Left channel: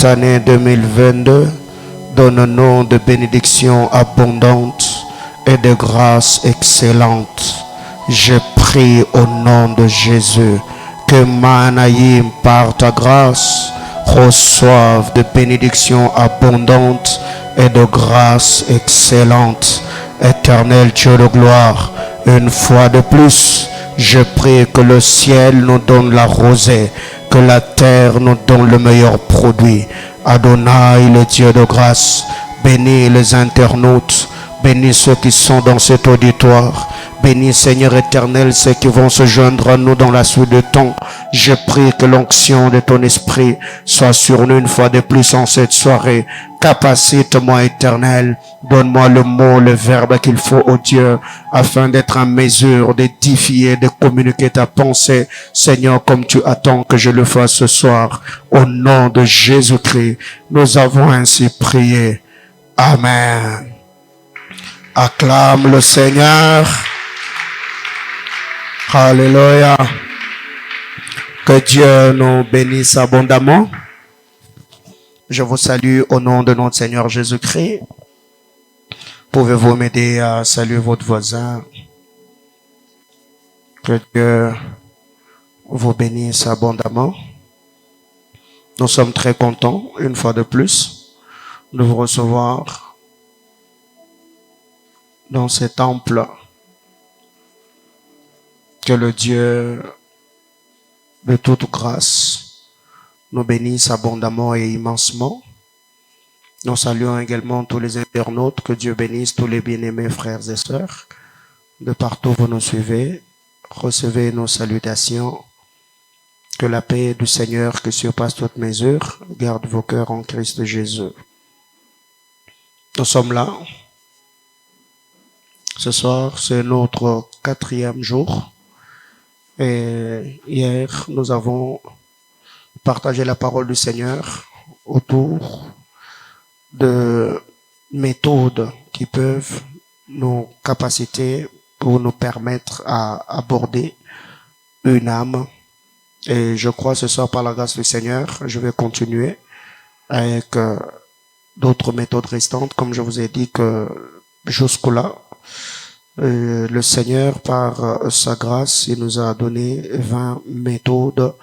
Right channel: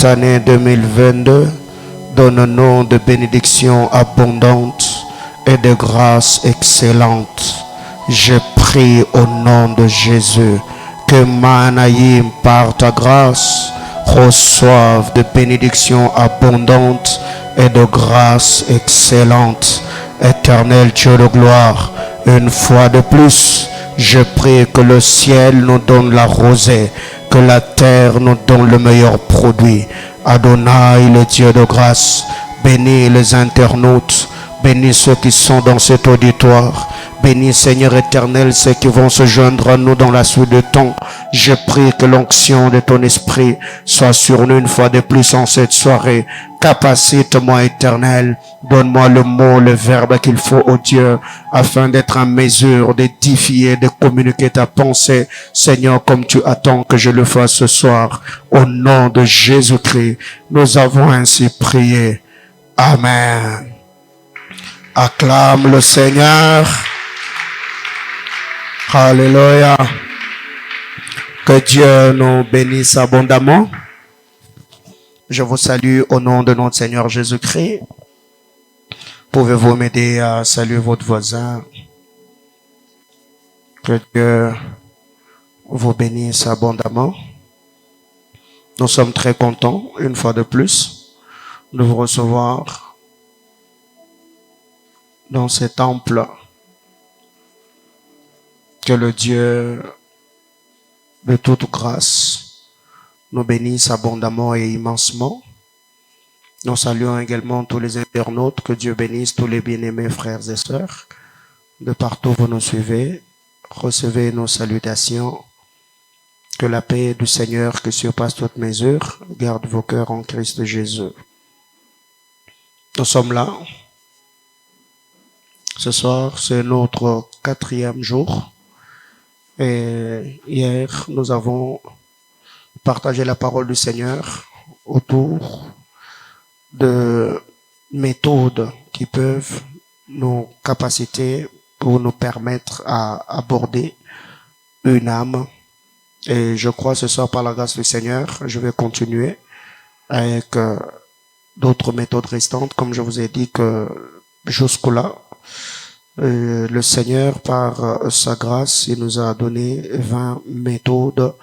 cette année 2022 donne-nous de bénédictions abondantes et de grâces excellentes. Je prie au nom de Jésus que Manaïm, par ta grâce, reçoive de bénédictions abondantes et de grâces excellentes. Éternel Dieu de gloire, une fois de plus, je prie que le ciel nous donne la rosée, que la terre nous donne le meilleur produit. Adonai, le Dieu de grâce, bénis les internautes, bénis ceux qui sont dans cet auditoire. Bénis Seigneur éternel ceux qui vont se joindre à nous dans la suite de temps. Je prie que l'onction de ton esprit soit sur nous une fois de plus en cette soirée. Capacite-moi éternel, donne-moi le mot, le verbe qu'il faut au Dieu, afin d'être en mesure d'édifier, de communiquer ta pensée, Seigneur, comme tu attends que je le fasse ce soir. Au nom de Jésus-Christ, nous avons ainsi prié. Amen. Acclame le Seigneur. Alléluia. Que Dieu nous bénisse abondamment. Je vous salue au nom de notre Seigneur Jésus-Christ. Pouvez-vous m'aider à saluer votre voisin? Que Dieu vous bénisse abondamment. Nous sommes très contents, une fois de plus, de vous recevoir dans ce temple. Que le Dieu de toute grâce nous bénisse abondamment et immensement. Nous saluons également tous les internautes. Que Dieu bénisse tous les bien-aimés frères et sœurs. De partout vous nous suivez, recevez nos salutations. Que la paix du Seigneur qui surpasse toute mesure garde vos cœurs en Christ Jésus. Nous sommes là. Ce soir, c'est notre 4e jour. Et hier, nous avons partagé la parole du Seigneur autour de méthodes qui peuvent nous capaciter pour nous permettre à aborder une âme. Et je crois ce soir, par la grâce du Seigneur, je vais continuer avec d'autres méthodes restantes, comme je vous ai dit que jusque-là, le Seigneur, par sa grâce, il nous a donné 20 méthodes.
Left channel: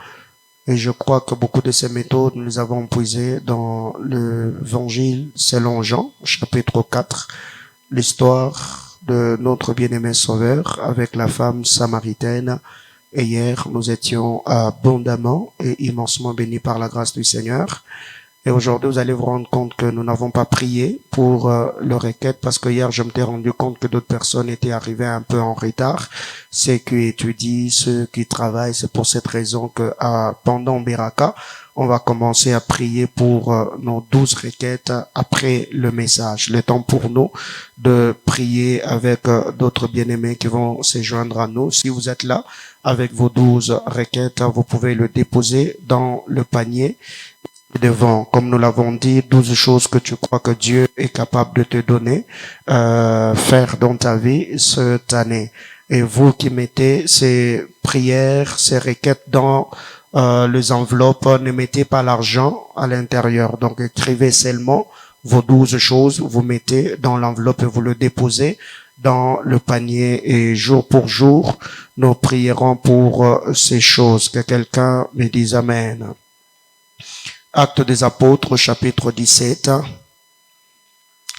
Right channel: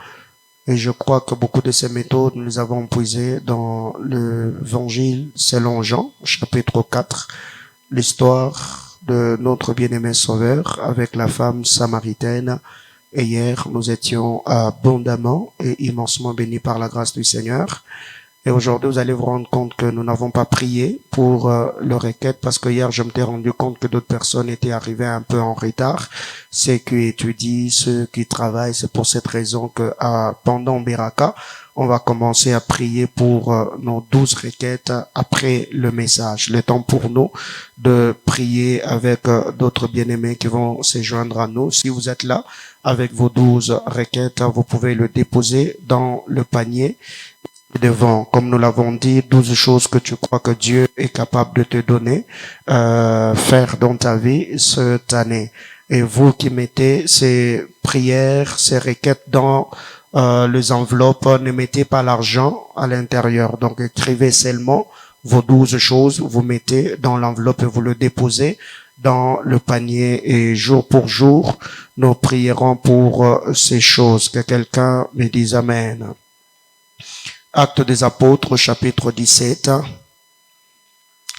Et je crois que beaucoup de ces méthodes, nous les avons puisées dans l'évangile selon Jean, chapitre 4, l'histoire de notre bien-aimé Sauveur avec la femme samaritaine. Et hier, nous étions abondamment et immensement bénis par la grâce du Seigneur. Et aujourd'hui, vous allez vous rendre compte que nous n'avons pas prié pour le requête, parce que hier, je m'étais rendu compte que d'autres personnes étaient arrivées un peu en retard. Ceux qui étudient, ceux qui travaillent, c'est pour cette raison que pendant Beraka, on va commencer à prier pour nos 12 requêtes après le message. Le temps pour nous de prier avec d'autres bien-aimés qui vont se joindre à nous. Si vous êtes là avec vos 12 requêtes, vous pouvez le déposer dans le panier devant, comme nous l'avons dit, 12 choses que tu crois que Dieu est capable de te donner, faire dans ta vie cette année. Et vous qui mettez ces prières, ces requêtes dans les enveloppes, ne mettez pas l'argent à l'intérieur. Donc écrivez seulement vos 12 choses, vous mettez dans l'enveloppe et vous le déposez dans le panier. Et jour pour jour, nous prierons pour ces choses. Que quelqu'un me dise Amen. Actes des Apôtres, chapitre 17.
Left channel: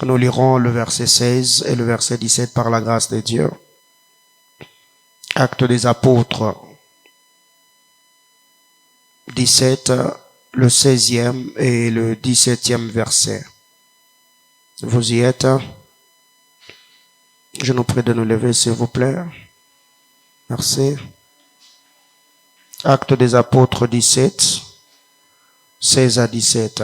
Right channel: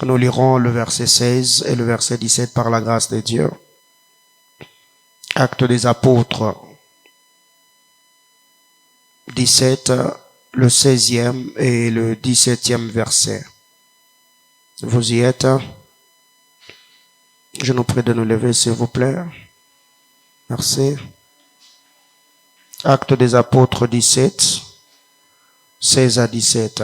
Nous lirons le verset 16 et le verset 17 par la grâce de Dieu. Actes des Apôtres, 17, le 16e et le 17e verset. Vous y êtes? Je nous prie de nous lever, s'il vous plaît. Merci. Actes des Apôtres 17. 16 à 17.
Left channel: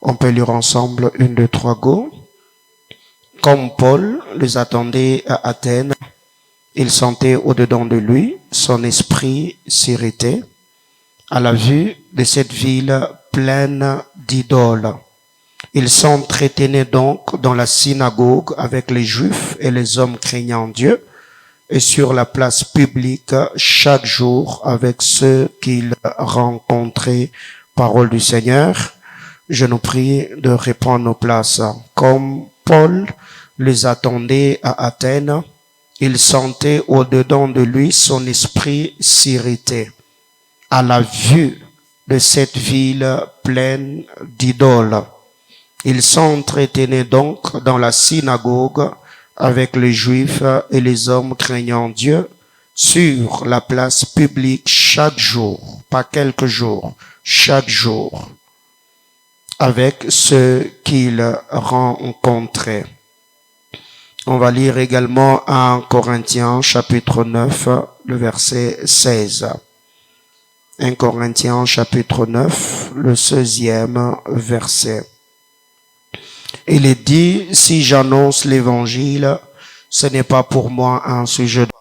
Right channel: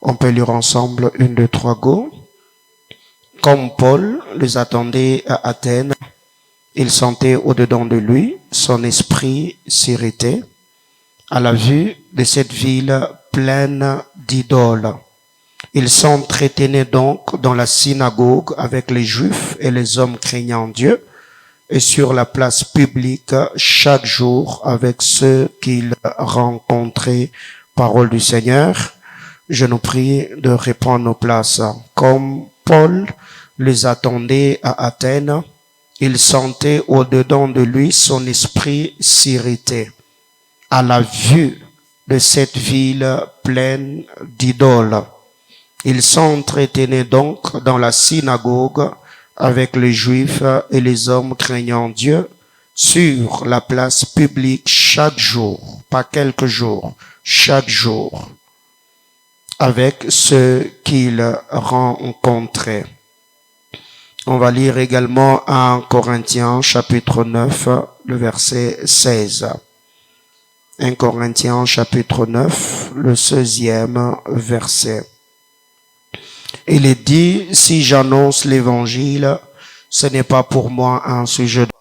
On peut lire ensemble 1, 2, 3, go. Comme Paul les attendait à Athènes, il sentait au-dedans de lui, son esprit s'irritait à la vue de cette ville pleine d'idoles. Il s'entretenait donc dans la synagogue avec les Juifs et les hommes craignant Dieu, et sur la place publique chaque jour avec ceux qu'il rencontrait Parole du Seigneur. Je nous prie de reprendre nos places. Comme Paul les attendait à Athènes, il sentait au-dedans de lui son esprit s'irriter à la vue de cette ville pleine d'idoles. Il s'entretenait donc dans la synagogue avec les Juifs et les hommes craignant Dieu sur la place publique chaque jour, pas quelques jours, chaque jour, avec ceux qu'il rencontrait. On va lire également 1 Corinthiens chapitre 9, le verset 16. 1 Corinthiens chapitre 9, le 16e verset. Il est dit, si j'annonce l'évangile, ce n'est pas pour moi un sujet de...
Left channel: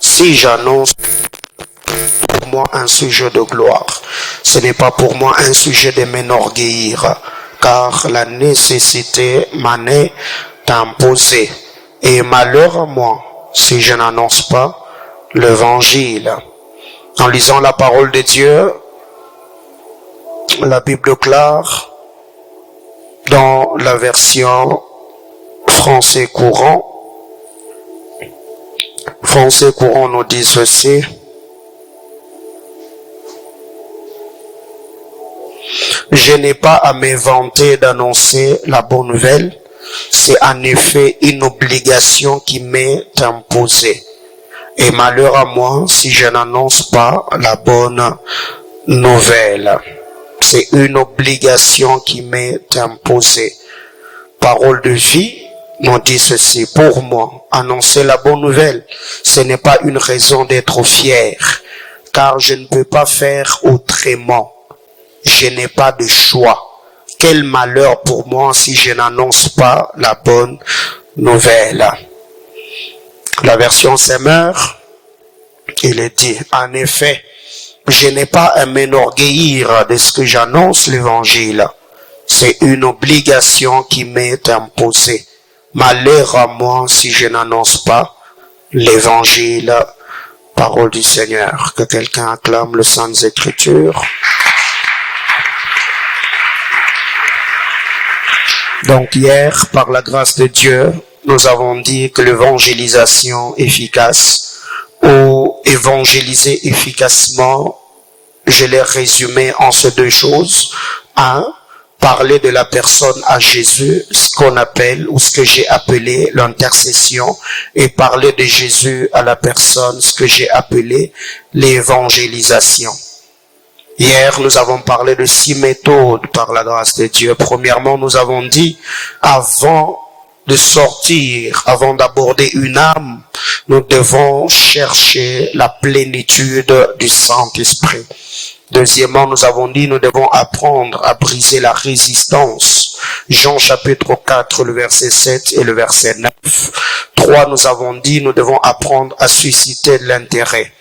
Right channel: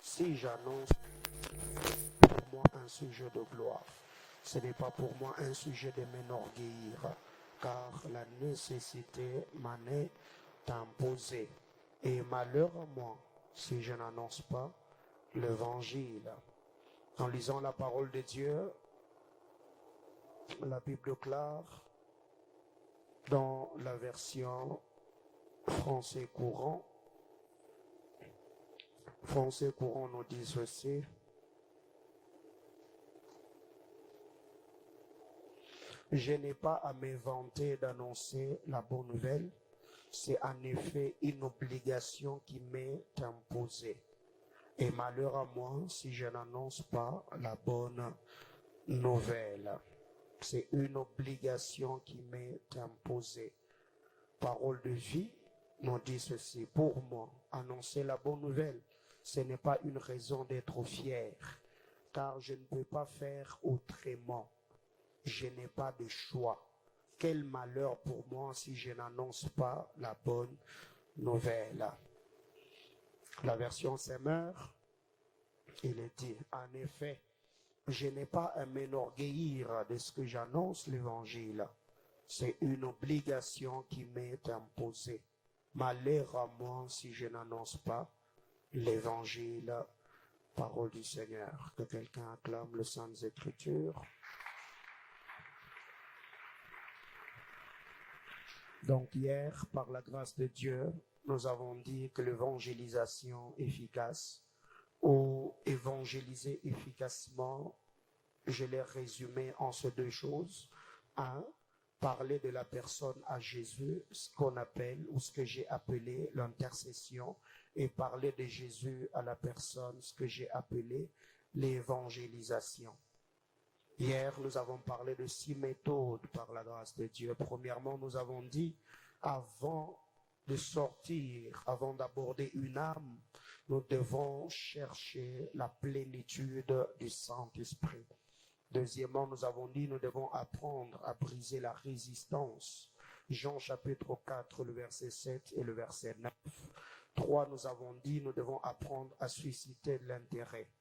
Si j'annonce pour moi un sujet de gloire, ce n'est pas pour moi un sujet de m'enorgueillir, car la nécessité m'en est imposée. Et malheur à moi, si je n'annonce pas l'évangile. En lisant la parole de Dieu, la Bible clare, dans la version français courant nous dit ceci. Je n'ai pas à me vanter d'annoncer la bonne nouvelle. C'est en effet une obligation qui m'est imposée. Et malheur à moi si je n'annonce pas la bonne nouvelle. C'est une obligation qui m'est imposée. Parole de vie nous dit ceci. Pour moi, annoncer la bonne nouvelle, ce n'est pas une raison d'être fier, car je ne peux pas faire autrement. Je n'ai pas de choix. Quel malheur pour moi si je n'annonce pas la bonne nouvelle. La version Semeur, il est dit, en effet, je n'ai pas à m'enorgueillir de ce que j'annonce l'évangile. C'est une obligation qui m'est imposée. Malheur à moi si je n'annonce pas l'évangile. Parole du Seigneur. Que quelqu'un acclame le Saintes Écritures. Donc hier, par la grâce de Dieu, nous avons dit que l'évangélisation efficace ou évangéliser efficacement, je l'ai résumé en ces deux choses. Un, parler de la personne à Jésus, ce qu'on appelle ou ce que j'ai appelé l'intercession, et parler de Jésus à la personne, ce que j'ai appelé l'évangélisation. Hier, nous avons parlé de 6 méthodes par la grâce de Dieu. Premièrement, nous avons dit, avant de sortir, avant d'aborder une âme, nous devons chercher la plénitude du Saint-Esprit. Deuxièmement, nous avons dit, nous devons apprendre à briser la résistance. Jean chapitre 4, le verset 7 et le verset 9. 3, nous avons dit, nous devons apprendre à susciter de l'intérêt.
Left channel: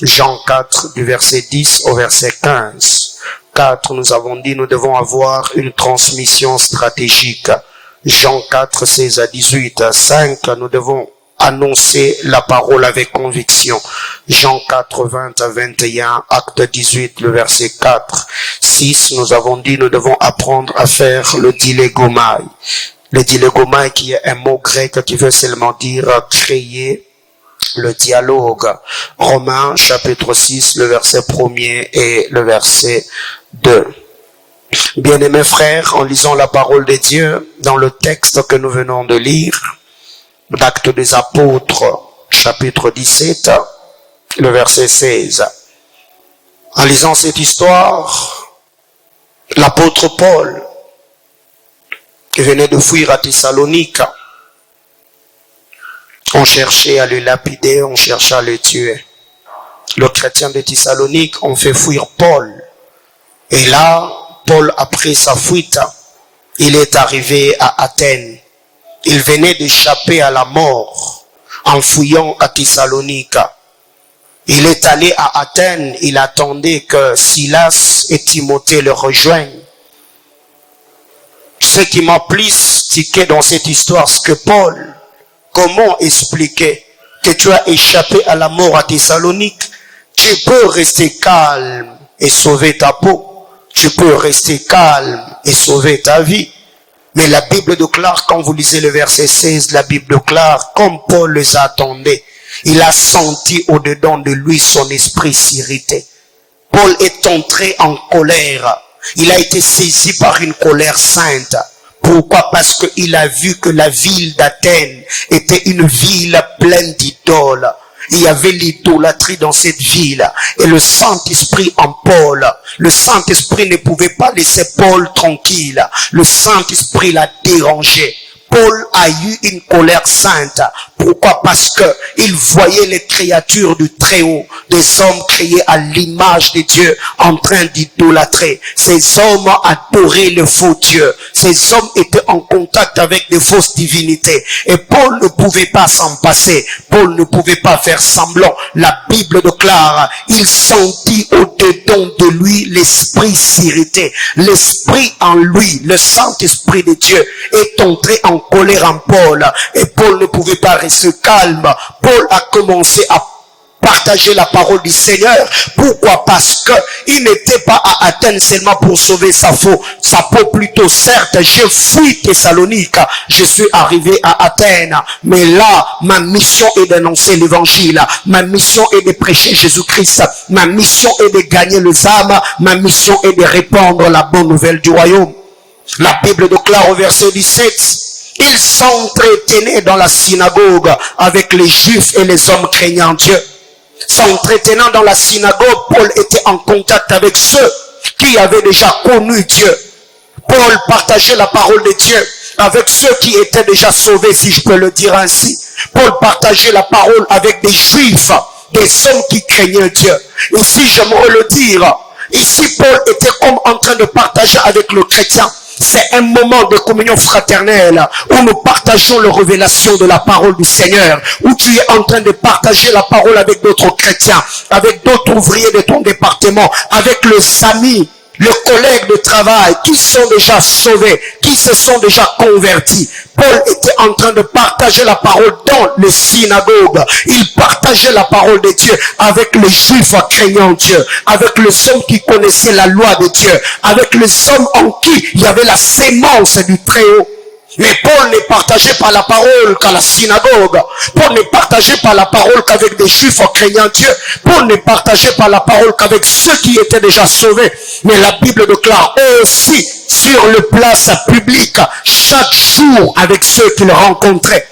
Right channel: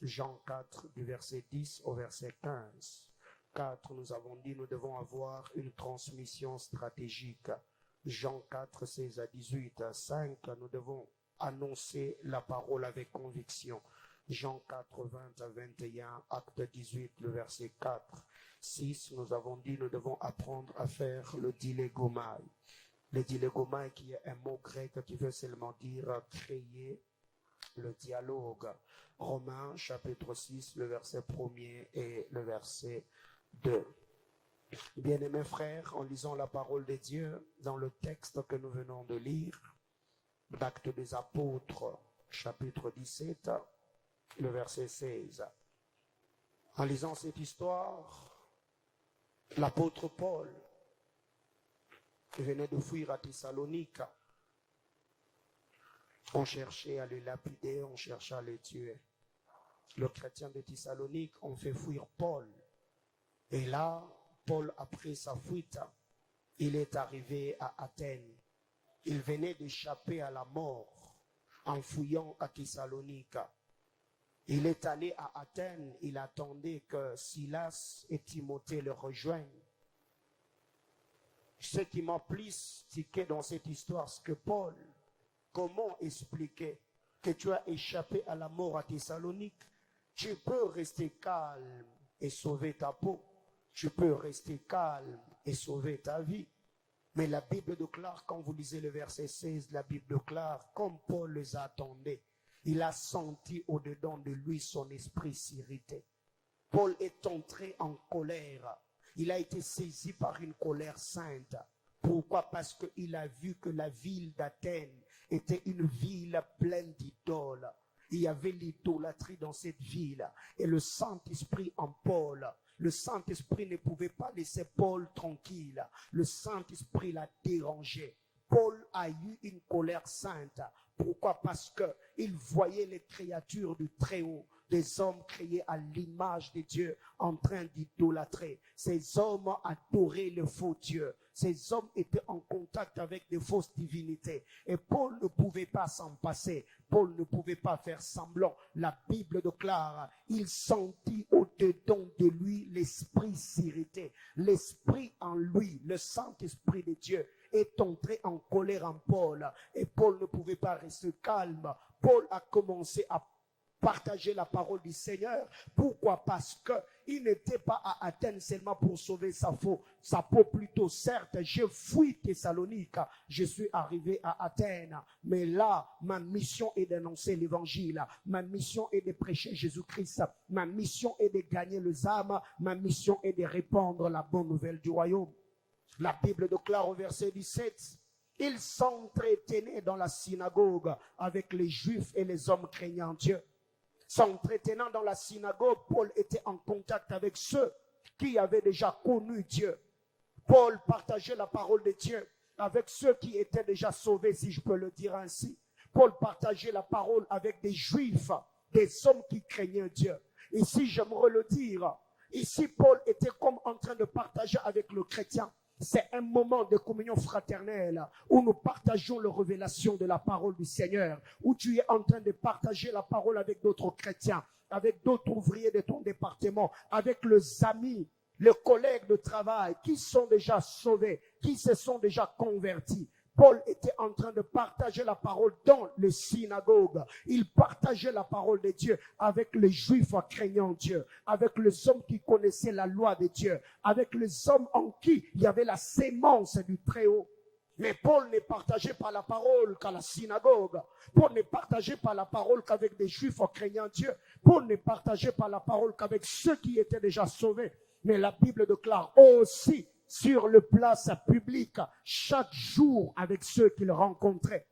Jean 4, du verset 10 au verset 15. 4, nous avons dit, nous devons avoir une transmission stratégique. Jean 4, 16 à 18. 5, nous devons annoncer la parole avec conviction. Jean 4, 20 à 21, acte 18, le verset 4. 6, nous avons dit, nous devons apprendre à faire le dilegomai. Le dilegomai qui est un mot grec qui veut seulement dire créer le dialogue. Romains chapitre 6, le verset 1er et le verset 2. Bien-aimés frères, en lisant la parole de Dieu dans le texte que nous venons de lire, d'Actes des Apôtres, chapitre 17, le verset 16. En lisant cette histoire, l'apôtre Paul venait de fuir à Thessalonique. On cherchait à le lapider, on cherchait à le tuer. Le chrétien de Thessalonique ont fait fuir Paul. Et là, Paul, après sa fuite, il est arrivé à Athènes. Il venait d'échapper à la mort en fuyant à Thessalonique. Il est allé à Athènes, il attendait que Silas et Timothée le rejoignent. Ce qui m'a plus tiqué dans cette histoire, c'est que Paul comment expliquer que tu as échappé à la mort à Thessalonique? Tu peux rester calme et sauver ta peau. Tu peux rester calme et sauver ta vie. Mais la Bible déclare, quand vous lisez le verset 16, la Bible déclare, comme Paul les attendait, il a senti au-dedans de lui son esprit s'irriter. Paul est entré en colère. Il a été saisi par une colère sainte. Pourquoi? Parce qu'il a vu que la ville d'Athènes était une ville pleine d'idoles. Il y avait l'idolâtrie dans cette ville. Et le Saint-Esprit en Paul, le Saint-Esprit ne pouvait pas laisser Paul tranquille. Le Saint-Esprit l'a dérangé. Paul a eu une colère sainte. Pourquoi? Parce que il voyait les créatures du Très-Haut, des hommes créés à l'image de Dieu, en train d'idolâtrer. Ces hommes adoraient le faux Dieu. Ces hommes étaient en contact avec des fausses divinités. Et Paul ne pouvait pas s'en passer. Paul ne pouvait pas faire semblant. La Bible déclare, il sentit au-dedans de lui l'esprit s'irriter. L'esprit en lui, le Saint-Esprit de Dieu, est entré en colère en Paul. Et Paul ne pouvait pas rester calme. Paul a commencé à partager la parole du Seigneur. Pourquoi? Parce que il n'était pas à Athènes seulement pour sauver sa peau plutôt. Certes, j'ai fui Thessalonique, je suis arrivé à Athènes, mais là, ma mission est d'annoncer l'évangile, ma mission est de prêcher Jésus-Christ, ma mission est de gagner les âmes, ma mission est de répandre la bonne nouvelle du royaume. La Bible déclare au verset 17, il s'entretenait dans la synagogue avec les Juifs et les hommes craignant Dieu. S'entretenant dans la synagogue, Paul était en contact avec ceux qui avaient déjà connu Dieu. Paul partageait la parole de Dieu avec ceux qui étaient déjà sauvés, si je peux le dire ainsi. Paul partageait la parole avec des Juifs, des hommes qui craignaient Dieu. Ici, j'aimerais le dire, ici Paul était comme en train de partager avec le chrétien. C'est un moment de communion fraternelle où nous partageons la révélation de la parole du Seigneur, où tu es en train de partager la parole avec d'autres chrétiens, avec d'autres ouvriers de ton département, avec les amis, les collègues de travail qui sont déjà sauvés, qui se sont déjà convertis. Paul était en train de partager la parole dans les synagogues. Il partageait la parole de Dieu avec les Juifs craignant Dieu, avec les hommes qui connaissaient la loi de Dieu, avec les hommes en qui il y avait la sémence du Très-Haut. Mais Paul ne partageait pas la parole qu'à la synagogue. Paul ne partageait pas la parole qu'avec des Juifs craignant Dieu. Paul ne partageait pas la parole qu'avec ceux qui étaient déjà sauvés. Mais la Bible déclare aussi sur le place public, chaque jour avec ceux qu'il rencontrait.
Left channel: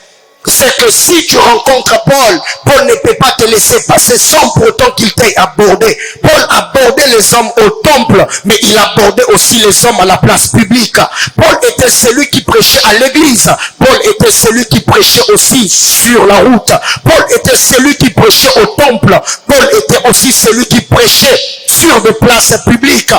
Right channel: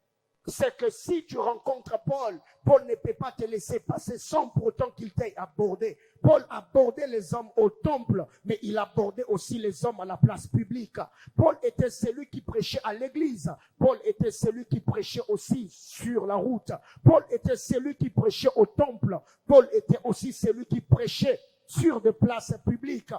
C'est que si tu rencontres Paul, Paul ne peut pas te laisser passer sans pour autant qu'il t'ait abordé. Paul abordait les hommes au temple, mais il abordait aussi les hommes à la place publique. Paul était celui qui prêchait à l'église. Paul était celui qui prêchait aussi sur la route. Paul était celui qui prêchait au temple. Paul était aussi celui qui prêchait sur des places publiques.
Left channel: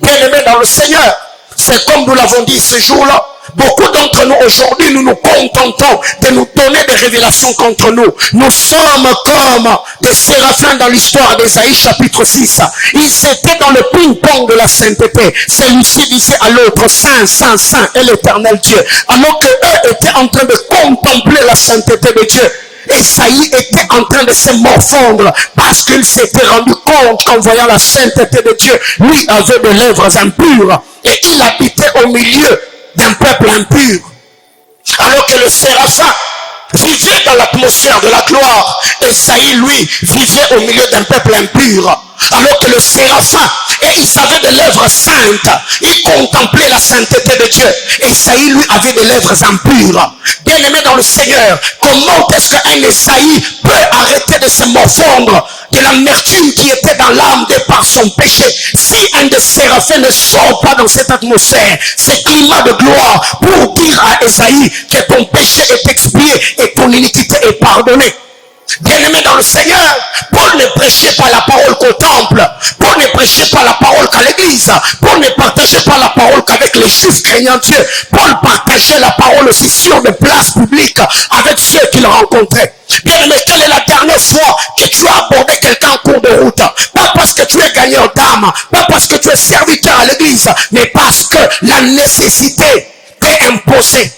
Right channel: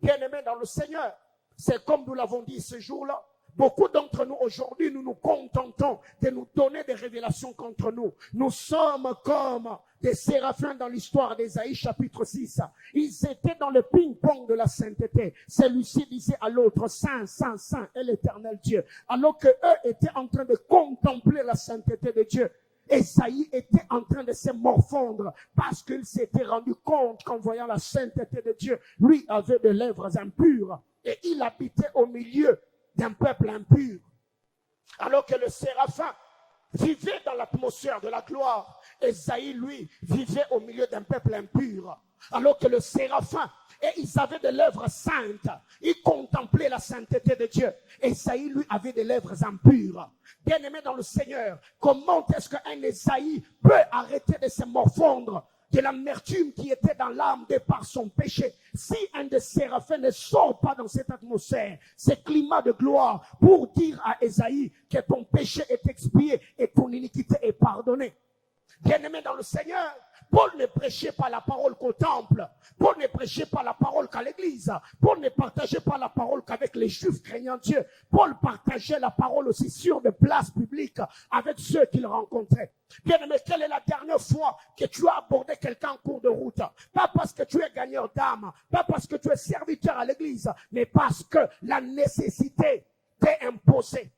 Bien-aimés dans le Seigneur, c'est comme nous l'avons dit ce jour-là. Beaucoup d'entre nous aujourd'hui, nous nous contentons de nous donner des révélations contre nous. Nous sommes comme des séraphins dans l'histoire d'Ésaïe chapitre 6. Ils étaient dans le ping-pong de la sainteté. Celui-ci disait à l'autre, Saint, Saint, Saint est l'éternel Dieu. Alors qu'eux étaient en train de contempler la sainteté de Dieu. Esaïe était en train de se morfondre parce qu'il s'était rendu compte qu'en voyant la sainteté de Dieu, lui avait des lèvres impures et il habitait au milieu d'un peuple impur. Alors que le séraphin vivait dans l'atmosphère de la gloire, Esaïe lui vivait au milieu d'un peuple impur. Alors que le séraphin, et il avait des lèvres saintes, il contemplait la sainteté de Dieu. Esaïe lui avait des lèvres impures. Bien-aimé dans le Seigneur, comment est-ce qu'un Esaïe peut arrêter de se morfondre de l'amertume qui était dans l'âme de par son péché? Si un des séraphins ne sort pas dans cette atmosphère, ce climat de gloire, pour dire à Esaïe que ton péché est expié et ton iniquité est pardonnée. Bien-aimé dans le Seigneur, Paul ne prêchait pas la parole qu'au temple. Paul ne prêchait pas la parole qu'à l'église. Paul ne partageait pas la parole qu'avec les Juifs craignant Dieu. Paul partageait la parole aussi sur des places publiques avec ceux qu'il rencontrait. Bien-aimé, quelle est la dernière fois que tu as abordé quelqu'un en cours de route? Pas parce que tu es gagnant d'âme, pas parce que tu es serviteur à l'église, mais parce que la nécessité t'est imposée.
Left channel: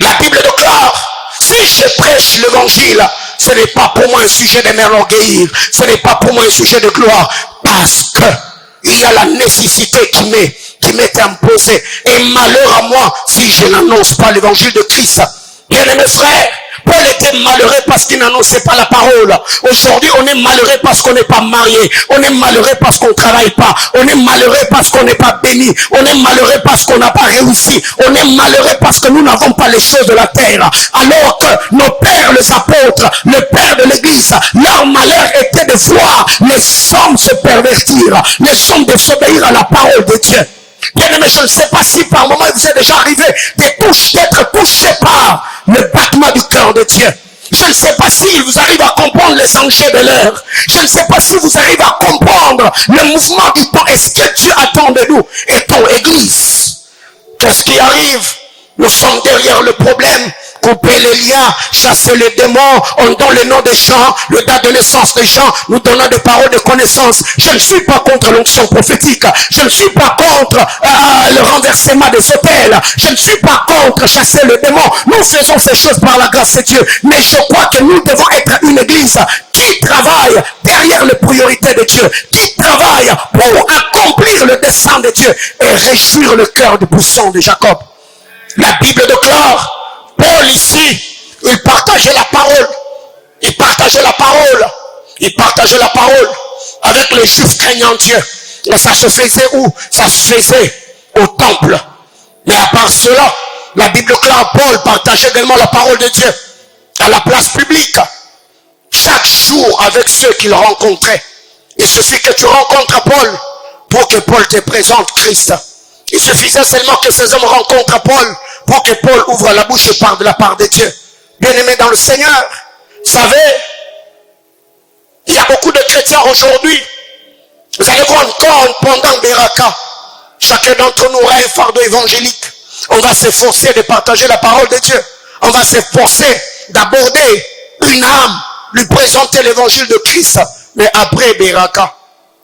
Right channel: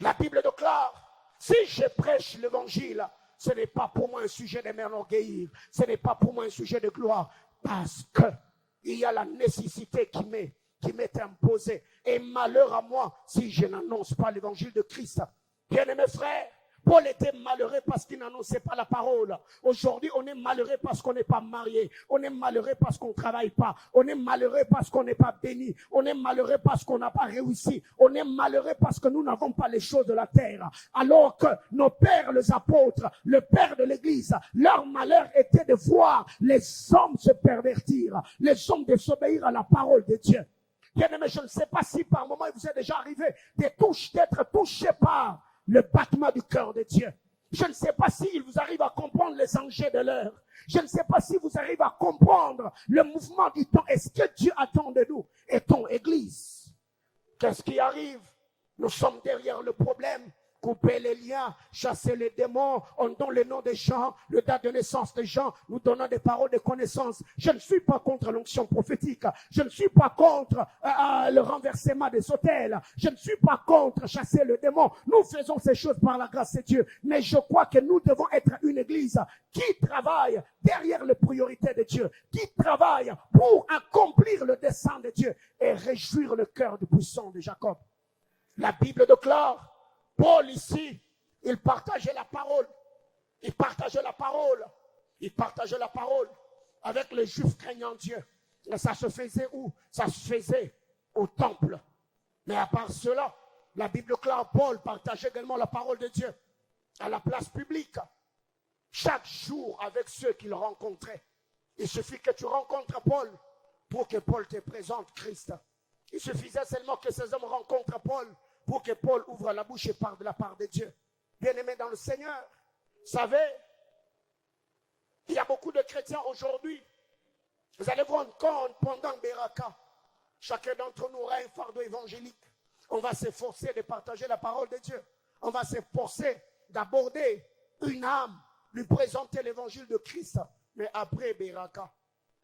La Bible déclare, si je prêche l'évangile, ce n'est pas pour moi un sujet de m'enorgueillir, ce n'est pas pour moi un sujet de gloire, parce que il y a la nécessité qui m'est imposée. Et malheur à moi si je n'annonce pas l'évangile de Christ. Bien-aimés frères, Paul était malheureux parce qu'il n'annonçait pas la parole. Aujourd'hui, on est malheureux parce qu'on n'est pas marié. On est malheureux parce qu'on ne travaille pas. On est malheureux parce qu'on n'est pas béni. On est malheureux parce qu'on n'a pas réussi. On est malheureux parce que nous n'avons pas les choses de la terre. Alors que nos pères, les apôtres, le père de l'église, leur malheur était de voir les hommes se pervertir, les hommes désobéir à la parole de Dieu. Bien-aimé, je ne sais pas si par moment il vous est déjà arrivé d'être touché par le battement du cœur de Dieu. Je ne sais pas s'il vous arrive à comprendre les enjeux de l'heure. Je ne sais pas si vous arrivez à comprendre le mouvement du temps. Est-ce que Dieu attend de nous et ton église? Qu'est-ce qui arrive? Nous sommes derrière le problème. Couper les liens, chasser les démons, on donne le nom des gens, le date de naissance des gens, nous donnons des paroles de connaissance. Je ne suis pas contre l'onction prophétique, je ne suis pas contre le renversement des hôtels, je ne suis pas contre chasser le démon. Nous faisons ces choses par la grâce de Dieu, mais je crois que nous devons être une église qui travaille derrière les priorités de Dieu, qui travaille pour accomplir le dessein de Dieu et réjouir le cœur du buisson de Jacob. La Bible déclare, Paul ici, il partageait la parole. Il partageait la parole. Il partageait la parole avec les Juifs craignant Dieu. Et ça se faisait où? Ça se faisait au temple. Mais à part cela, la Bible déclare, Paul partageait également la parole de Dieu à la place publique. Chaque jour avec ceux qu'il rencontrait. Il suffit que tu rencontres Paul pour que Paul te présente Christ. Il suffisait seulement que ces hommes rencontrent Paul pour que Paul ouvre la bouche et parle de la part de Dieu. Bien-aimés dans le Seigneur, vous savez, il y a beaucoup de chrétiens aujourd'hui. Vous allez voir encore pendant Beraka, chacun d'entre nous aura un fardeau évangélique. On va s'efforcer de partager la parole de Dieu. On va s'efforcer d'aborder une âme, lui présenter l'évangile de Christ. Mais après Beraka,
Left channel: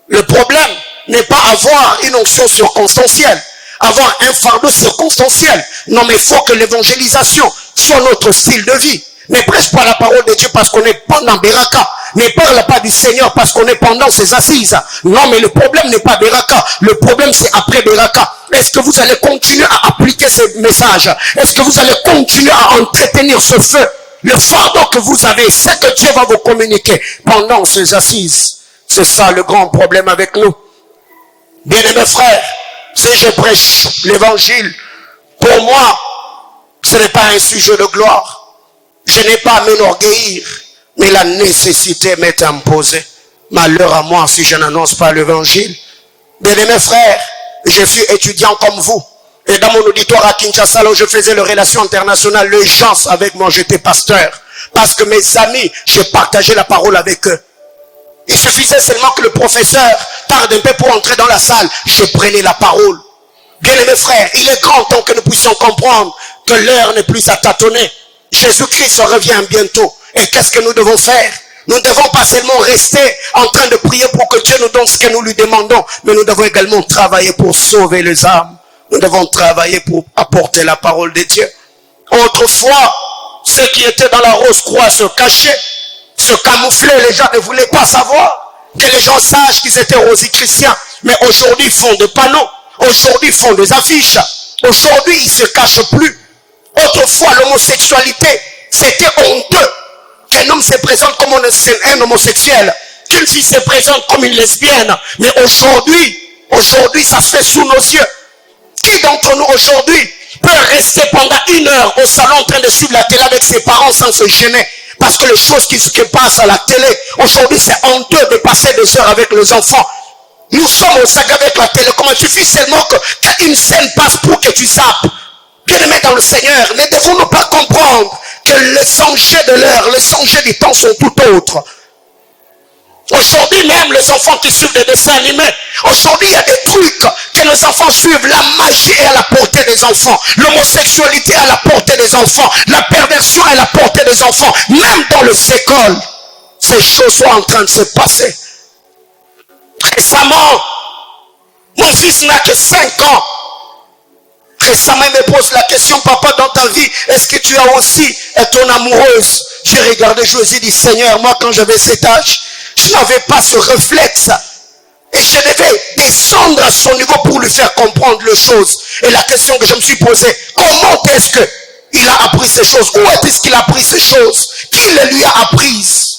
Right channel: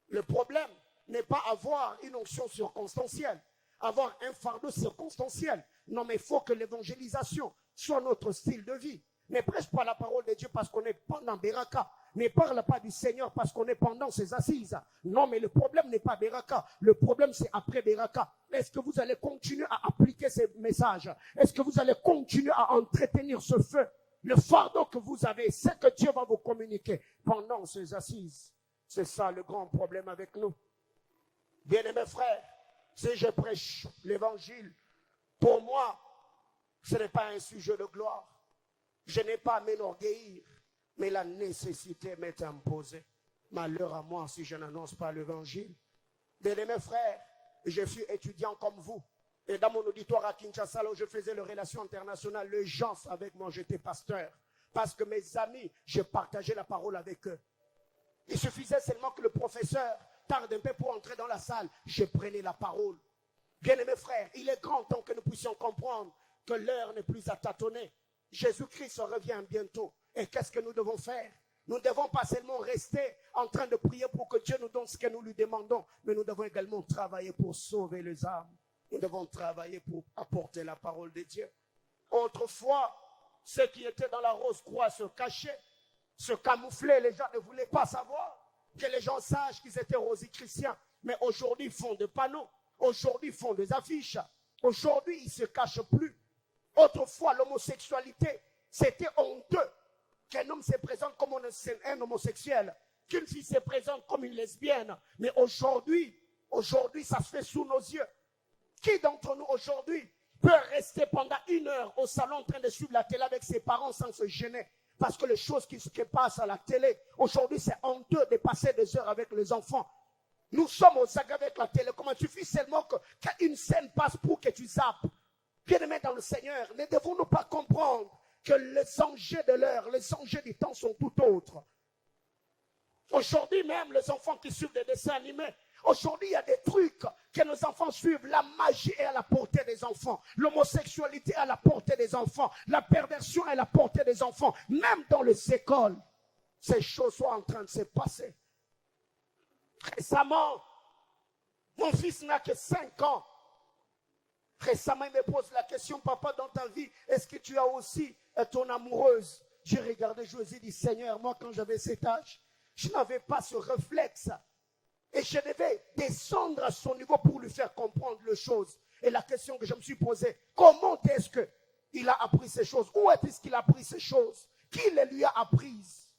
le problème n'est pas avoir une onction circonstancielle, avoir un fardeau circonstanciel. Non, mais il faut que l'évangélisation soit notre style de vie. Ne prêche pas la parole de Dieu parce qu'on est pendant Beraka. Ne parle pas du Seigneur parce qu'on est pendant ses assises. Non, mais le problème n'est pas Beraka. Le problème, c'est après Beraka. Est-ce que vous allez continuer à appliquer ce message? Est-ce que vous allez continuer à entretenir ce feu? Le fardeau que vous avez, c'est que Dieu va vous communiquer pendant ces assises. C'est ça le grand problème avec nous. Bien-aimés frères, si je prêche l'évangile, pour moi, ce n'est pas un sujet de gloire. Je n'ai pas à m'enorgueillir, mais la nécessité m'est imposée. Malheur à moi si je n'annonce pas l'évangile. Bien-aimés frères, je suis étudiant comme vous. Et dans mon auditoire à Kinshasa, là où je faisais les relations internationales, les gens avec moi, j'étais pasteur. Parce que mes amis, j'ai partagé la parole avec eux. Il suffisait seulement que le professeur tarde un peu pour entrer dans la salle. Je prenais la parole. Bien-aimés frères, il est grand temps que nous puissions comprendre que l'heure n'est plus à tâtonner. Jésus-Christ revient bientôt. Et qu'est-ce que nous devons faire? Nous ne devons pas seulement rester en train de prier pour que Dieu nous donne ce que nous lui demandons, mais nous devons également travailler pour sauver les âmes. Nous devons travailler pour apporter la parole de Dieu. Autrefois, ceux qui étaient dans la rose croix se cachaient, se camouflaient. Les gens ne voulaient pas savoir que les gens sachent qu'ils étaient rosicruciens. Mais aujourd'hui, ils font des panneaux. Aujourd'hui, ils font des affiches. Aujourd'hui, ils ne se cachent plus. Autrefois, l'homosexualité, c'était honteux. Qu'un homme se présente comme un homosexuel, qu'une fille se présente comme une lesbienne. Mais aujourd'hui, ça se fait sous nos yeux. Qui d'entre nous aujourd'hui peut rester pendant 1 heure au salon en train de suivre la télé avec ses parents sans se gêner? Parce que les choses qui passent à la télé, aujourd'hui c'est honteux de passer des heures avec les enfants. Nous sommes au sac avec la télécommande. Il suffit seulement qu'une scène passe pour que tu zappes. Bien-aimés dans le Seigneur, ne devons-nous pas comprendre que les enjeux de l'heure, les enjeux du temps sont tout autres. Aujourd'hui même, les enfants qui suivent des dessins animés, aujourd'hui il y a des trucs que les enfants suivent. La magie est à la portée des enfants. L'homosexualité est à la portée des enfants. La perversion est à la portée des enfants. Même dans les écoles, ces choses sont en train de se passer. Récemment, mon fils n'a que 5 ans. Récemment, il me pose la question, papa, dans ta vie, est-ce que tu as aussi ton amoureuse? J'ai regardé, je lui ai dit, Seigneur, moi, quand j'avais cet âge, je n'avais pas ce réflexe. Et je devais descendre à son niveau pour lui faire comprendre les choses. Et la question que je me suis posée, comment est-ce que il a appris ces choses? Où est-ce qu'il a appris ces choses? Qui les lui a apprises?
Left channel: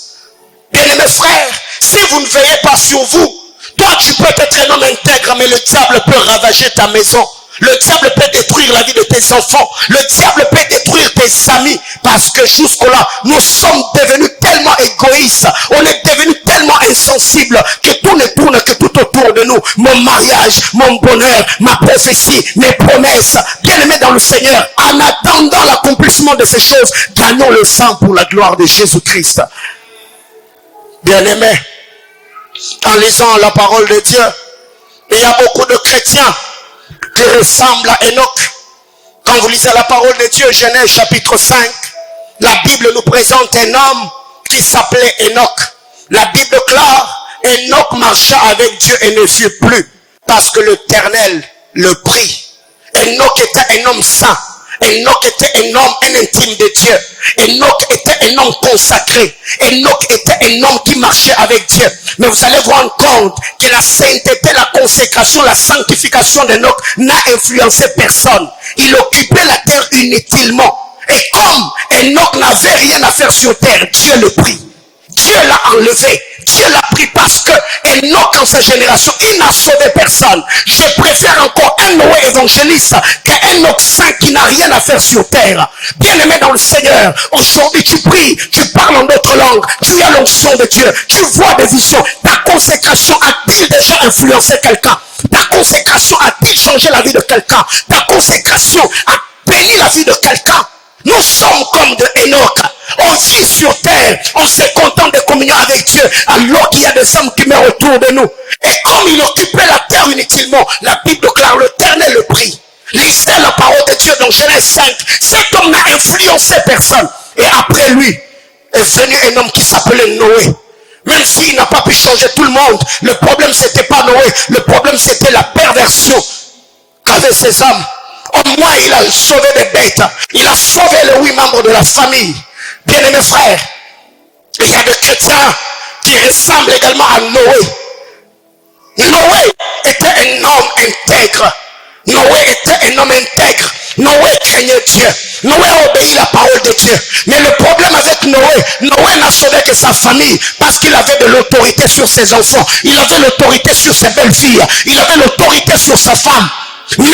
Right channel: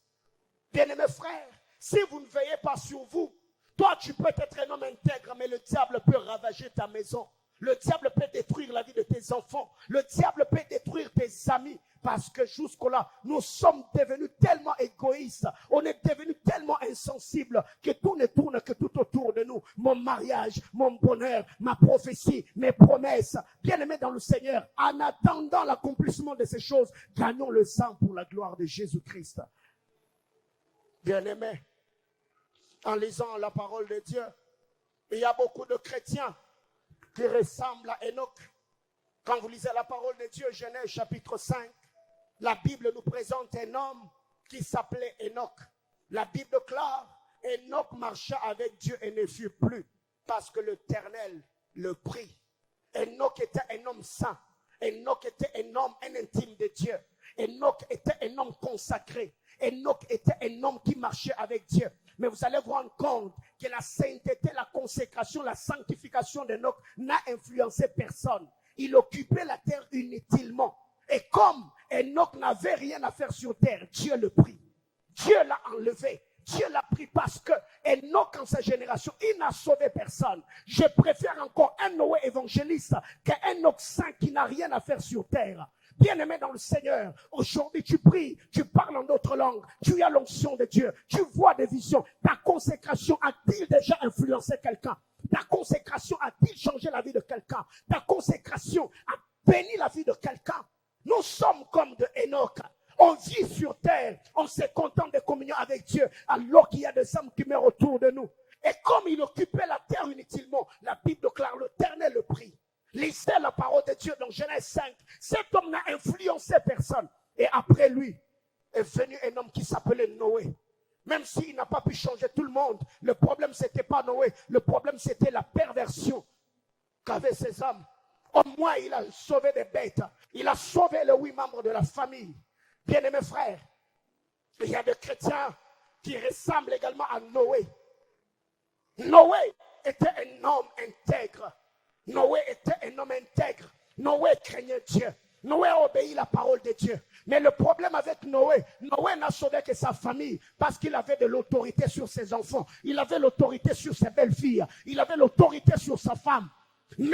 Bien-aimés frères, si vous ne veillez pas sur vous, toi tu peux être un homme intègre, mais le diable peut ravager ta maison. Le diable peut détruire la vie de tes enfants. Le diable peut détruire tes amis. Parce que jusque-là, nous sommes devenus tellement égoïstes. On est devenus tellement insensibles que tout ne tourne que tout autour de nous. Mon mariage, mon bonheur, ma prophétie, mes promesses. Bien-aimés dans le Seigneur, en attendant l'accomplissement de ces choses, gagnons le sang pour la gloire de Jésus-Christ. Bien-aimés, en lisant la parole de Dieu, il y a beaucoup de chrétiens qui ressemble à Enoch. Quand vous lisez la parole de Dieu, Genèse chapitre 5, la Bible nous présente un homme qui s'appelait Enoch. La Bible déclare, Enoch marcha avec Dieu et ne fut plus, parce que l'Éternel le prit. Enoch était un homme saint. Enoch était un homme, un intime de Dieu. Enoch était un homme consacré. Enoch était un homme qui marchait avec Dieu. Mais vous allez vous rendre compte que la sainteté, la consécration, la sanctification d'Enoch n'a influencé personne. Il occupait la terre inutilement. Et comme Enoch n'avait rien à faire sur terre, Dieu le prit. Dieu l'a enlevé. Dieu l'a pris parce que Enoch en sa génération, il n'a sauvé personne. Je préfère encore un Noé évangéliste qu'un Enoch saint qui n'a rien à faire sur terre. Bien-aimé dans le Seigneur, aujourd'hui tu pries, tu parles en d'autres langues, tu as l'onction de Dieu, tu vois des visions. Ta consécration a-t-il déjà influencé quelqu'un? Ta consécration a-t-il changé la vie de quelqu'un? Ta consécration a béni la vie de quelqu'un? Nous sommes comme de Enoch. On vit sur terre, on se contente de communion avec Dieu, alors qu'il y a des hommes qui meurent autour de nous. Et comme il occupait la terre inutilement, la Bible déclare l'Éternel le prit. Lisez la parole de Dieu dans Genèse 5. Cet homme n'a influencé personne. Et après lui est venu un homme qui s'appelait Noé. Même s'il n'a pas pu changer tout le monde, le problème c'était pas Noé, le problème c'était la perversion qu'avaient ces hommes. Au moins il a sauvé des bêtes, il a sauvé les 8 membres de la famille. Bien-aimés frères, il y a des chrétiens qui ressemblent également à Noé. Noé était un homme intègre. Noé était un homme intègre. Noé craignait Dieu. Noé a obéi la parole de Dieu. Mais le problème avec Noé, Noé n'a sauvé que sa famille parce qu'il avait de l'autorité sur ses enfants. Il avait l'autorité sur ses belles-filles. Il avait l'autorité sur sa femme. Mais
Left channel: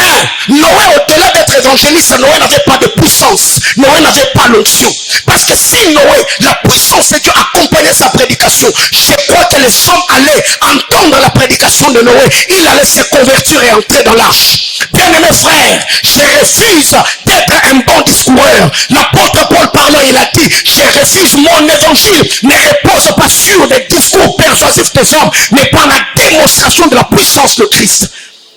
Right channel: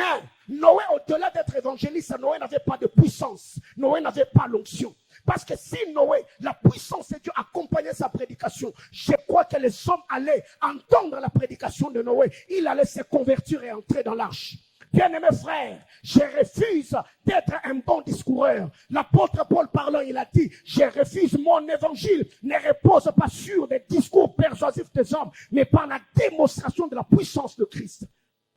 Noé, au-delà d'être évangéliste, Noé n'avait pas de puissance. Noé n'avait pas l'onction. Parce que si Noé, la puissance de Dieu accompagnait sa prédication, je crois que les hommes allaient entendre la prédication de Noé. Il allait se convertir et entrer dans l'arche. Bien-aimés frères, je refuse d'être un bon discoureur. L'apôtre Paul parlant, il a dit, je refuse mon évangile ne repose pas sur des discours persuasifs des hommes, mais par la démonstration de la puissance de Christ.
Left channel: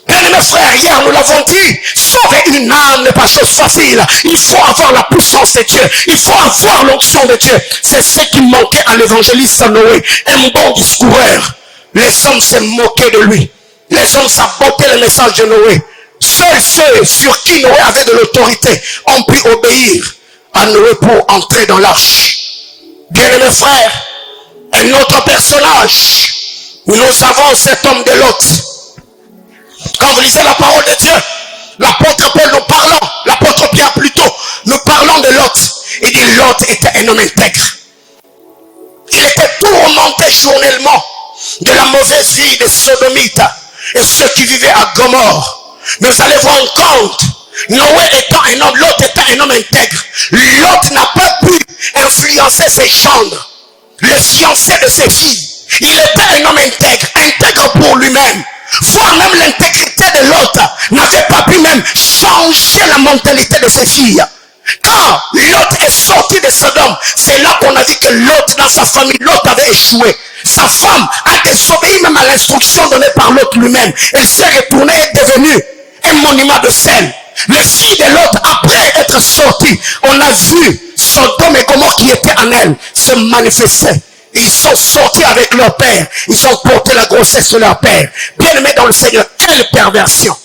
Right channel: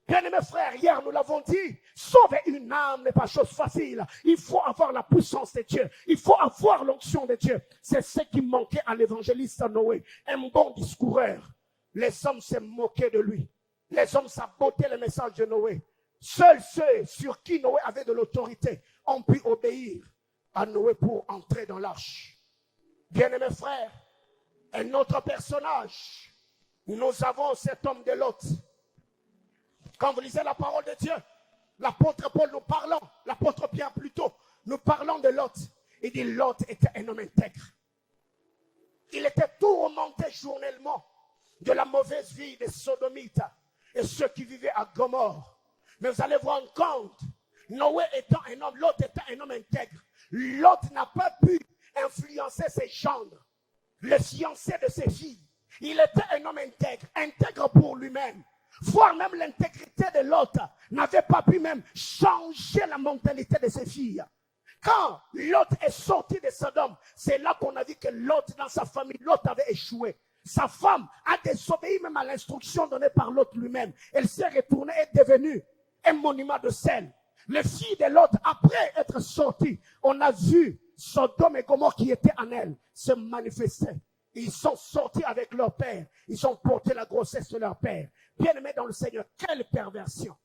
Bien-aimés frères, hier nous l'avons dit, sauver une âme n'est pas chose facile. Il faut avoir la puissance de Dieu. Il faut avoir l'onction de Dieu. C'est ce qui manquait à l'évangéliste Noé. Un bon discoureur. Les hommes se moquaient de lui. Les hommes sabotaient le message de Noé. Seuls ceux sur qui Noé avait de l'autorité ont pu obéir à Noé pour entrer dans l'arche. Bien-aimés frères, un autre personnage. Nous avons cet homme de Lot. Quand vous lisez la parole de Dieu, l'apôtre Paul nous parlant, l'apôtre Pierre plutôt, nous parlons de Lot. Il dit Lot était un homme intègre. Il était tourmenté journellement de la mauvaise vie des sodomites et ceux qui vivaient à Gomorrhe. Mais vous allez vous rendre compte, Noé étant un homme, Lot était un homme intègre. Lot n'a pas pu influencer ses gendres, le fiancé de ses filles. Il était un homme intègre, intègre pour lui-même. Voire même l'intégrité de Lot n'avait pas pu même changer la mentalité de ses filles. Quand Lot est sorti de Sodome, c'est là qu'on a dit que Lot dans sa famille, Lot avait échoué. Sa femme a désobéi même à l'instruction donnée par Lot lui-même. Elle s'est retournée et est devenue un monument de sel. Les filles de Lot, après être sorties, on a vu Sodome et Gomorrhe qui étaient en elle se manifester. Ils sont sortis avec leur père. Ils ont porté la grossesse de leur père. Bien-aimés dans le Seigneur, quelle perversion.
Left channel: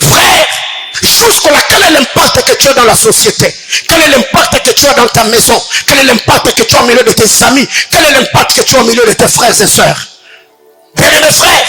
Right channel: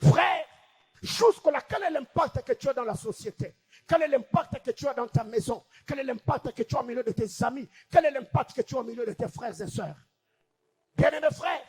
Frère, Jusque-là, quel est l'impact que tu as dans la société? Quel est l'impact que tu as dans ta maison? Quel est l'impact que tu as au milieu de tes amis? Quel est l'impact que tu as au milieu de tes frères et sœurs? Bien-aimés frères,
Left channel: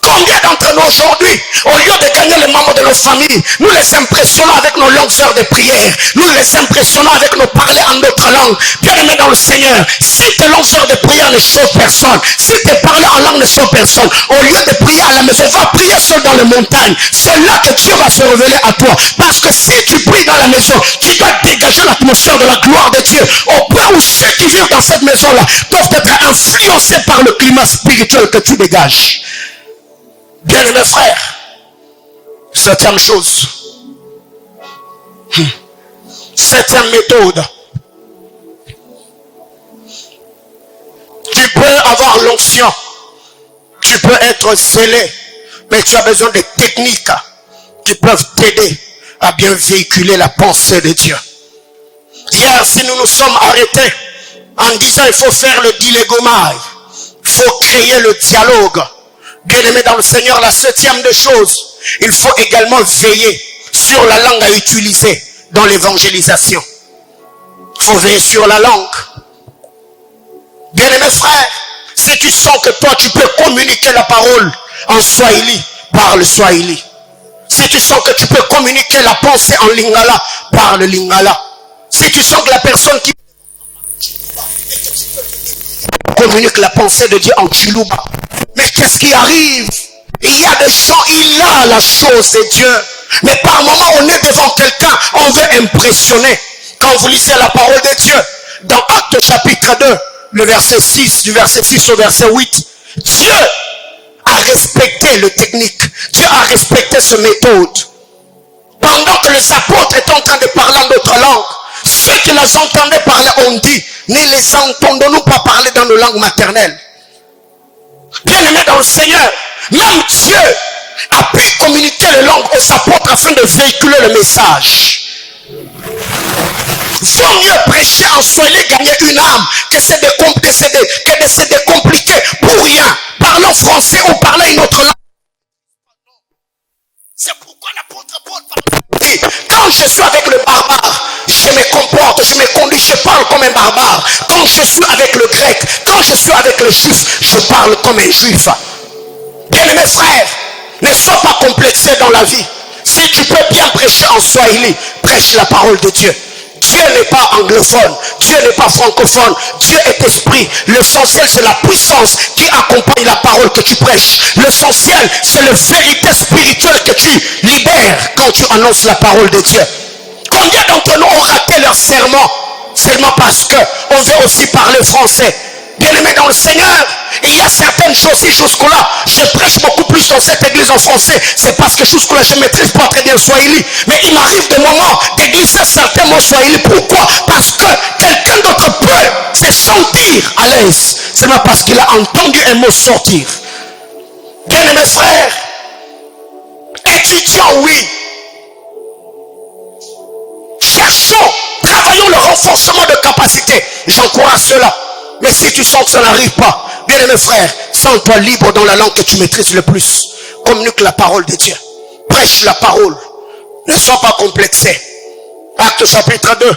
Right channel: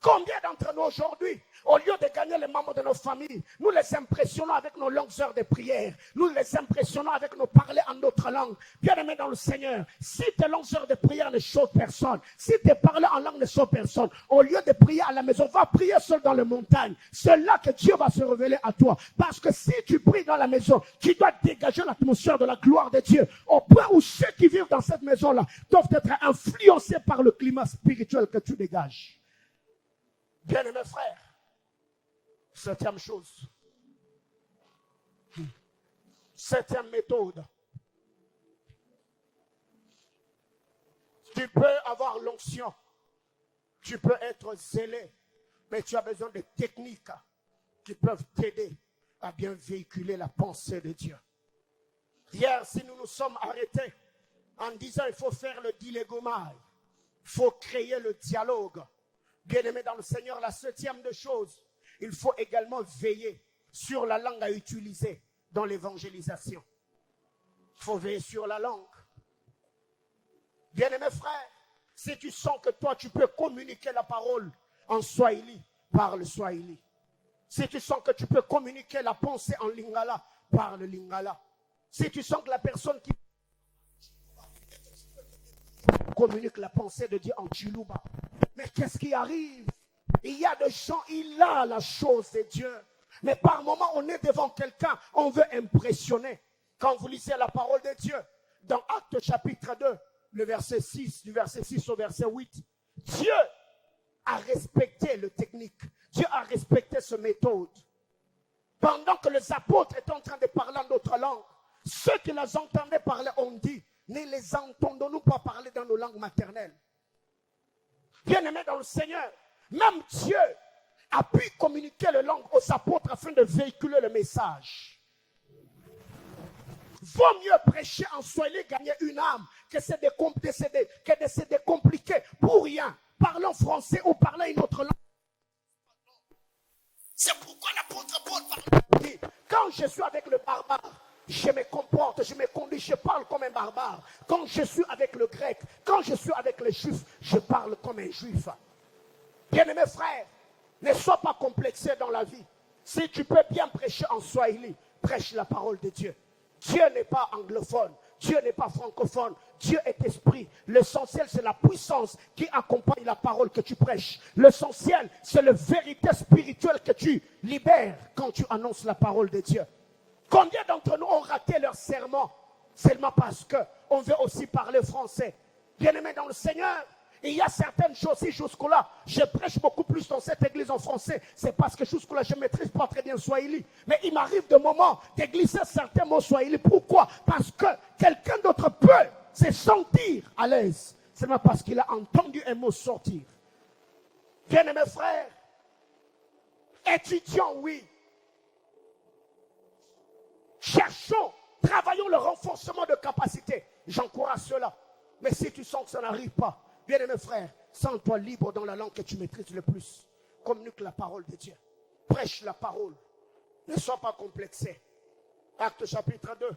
combien d'entre nous aujourd'hui, au lieu de gagner les membres de nos familles, nous les impressionnons avec nos longues heures de prière, nous les impressionnons avec nos parler en d'autres langues. Bien-aimés dans le Seigneur, si tes longues heures de prière ne sauvent personne, si tes parler en langue ne sauvent personne, au lieu de prier à la maison, va prier seul dans les montagnes. C'est là que Dieu va se révéler à toi. Parce que si tu pries dans la maison, tu dois dégager l'atmosphère de la gloire de Dieu, au point où ceux qui vivent dans cette maison-là doivent être influencés par le climat spirituel que tu dégages. Bien-aimés frères, septième chose, septième méthode, tu peux avoir l'onction, tu peux être zélé, mais tu as besoin de techniques qui peuvent t'aider à bien véhiculer la pensée de Dieu. Hier, si nous nous sommes arrêtés en disant il faut faire le dilégomai, il faut créer le dialogue. Bien-aimé dans le Seigneur, la septième des choses, il faut également veiller sur la langue à utiliser dans l'évangélisation. Il faut veiller sur la langue. Bien-aimé frère, si tu sens que toi tu peux communiquer la parole en Swahili, parle Swahili. Si tu sens que tu peux communiquer la pensée en Lingala, parle Lingala. Si tu sens que la personne qui communique la pensée de Dieu en Chiluba. Mais qu'est-ce qui arrive? Il y a des gens, il a la chose de Dieu. Mais par moment, on est devant quelqu'un, on veut impressionner. Quand vous lisez la parole de Dieu, dans Actes chapitre 2, le verset 6, du verset 6 au verset 8, Dieu a respecté le technique. Dieu a respecté ce méthode. Pendant que les apôtres étaient en train de parler en d'autres langues, ceux qui les entendaient parler ont dit, ne les entendons-nous pas parler dans nos langues maternelles? Bien-aimés dans le Seigneur, même Dieu a pu communiquer les langues aux apôtres afin de véhiculer le message. Vaut mieux prêcher en Swahili, gagner une âme, que de se décompliquer pour rien. Parlons français ou parler une autre langue. C'est pourquoi l'apôtre Paul dit, quand je suis avec le barbare, je me comporte, je me conduis, je parle comme un barbare. Quand je suis avec le grec, quand je suis avec le juif, je parle comme un juif. Bien-aimés frères, ne sois pas complexé dans la vie. Si tu peux bien prêcher en Swahili, prêche la parole de Dieu. Dieu n'est pas anglophone, Dieu n'est pas francophone, Dieu est esprit. L'essentiel c'est la puissance qui accompagne la parole que tu prêches. L'essentiel c'est la vérité spirituelle que tu libères quand tu annonces la parole de Dieu. Combien d'entre nous ont raté leur serment seulement parce qu'on veut aussi parler français? Bien-aimés dans le Seigneur, il y a certaines choses, si jusque-là, je prêche beaucoup plus dans cette église en français, c'est parce que jusque-là, je ne maîtrise pas très bien le Swahili. Mais il m'arrive des moments de glisser certains mots Swahili. Pourquoi? Parce que quelqu'un d'autre peut se sentir à l'aise. C'est pas parce qu'il a entendu un mot sortir. Bien-aimés frères, étudiants, oui. Cherchons, travaillons le renforcement de capacité. J'encourage cela. Mais si tu sens que ça n'arrive pas, bien aimé frère, sens-toi libre dans la langue que tu maîtrises le plus. Communique la parole de Dieu. Prêche la parole. Ne sois pas complexé. Acte chapitre 2.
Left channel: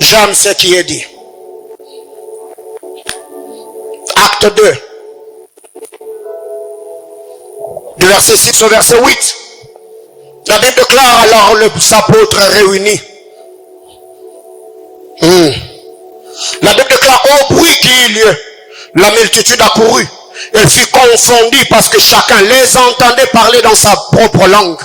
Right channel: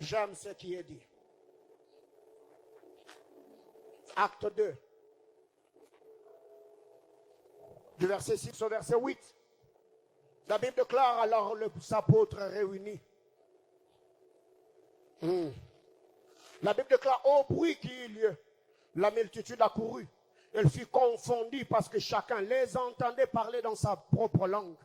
J'aime ce qui est dit. Acte 2. Du verset 6 au verset 8. La Bible déclare alors les apôtres réunis. La Bible déclare au bruit qui eut lieu, la multitude accourut. Elle fut confondue parce que chacun les entendait parler dans sa propre langue.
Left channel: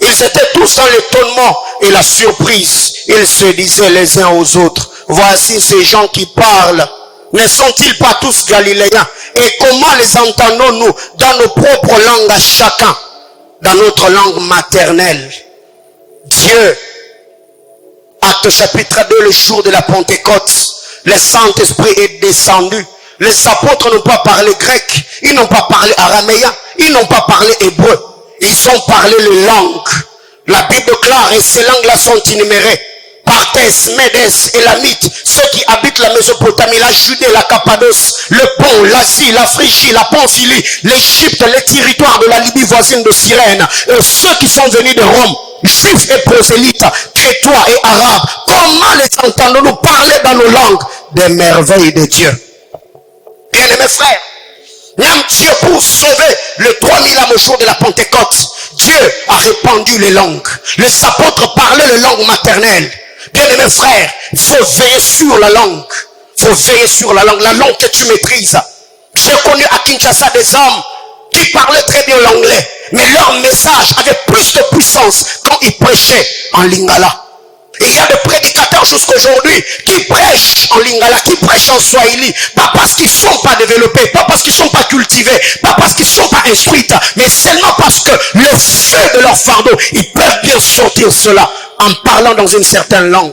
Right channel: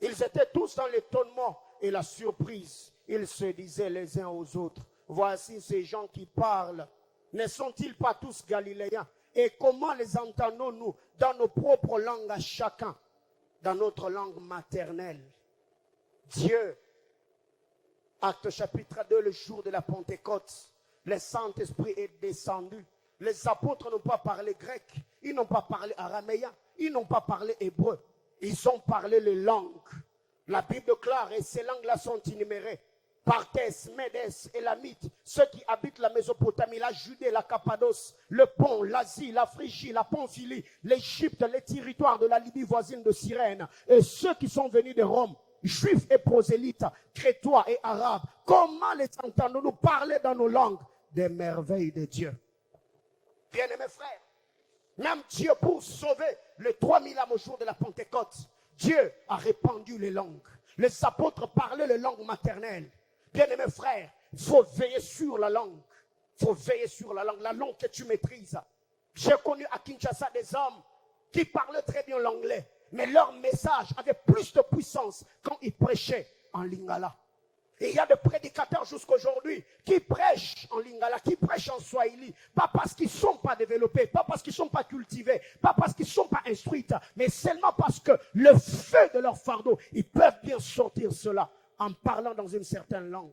Ils étaient tous dans l'étonnement et la surprise. Ils se disaient les uns aux autres, voici ces gens qui parlent. Ne sont-ils pas tous galiléens? Et comment les entendons-nous dans nos propres langues à chacun? Dans notre langue maternelle. Dieu, Acte chapitre 2, le jour de la Pentecôte, le Saint-Esprit est descendu. Les apôtres n'ont pas parlé grec, ils n'ont pas parlé araméen, ils n'ont pas parlé hébreu. Ils ont parlé les langues. La Bible déclare, et ces langues-là sont énumérées. Partès, Médès, Élamites, ceux qui habitent la Mésopotamie, la Judée, la Cappadoce, le Pont, l'Asie, la Phrygie, la Pamphylie, l'Égypte, les territoires de la Libye voisine de Cyrène, ceux qui sont venus de Rome, juifs et prosélytes, crétois et arabes, comment les entendons-nous parler dans nos langues des merveilles de Dieu? Bien-aimés frères, même Dieu pour sauver le 3000 âmes au jour de la Pentecôte, Dieu a répandu les langues. Les apôtres parlaient les langues maternelles. Bien-aimés frères, il faut veiller sur la langue. Il faut veiller sur la langue que tu maîtrises. J'ai connu à Kinshasa des hommes qui parlaient très bien l'anglais, mais leur message avait plus de puissance quand ils prêchaient en lingala. Et il y a des prédicateurs jusqu'aujourd'hui qui prêchent en lingala, qui prêchent en swahili, pas parce qu'ils ne sont pas développés, pas parce qu'ils ne sont pas cultivés, pas parce qu'ils ne sont pas instruits, mais seulement parce que le feu de leur fardeau, ils peuvent bien sortir cela en parlant dans une certaine langue.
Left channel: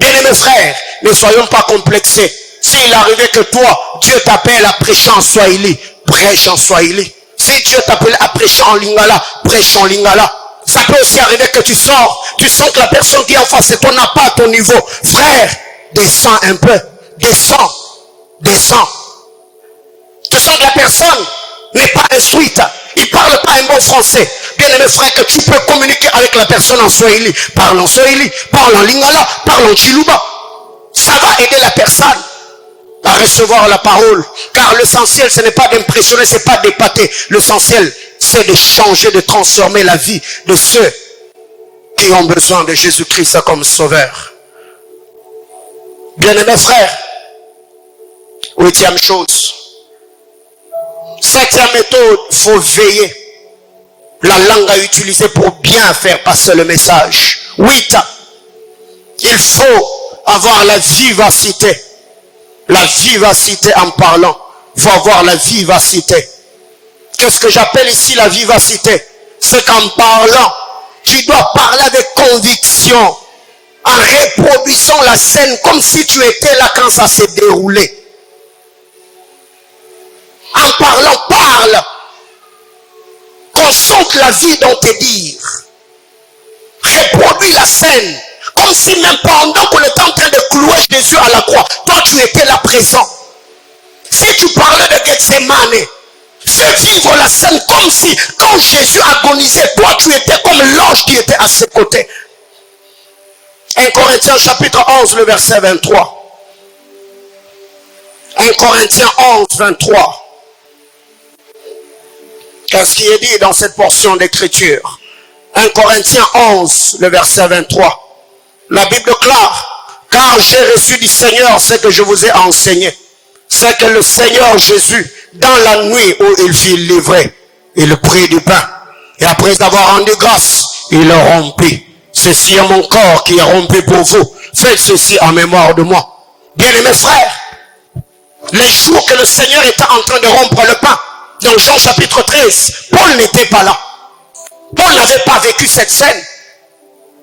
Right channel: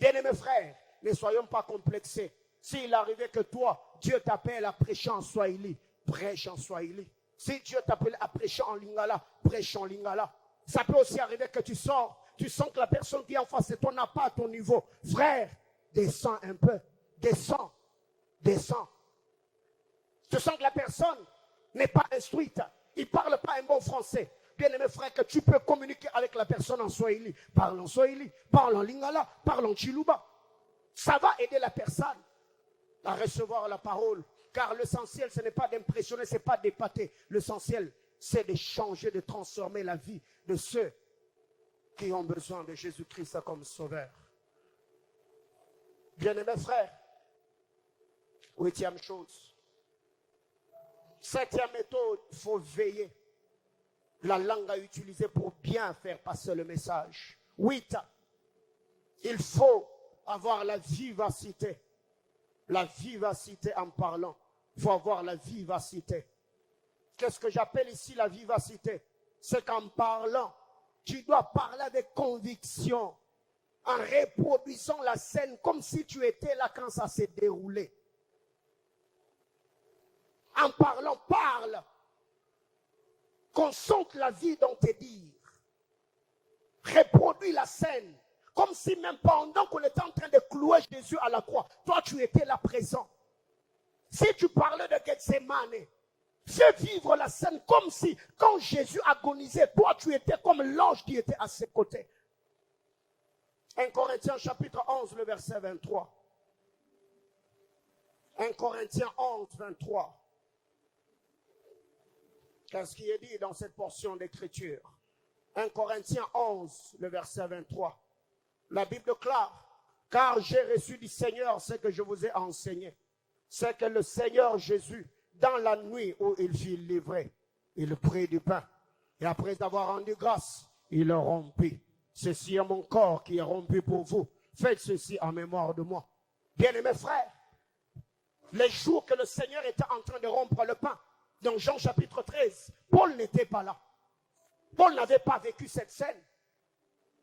Bien-aimés frères, ne soyons pas complexés. S'il arrivait que toi, Dieu t'appelle à prêcher en swahili, prêche en swahili. Si Dieu t'appelle à prêcher en lingala, prêche en lingala. Ça peut aussi arriver que tu sors, tu sens que la personne qui est en face de toi n'a pas à ton niveau. Frère, descends un peu, descends. Tu sens que la personne n'est pas instruite, il parle pas un bon français. Bien-aimé frère, que tu peux communiquer avec la personne en swahili. Parle en swahili, parle en lingala, parle en chiluba. Ça va aider la personne à recevoir la parole. Car l'essentiel, ce n'est pas d'impressionner, ce n'est pas d'épater. L'essentiel, c'est de changer, de transformer la vie de ceux qui ont besoin de Jésus-Christ comme sauveur. Bien-aimés frères, 8e chose. 7e méthode, il faut veiller. La langue à utiliser pour bien faire passer le message. 8. Il faut avoir la vivacité. La vivacité en parlant. Il faut avoir la vivacité. Qu'est-ce que j'appelle ici la vivacité? C'est qu'en parlant, tu dois parler avec conviction, en reproduisant la scène comme si tu étais là quand ça s'est déroulé. En parlant, parle. Qu'on sente la vie dans tes dires. Reproduis la scène. Comme si même pendant qu'on était en train de clouer Jésus à la croix, toi tu étais là présent. Si tu parlais de Gethsemane, fais vivre la scène comme si quand Jésus agonisait, toi tu étais comme l'ange qui était à ses côtés. 1 Corinthiens chapitre 11, le verset 23. 1 Corinthiens 11, 23. Qu'est-ce qui est dit dans cette portion d'écriture? 1 Corinthiens 11, le verset 23. La Bible déclare, car j'ai reçu du Seigneur ce que je vous ai enseigné. C'est que le Seigneur Jésus, dans la nuit où il fut livré, il prit du pain. Et après avoir rendu grâce, il le rompit. Ceci est mon corps qui est rompu pour vous. Faites ceci en mémoire de moi. Bien-aimés frères, les jours que le Seigneur était en train de rompre le pain, dans Jean chapitre 13, Paul n'était pas là. Paul n'avait pas vécu cette scène.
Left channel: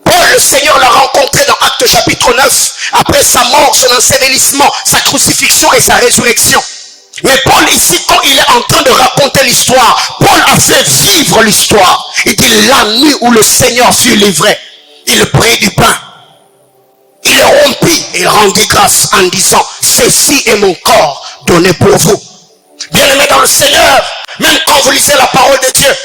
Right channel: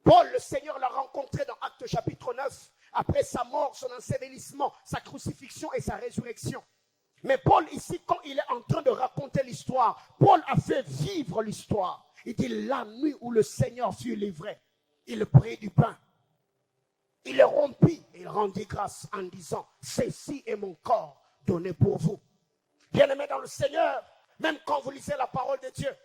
Paul, le Seigneur l'a rencontré dans Actes chapitre 9, après sa mort, son ensevelissement, sa crucifixion et sa résurrection. Mais Paul ici, quand il est en train de raconter l'histoire, Paul a fait vivre l'histoire. Il dit la nuit où le Seigneur fut livré, il prit du pain. Il le rompit et il rendit grâce en disant, ceci est mon corps donné pour vous. Bien-aimés dans le Seigneur, même quand vous lisez la parole de Dieu,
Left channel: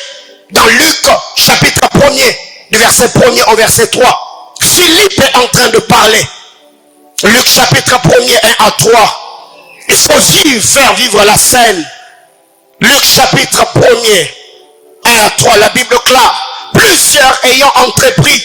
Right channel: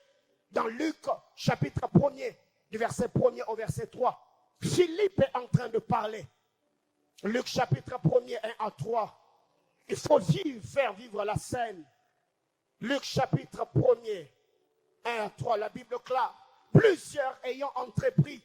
dans Luc chapitre 1er, du verset 1er au verset 3, Philippe est en train de parler. Luc chapitre 1er, 1 à 3. Il faut faire vivre la scène. Luc chapitre 1er, 1 à 3, la Bible déclare, plusieurs ayant entrepris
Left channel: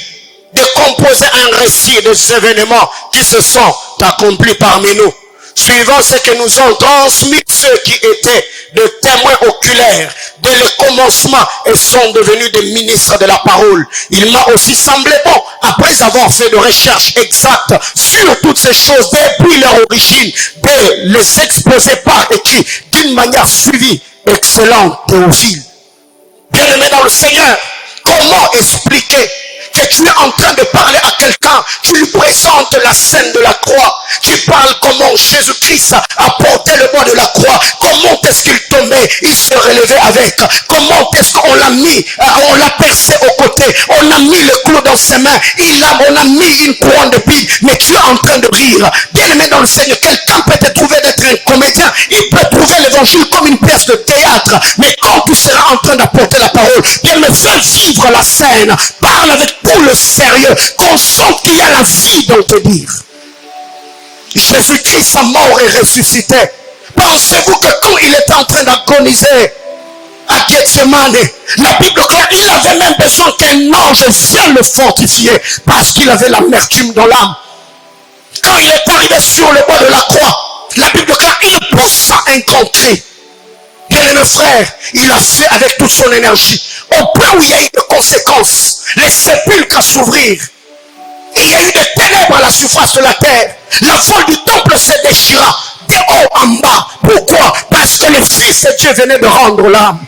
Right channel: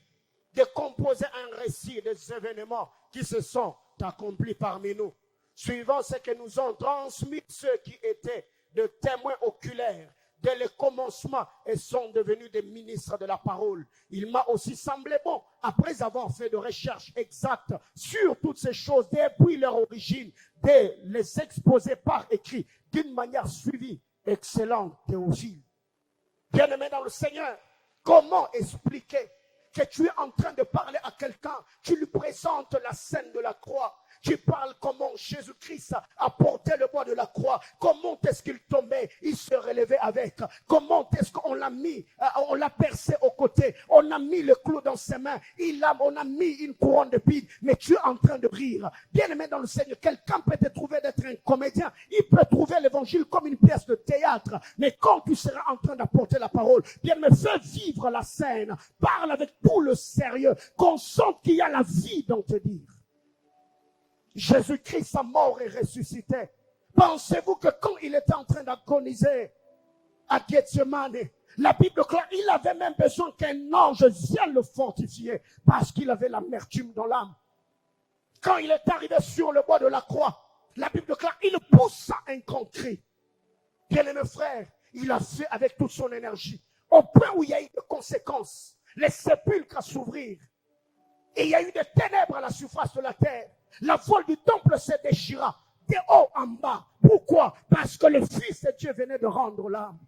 de composer un récit des événements qui se sont accomplis parmi nous, suivant ce que nous ont transmis ceux qui étaient de témoins oculaires dès le commencement et sont devenus des ministres de la parole. Il m'a aussi semblé bon, après avoir fait de recherches exactes sur toutes ces choses depuis leur origine, de les exposer par écrit d'une manière suivie. Excellent Théophile. Bien-aimé dans le Seigneur, comment expliquer que tu es en train de parler à quelqu'un, tu lui présentes la scène de la croix, tu parles comment Jésus-Christ a porté le bois de la croix, comment est-ce qu'il te met il se relevait avec. Comment est-ce qu'on l'a mis, on l'a percé au côté, on a mis le clou dans ses mains, on a mis une couronne de pile, mais tu es en train de rire. Bien aimé dans le Seigneur, quelqu'un peut te trouver d'être un comédien, il peut trouver l'évangile comme une pièce de théâtre, mais quand tu seras en train d'apporter la parole, bien aimé, fais vivre la scène, parle avec tout le sérieux, qu'on sente qu'il y a la vie dans te dire. Jésus-Christ a mort et ressuscité. Pensez-vous que quand il était en train d'agoniser à Gethsemane, la Bible claire, il avait même besoin qu'un ange vienne le fortifier parce qu'il avait l'amertume dans l'âme. Quand il est arrivé sur le bois de la croix, la Bible claire, il poussa un grand cri. Bien-aimé frère, il a fait avec toute son énergie, au point où il y a eu des conséquences, les sépulcres à s'ouvrir. Et il y a eu des ténèbres à la surface de la terre. La voile du temple se déchira de haut en bas. Pourquoi? Parce que le Fils de Dieu venait de rendre l'âme.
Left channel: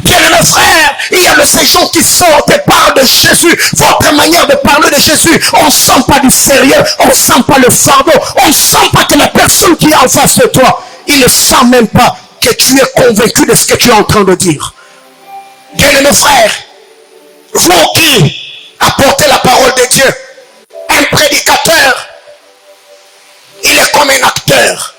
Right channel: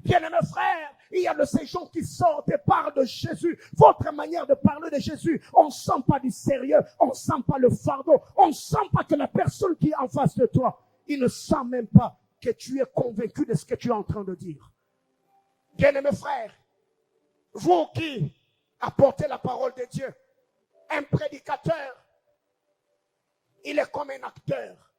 Bien-aimé frère, il y a de ces gens qui sortent et parlent de Jésus. Votre manière de parler de Jésus, on ne sent pas du sérieux, on ne sent pas le fardeau, on ne sent pas que la personne qui est en face de toi, il ne sent même pas que tu es convaincu de ce que tu es en train de dire. Bien-aimé frère, vous qui apportez la parole de Dieu, un prédicateur, il est comme un acteur.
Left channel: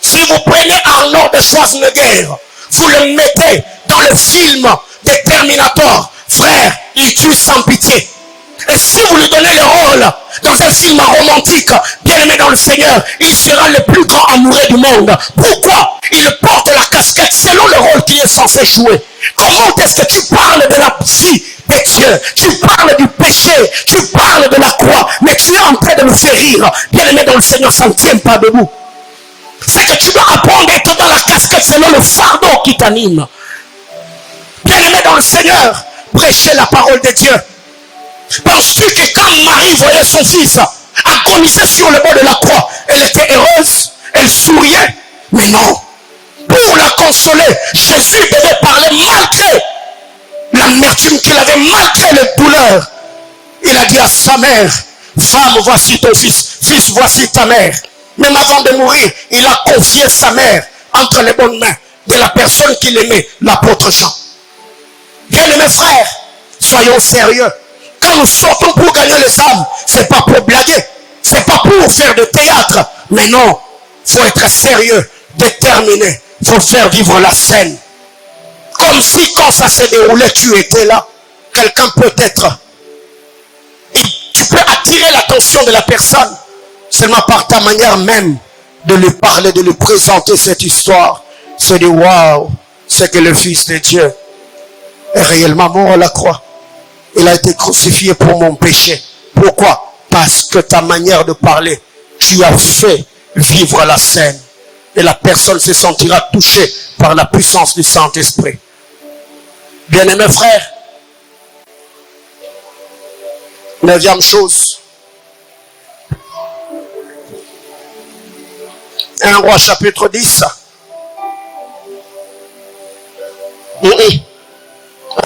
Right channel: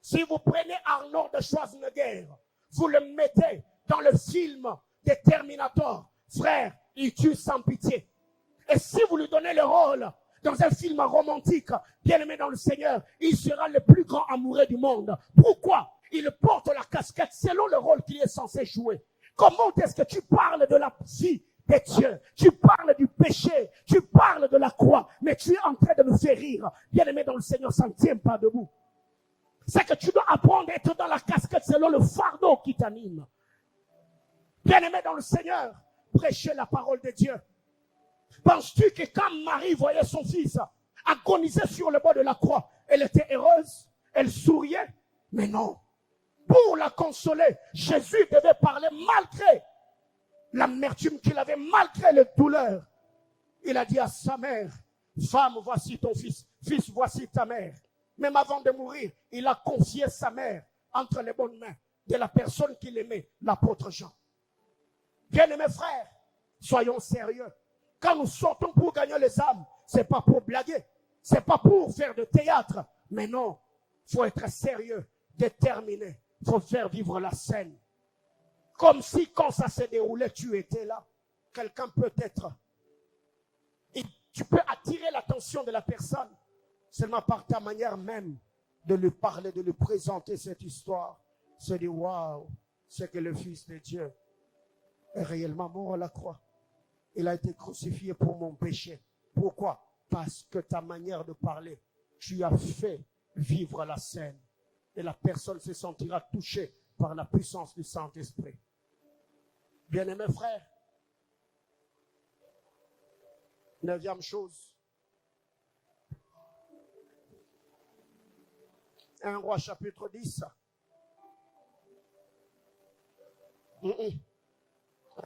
Si vous prenez Arnold de Schwarzenegger, vous le mettez dans le film de Terminator, frère, il tue sans pitié. Et si vous lui donnez le rôle dans un film romantique, bien aimé dans le Seigneur, il sera le plus grand amoureux du monde. Pourquoi? Il porte la casquette selon le rôle qu'il est censé jouer. Comment est-ce que tu parles de la vie de Dieu? Tu parles du péché, tu parles de la croix, mais tu es en train de me faire rire. Bien aimé dans le Seigneur, ça ne tient pas debout. C'est que tu dois apprendre à être dans la casquette selon le fardeau qui t'anime. Bien aimé dans le Seigneur, prêchez la parole de Dieu. Penses-tu que quand Marie voyait son fils agoniser sur le bord de la croix, elle était heureuse, elle souriait? Mais non. Pour la consoler, Jésus devait parler malgré l'amertume qu'il avait, malgré les douleurs. Il a dit à sa mère, femme, voici ton fils, fils, voici ta mère. Même avant de mourir, il a confié sa mère entre les bonnes mains de la personne qu'il aimait, l'apôtre Jean. Bien mes frères, soyons sérieux. Quand nous sortons pour gagner les âmes, c'est pas pour blaguer, c'est pas pour faire de théâtre, mais non, faut être sérieux, déterminé, faut faire vivre la scène. Comme si quand ça s'est déroulé, tu étais là. Quelqu'un peut être, et tu peux attirer l'attention de la personne seulement par ta manière même de lui parler, de lui présenter cette histoire. Se dire, waouh, c'est que le Fils de Dieu est réellement mort à la croix. Il a été crucifié pour mon péché. Pourquoi? Parce que ta manière de parler, tu as fait vivre la scène. Et la personne se sentira touchée par la puissance du Saint-Esprit. Bien-aimés frères, 9e chose. 1 Roi chapitre 10. 1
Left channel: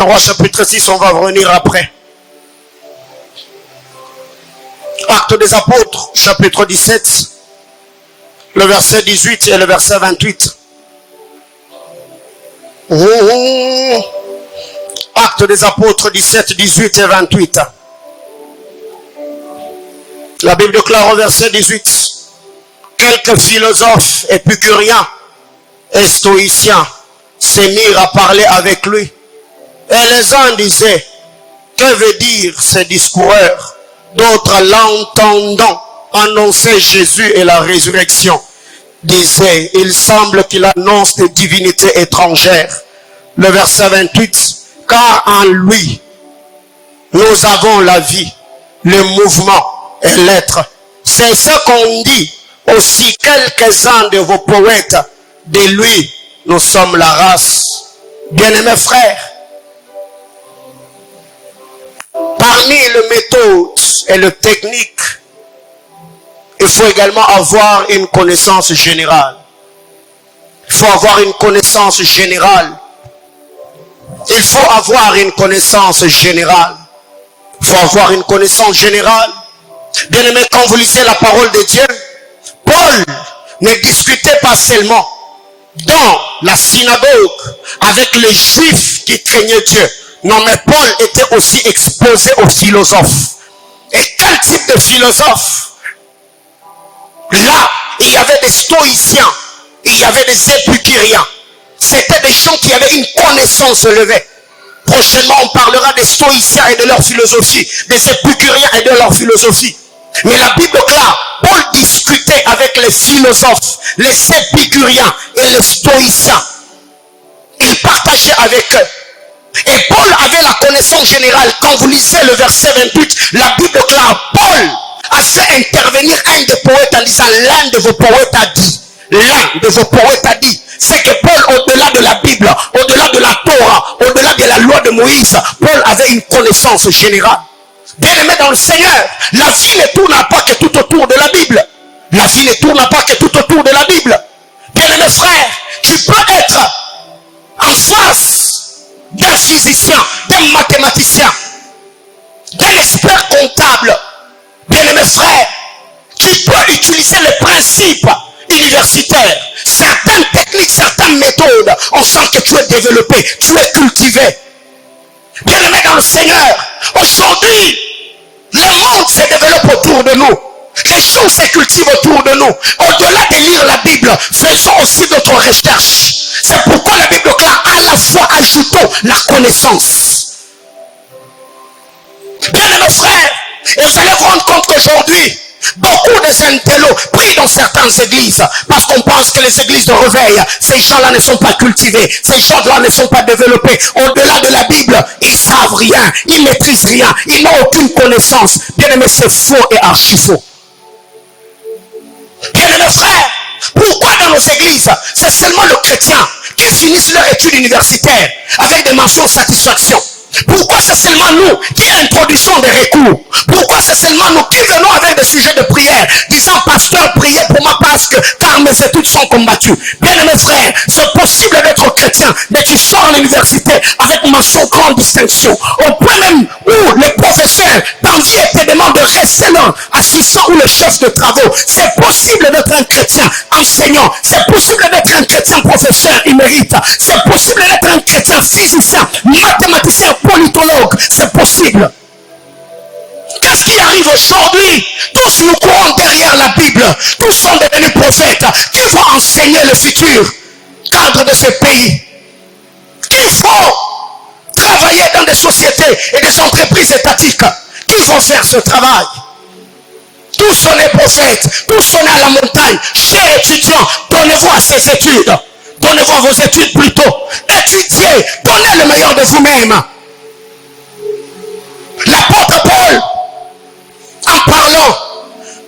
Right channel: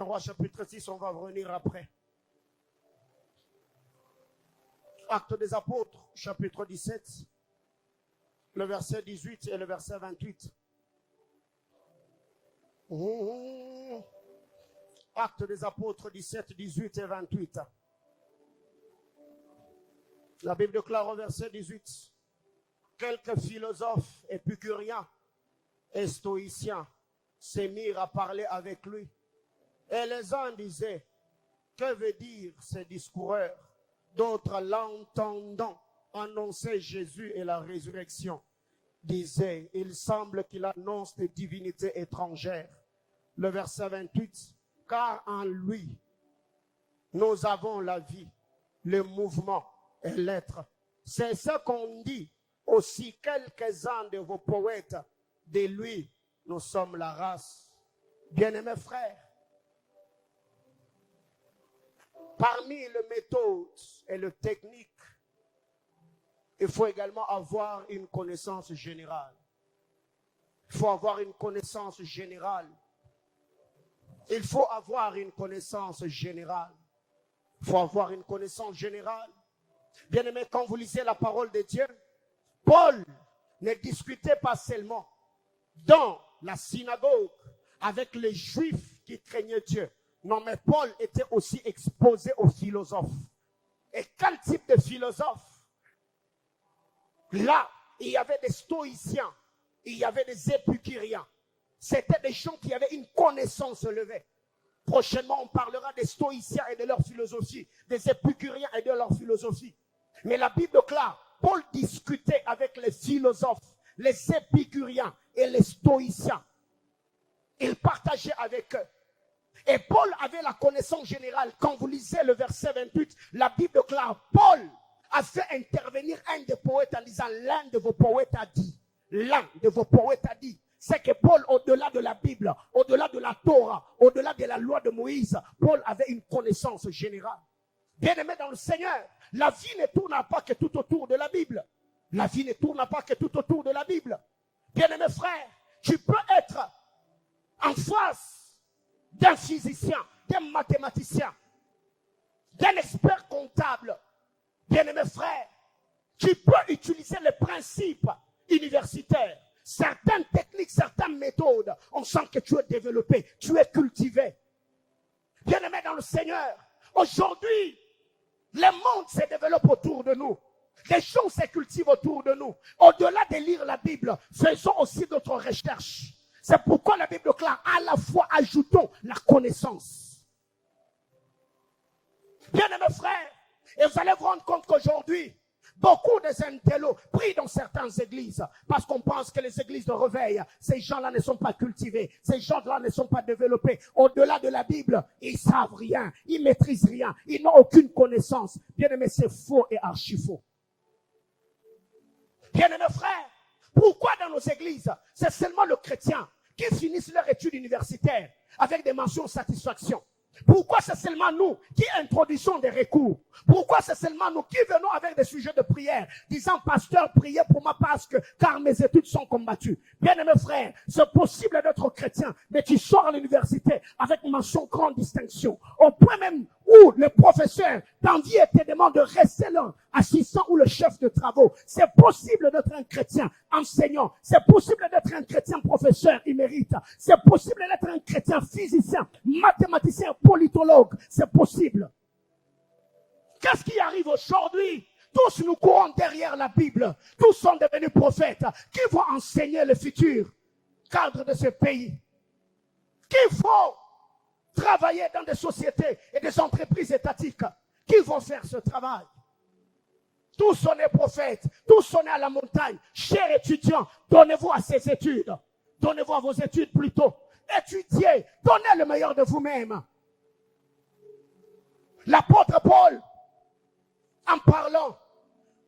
Roi chapitre 6, on va revenir après. Actes des apôtres, chapitre 17, le verset 18 et le verset 28. Actes des apôtres 17, 18 et 28. La Bible déclare au verset 18. Quelques philosophes épicuriens et stoïciens se mirent à parler avec lui. Et les uns disaient, que veut dire ce discoureur? D'autres, l'entendant annoncer Jésus et la résurrection, disaient, il semble qu'il annonce des divinités étrangères. Le verset 28, car en lui, nous avons la vie, le mouvement et l'être. C'est ce qu'on dit aussi quelques-uns de vos poètes. De lui, nous sommes la race. Bien-aimés frères, parmi les méthodes et les techniques, il faut également avoir une connaissance générale. Il faut avoir une connaissance générale. Il faut avoir une connaissance générale. Il faut avoir une connaissance générale. Bien-aimés, quand vous lisez la parole de Dieu, Paul ne discutait pas seulement dans la synagogue avec les Juifs qui craignaient Dieu. Non, mais Paul était aussi exposé aux philosophes. Et quel type de philosophes? Là, il y avait des stoïciens, il y avait des épicuriens. C'était des gens qui avaient une connaissance élevée. Prochainement, on parlera des stoïciens et de leur philosophie, des épicuriens et de leur philosophie. Mais la Bible clare, Paul discutait avec les philosophes, les épicuriens et les stoïciens. Il partageait avec eux. Et Paul avait la connaissance générale. Quand vous lisez le verset 28, la Bible clare, Paul a fait intervenir un des poètes en disant, l'un de vos poètes a dit, l'un de vos poètes a dit. C'est que Paul, au-delà de la Bible, au-delà de la Torah, au-delà de la loi de Moïse, Paul avait une connaissance générale. Bien-aimé dans le Seigneur, la vie ne tourne pas que tout autour de la Bible. La vie ne tourne pas que tout autour de la Bible. Bien-aimé frère, tu peux être en face d'un physicien, d'un mathématicien, d'un expert comptable. Bien-aimé frère, tu peux utiliser les principes universitaires, certaines techniques, certaines méthodes. On sent que tu es développé, tu es cultivé. Bien-aimé dans le Seigneur, aujourd'hui, le monde se développe autour de nous. Les choses se cultivent autour de nous. Au-delà de lire la Bible, faisons aussi d'autres recherches. C'est pourquoi la Bible clare, à la fois ajoutons la connaissance. Bien-aimés frères, et vous allez vous rendre compte qu'aujourd'hui, beaucoup des intellos prient dans certaines églises parce qu'on pense que les églises de réveil, ces gens-là ne sont pas cultivés, ces gens-là ne sont pas développés. Au-delà de la Bible, ils savent rien, ils maîtrisent rien, ils n'ont aucune connaissance. Bien-aimés, c'est faux et archi faux. Bien-aimés frères, pourquoi dans nos églises, c'est seulement le chrétien qui finissent leur étude universitaire avec des mentions de satisfaction? Pourquoi c'est seulement nous qui introduisons des recours? Pourquoi c'est seulement nous qui venons avec des sujets de prière, disant, pasteur, priez pour moi parce que, car mes études sont combattues? Bien aimés frères, c'est possible d'être chrétien, mais tu sors à l'université avec mention grande distinction. Au point même où les professeurs t'envient et te demandent de rester là, assistant ou le chef de travaux. C'est possible d'être un chrétien enseignant. C'est possible d'être un chrétien professeur émérite. C'est possible d'être un chrétien physicien, mathématicien, politologue. C'est possible. Qu'est-ce qui arrive aujourd'hui? Tous nous courons derrière la Bible. Tous sont devenus prophètes qui vont enseigner le futur cadre de ce pays. Qui vont travailler dans des sociétés et des entreprises étatiques. Qui vont faire ce travail? Tous sont les prophètes. Tous sont à la montagne. Chers étudiants, donnez-vous à ces études. Donnez-vous à vos études plutôt. Étudiez. Donnez le meilleur de vous-même. L'apôtre Paul, en parlant,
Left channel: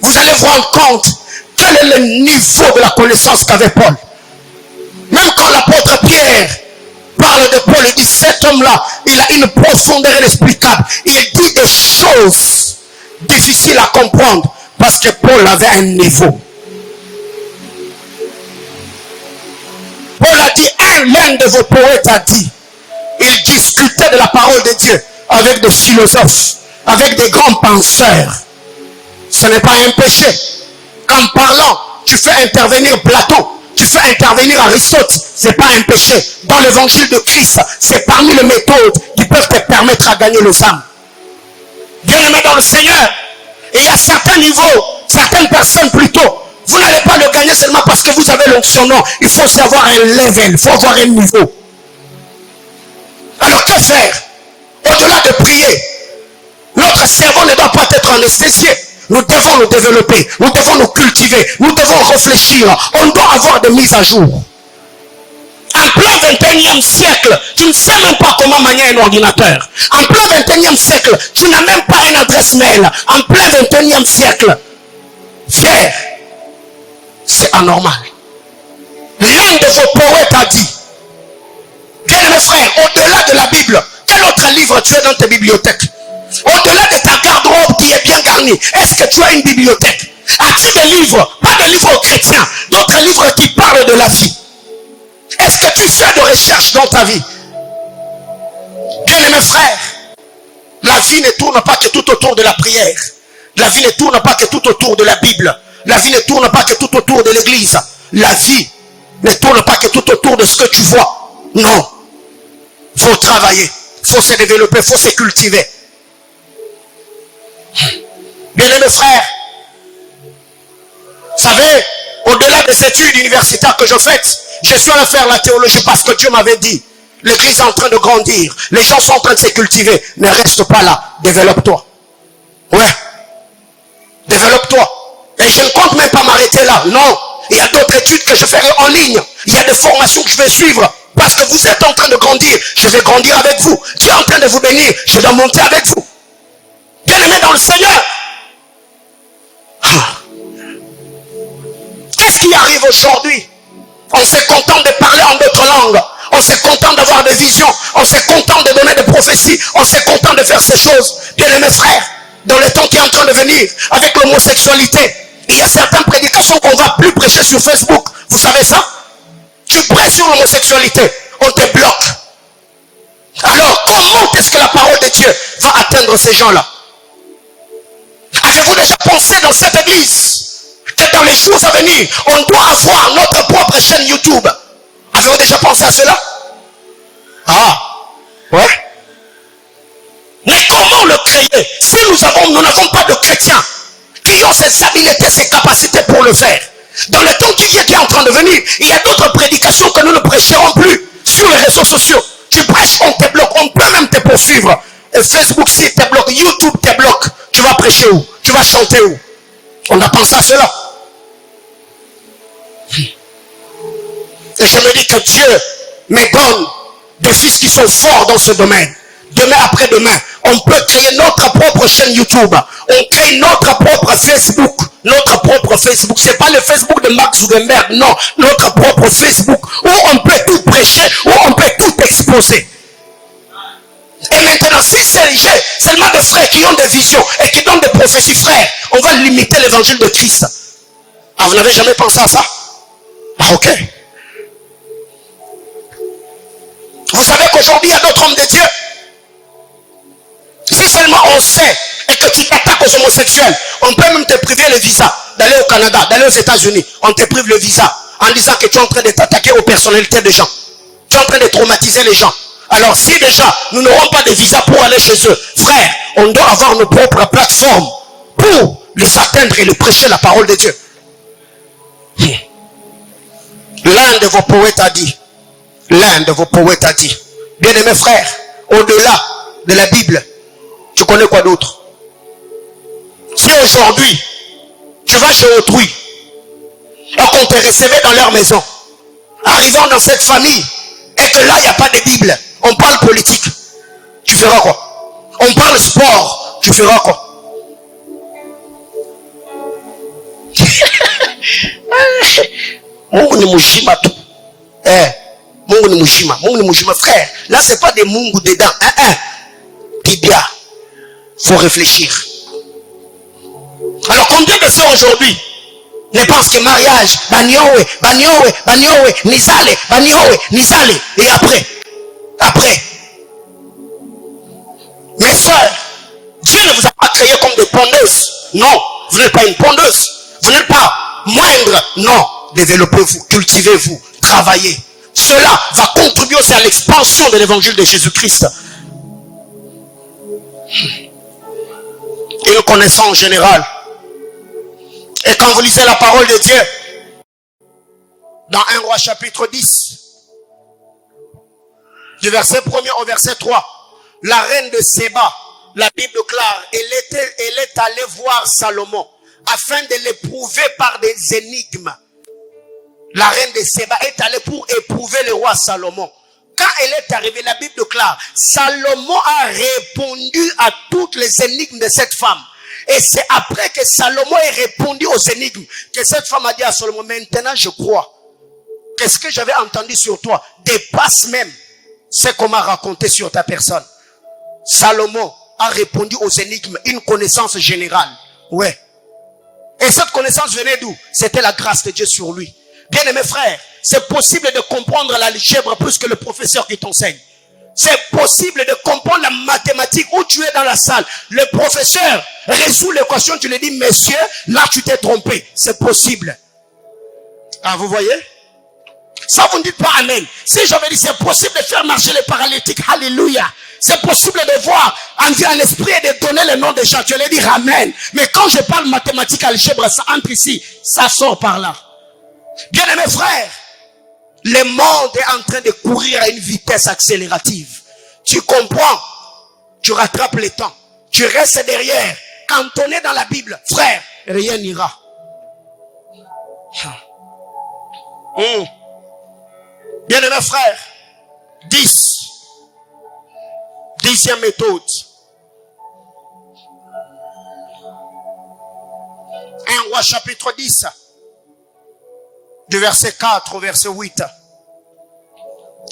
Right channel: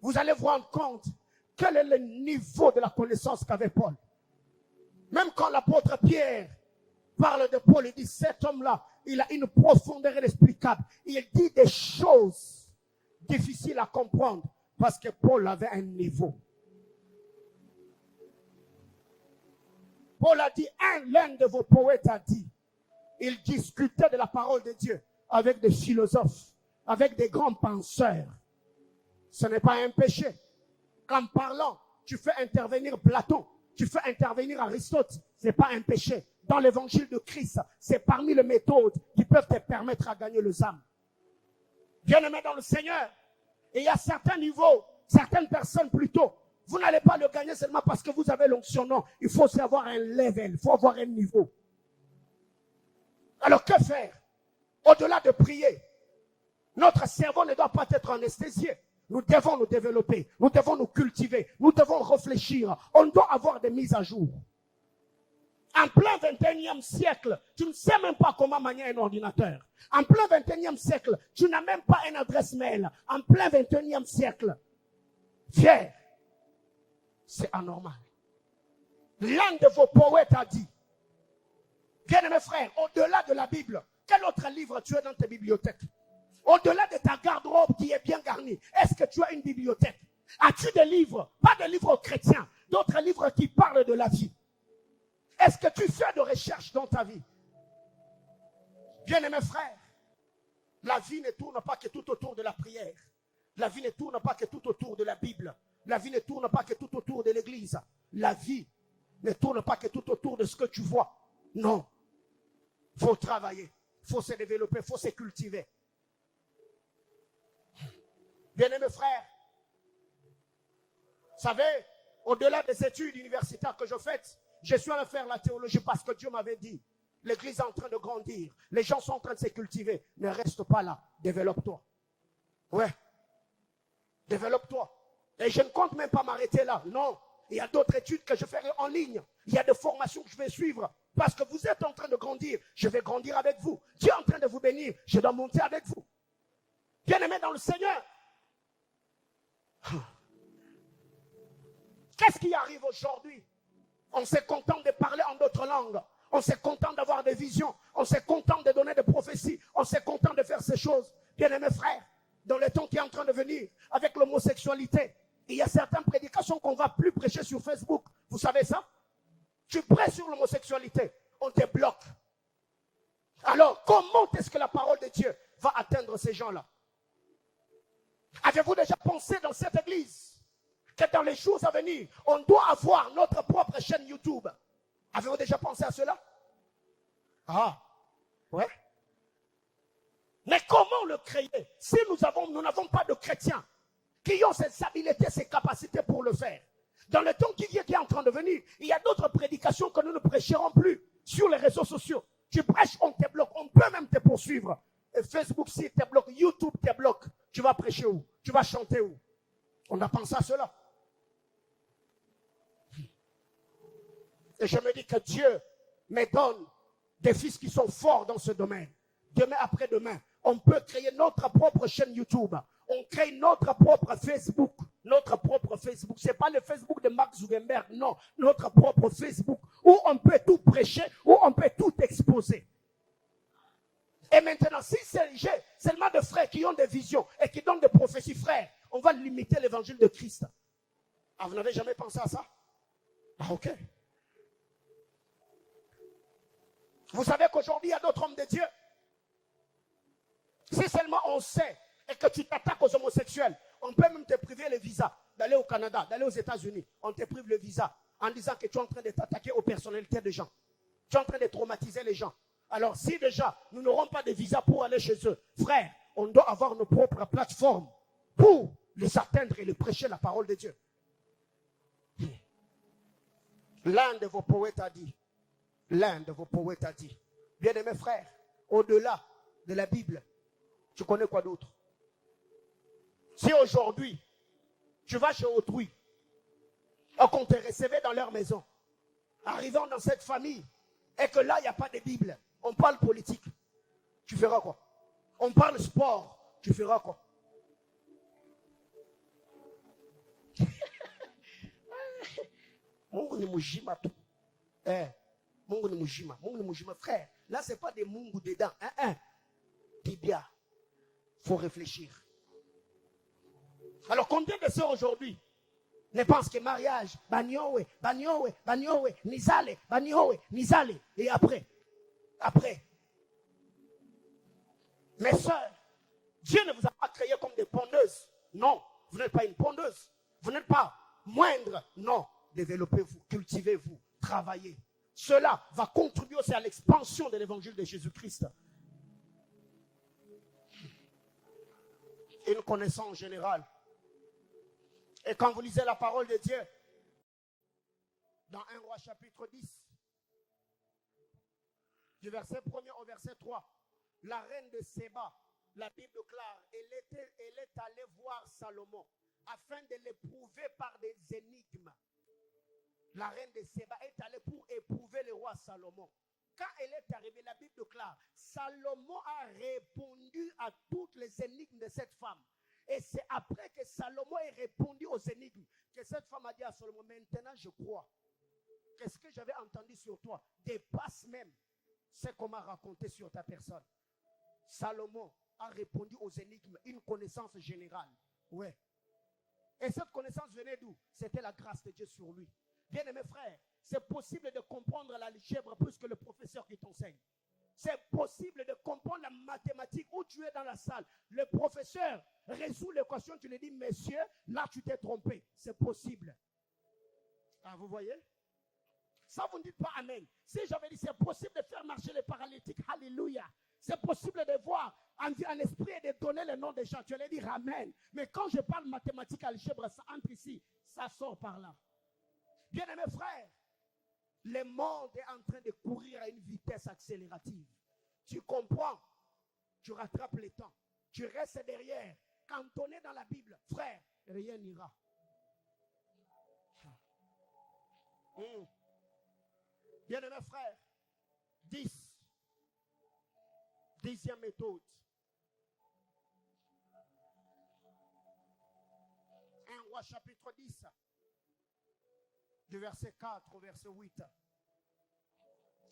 vous allez vous rendre compte quel est le niveau de la connaissance qu'avait Paul. Même quand l'apôtre Pierre parle de Paul, il dit, cet homme-là, il a une profondeur inexplicable. Il dit des choses difficiles à comprendre parce que Paul avait un niveau. Paul a dit, l'un de vos poètes a dit, il discutait de la parole de Dieu avec des philosophes, avec des grands penseurs. Ce n'est pas un péché. En parlant, tu fais intervenir Platon, tu fais intervenir Aristote, c'est pas un péché. Dans l'évangile de Christ, c'est parmi les méthodes qui peuvent te permettre à gagner les âmes. Bien-aimé dans le Seigneur, et il y a certains niveaux, certaines personnes plutôt, vous n'allez pas le gagner seulement parce que vous avez l'onction. Non, il faut savoir un level, il faut avoir un niveau. Alors que faire? Au-delà de prier, notre cerveau ne doit pas être anesthésié. Nous devons nous développer, nous devons nous cultiver, nous devons réfléchir. On doit avoir des mises à jour. En plein 21e siècle, tu ne sais même pas comment manier un ordinateur. En plein 21e siècle, tu n'as même pas une adresse mail. En plein 21e siècle, fier, c'est anormal. L'un de vos poètes a dit, bien mes frères, au-delà de la Bible, quel autre livre tu as dans tes bibliothèques? Au-delà de ta garde-robe qui est bien garnie, est-ce que tu as une bibliothèque? As-tu des livres? Pas de livres chrétiens, d'autres livres qui parlent de la vie. Est-ce que tu fais de recherche dans ta vie? Bien-aimés frères, la vie ne tourne pas que tout autour de la prière. La vie ne tourne pas que tout autour de la Bible. La vie ne tourne pas que tout autour de l'église. La vie Ne tourne pas que tout autour de ce que tu vois. Non. Faut travailler. Faut se développer. Faut se cultiver. Bien-aimés frères, vous savez, au-delà des études universitaires que je fais, je suis allé faire la théologie parce que Dieu m'avait dit, l'église est en train de grandir, les gens sont en train de se cultiver, ne reste pas là, développe-toi. Ouais, développe-toi. Et je ne compte même pas m'arrêter là, non. Il y a d'autres études que je ferai en ligne, il y a des formations que je vais suivre, parce que vous êtes en train de grandir, je vais grandir avec vous. Dieu est en train de vous bénir, je dois monter avec vous. Bien-aimés dans le Seigneur. Qu'est-ce qui arrive aujourd'hui? On se contente de parler en d'autres langues. On se contente d'avoir des visions. On se contente de donner des prophéties. On se contente de faire ces choses. Bien-aimés frères, dans le temps qui est en train de venir, avec l'homosexualité, il y a certaines prédications qu'on ne va plus prêcher sur Facebook. Vous savez ça? Tu prêches sur l'homosexualité, on te bloque. Alors, comment est-ce que la parole de Dieu va atteindre ces gens-là? Avez-vous déjà pensé dans cette église que dans les jours à venir, on doit avoir notre propre chaîne YouTube? Avez-vous déjà pensé à cela? Ah, ouais. Mais comment le créer si nous n'avons pas de chrétiens qui ont ces habiletés, ces capacités pour le faire? Dans le temps qui vient, qui est en train de venir, il y a d'autres prédications que nous ne prêcherons plus sur les réseaux sociaux. Tu prêches, on te bloque, on peut même te poursuivre. Et Facebook, si te bloque, YouTube te bloque. Tu vas prêcher où? Tu vas chanter où? On a pensé à cela. Et je me dis que Dieu me donne des fils qui sont forts dans ce domaine. Demain après demain, on peut créer notre propre chaîne YouTube. On crée notre propre Facebook. Notre propre Facebook. C'est pas le Facebook de Mark Zuckerberg, non. Notre propre Facebook. Où on peut tout prêcher, où on peut tout exposer. Et maintenant, si c'est seulement des frères qui ont des visions et qui donnent des prophéties, frères, on va limiter l'évangile de Christ. Ah, vous n'avez jamais pensé à ça? Ah, ok. Vous savez qu'aujourd'hui, il y a d'autres hommes de Dieu. Si seulement on sait et que tu t'attaques aux homosexuels, on peut même te priver le visa d'aller au Canada, d'aller aux États-Unis. On te prive le visa en disant que tu es en train de t'attaquer aux personnalités des gens. Tu es en train de traumatiser les gens. Alors si déjà nous n'aurons pas de visa pour aller chez eux, frère, on doit avoir nos propres plateformes pour les atteindre et les prêcher la parole de Dieu. L'un de vos poètes a dit, bien-aimés frères, au-delà de la Bible, tu connais quoi d'autre? Si aujourd'hui, tu vas chez autrui, et qu'on te recevait dans leur maison, arrivant dans cette famille, et que là, il n'y a pas de Bible, on parle politique, tu feras quoi? On parle sport, tu feras quoi? Mungu ni mujima tout. Mungu ni mujima, frère. Là, c'est pas des mungu dedans. Tibia. Faut réfléchir. Alors, combien de ceux aujourd'hui ne pensent que mariage, banyowe, nizale, et après. Mes soeurs, Dieu ne vous a pas créé comme des pondeuses. Non, vous n'êtes pas une pondeuse. Vous n'êtes pas moindre. Non, développez-vous, cultivez-vous, travaillez. Cela va contribuer aussi à l'expansion de l'évangile de Jésus-Christ. Et le connaissant en général. Et quand vous lisez la parole de Dieu, dans 1 Roi chapitre 10, du verset 1er au verset 3, la reine de Séba, la Bible déclare, elle est allée voir Salomon afin de l'éprouver par des énigmes. La reine de Séba est allée pour éprouver le roi Salomon. Quand elle est arrivée, la Bible déclare, Salomon a répondu à toutes les énigmes de cette femme. Et c'est après que Salomon ait répondu aux énigmes que cette femme a dit à Salomon, maintenant je crois que ce que j'avais entendu sur toi dépasse même ce qu'on m'a raconté sur ta personne. Salomon a répondu aux énigmes, une connaissance générale. Ouais. Et cette connaissance venait d'où? C'était la grâce de Dieu sur lui. Bien aimés frères, c'est possible de comprendre l'algèbre plus que le professeur qui t'enseigne. C'est possible de comprendre la mathématique où tu es dans la salle. Le professeur résout l'équation, tu lui dis, monsieur, là tu t'es trompé. C'est possible. Ah, vous voyez? Ça, vous ne dites pas amen. Si j'avais dit, c'est possible de faire marcher les paralytiques, alléluia. C'est possible de voir en l'esprit et de donner le nom des gens. Tu allais dire amen. Mais quand je parle mathématiques, algèbre, ça entre ici, ça sort par là. Bien-aimés frères, le monde est en train de courir à une vitesse accélérative. Tu comprends? Tu rattrapes le temps. Tu restes derrière. Quand on est dans la Bible, frère, rien n'ira. Bien-aimés frères, 10e méthode. 1 Roi chapitre 10, du verset 4 au verset 8.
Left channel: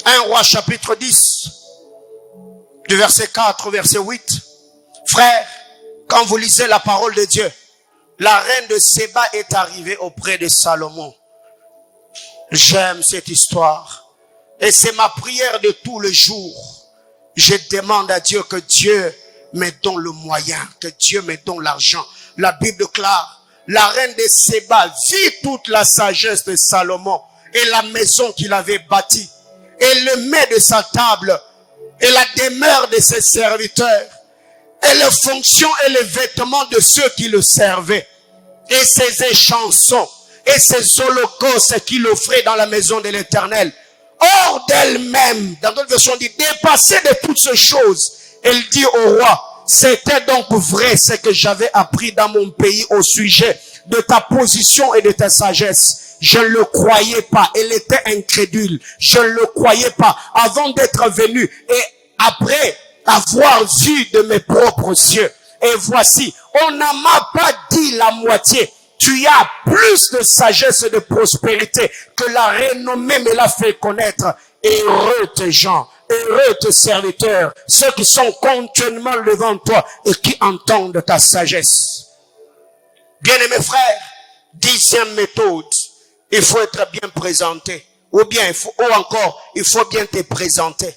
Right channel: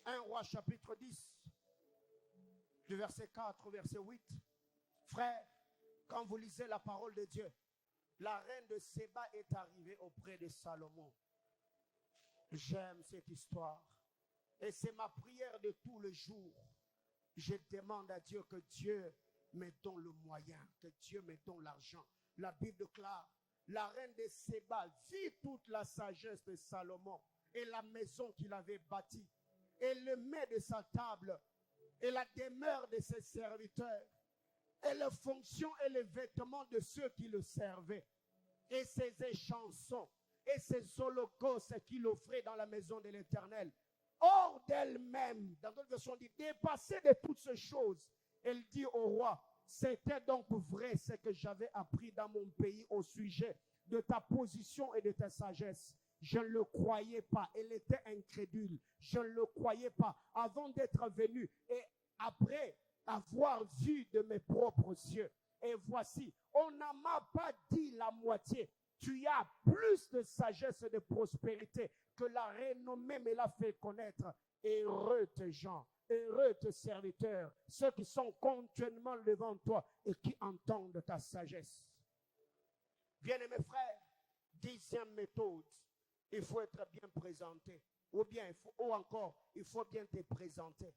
1 Roi chapitre 10, du verset 4 au verset 8. Frère, quand vous lisez la parole de Dieu, la reine de Séba est arrivée auprès de Salomon. J'aime cette histoire. Et c'est ma prière de tous les jours. Je demande à Dieu que Dieu me donne le moyen, que Dieu me donne l'argent. La Bible déclare, la reine de Séba vit toute la sagesse de Salomon et la maison qu'il avait bâtie, et le mets de sa table, et la demeure de ses serviteurs, et les fonctions et les vêtements de ceux qui le servaient, et ses échansons, et ses holocaustes qu'il offrait dans la maison de l'Éternel. Hors d'elle-même, dans d'autres versions, on dit, dépassée de toutes ces choses, elle dit au roi, c'était donc vrai ce que j'avais appris dans mon pays au sujet de ta position et de ta sagesse. Je ne le croyais pas. Elle était incrédule. Je ne le croyais pas avant d'être venu et après avoir vu de mes propres yeux. Et voici, on ne m'a pas dit la moitié. Tu as plus de sagesse et de prospérité que la renommée me l'a fait connaître. Heureux tes gens, heureux tes serviteurs, ceux qui sont continuellement devant toi et qui entendent ta sagesse. Bien-aimés frères, 10e méthode, il faut être bien présenté. Ou bien, il faut bien te présenter.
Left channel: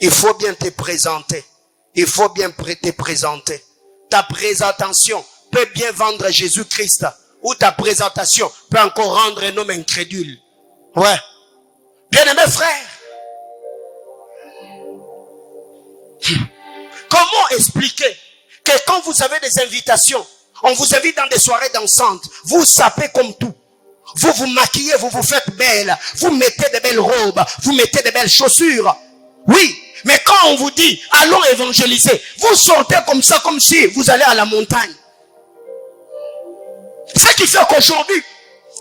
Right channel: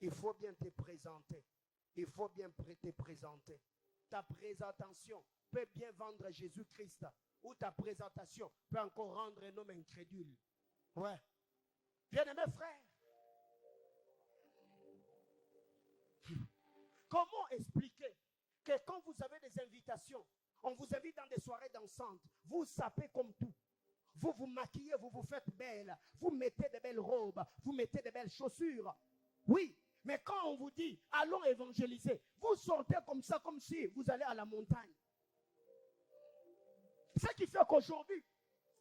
Il faut bien te présenter. Il faut bien te présenter. Ta présentation peut bien vendre Jésus-Christ. Ou ta présentation peut encore rendre un homme incrédule. Ouais. Bien-aimés frères, comment expliquer que quand vous avez des invitations, on vous invite dans des soirées dansantes, vous sapez comme tout. Vous vous maquillez, vous vous faites belle, vous mettez de belles robes, vous mettez de belles chaussures. Oui, mais quand on vous dit, allons évangéliser, vous sortez comme ça, comme si vous allez à la montagne. Ce qui fait qu'aujourd'hui,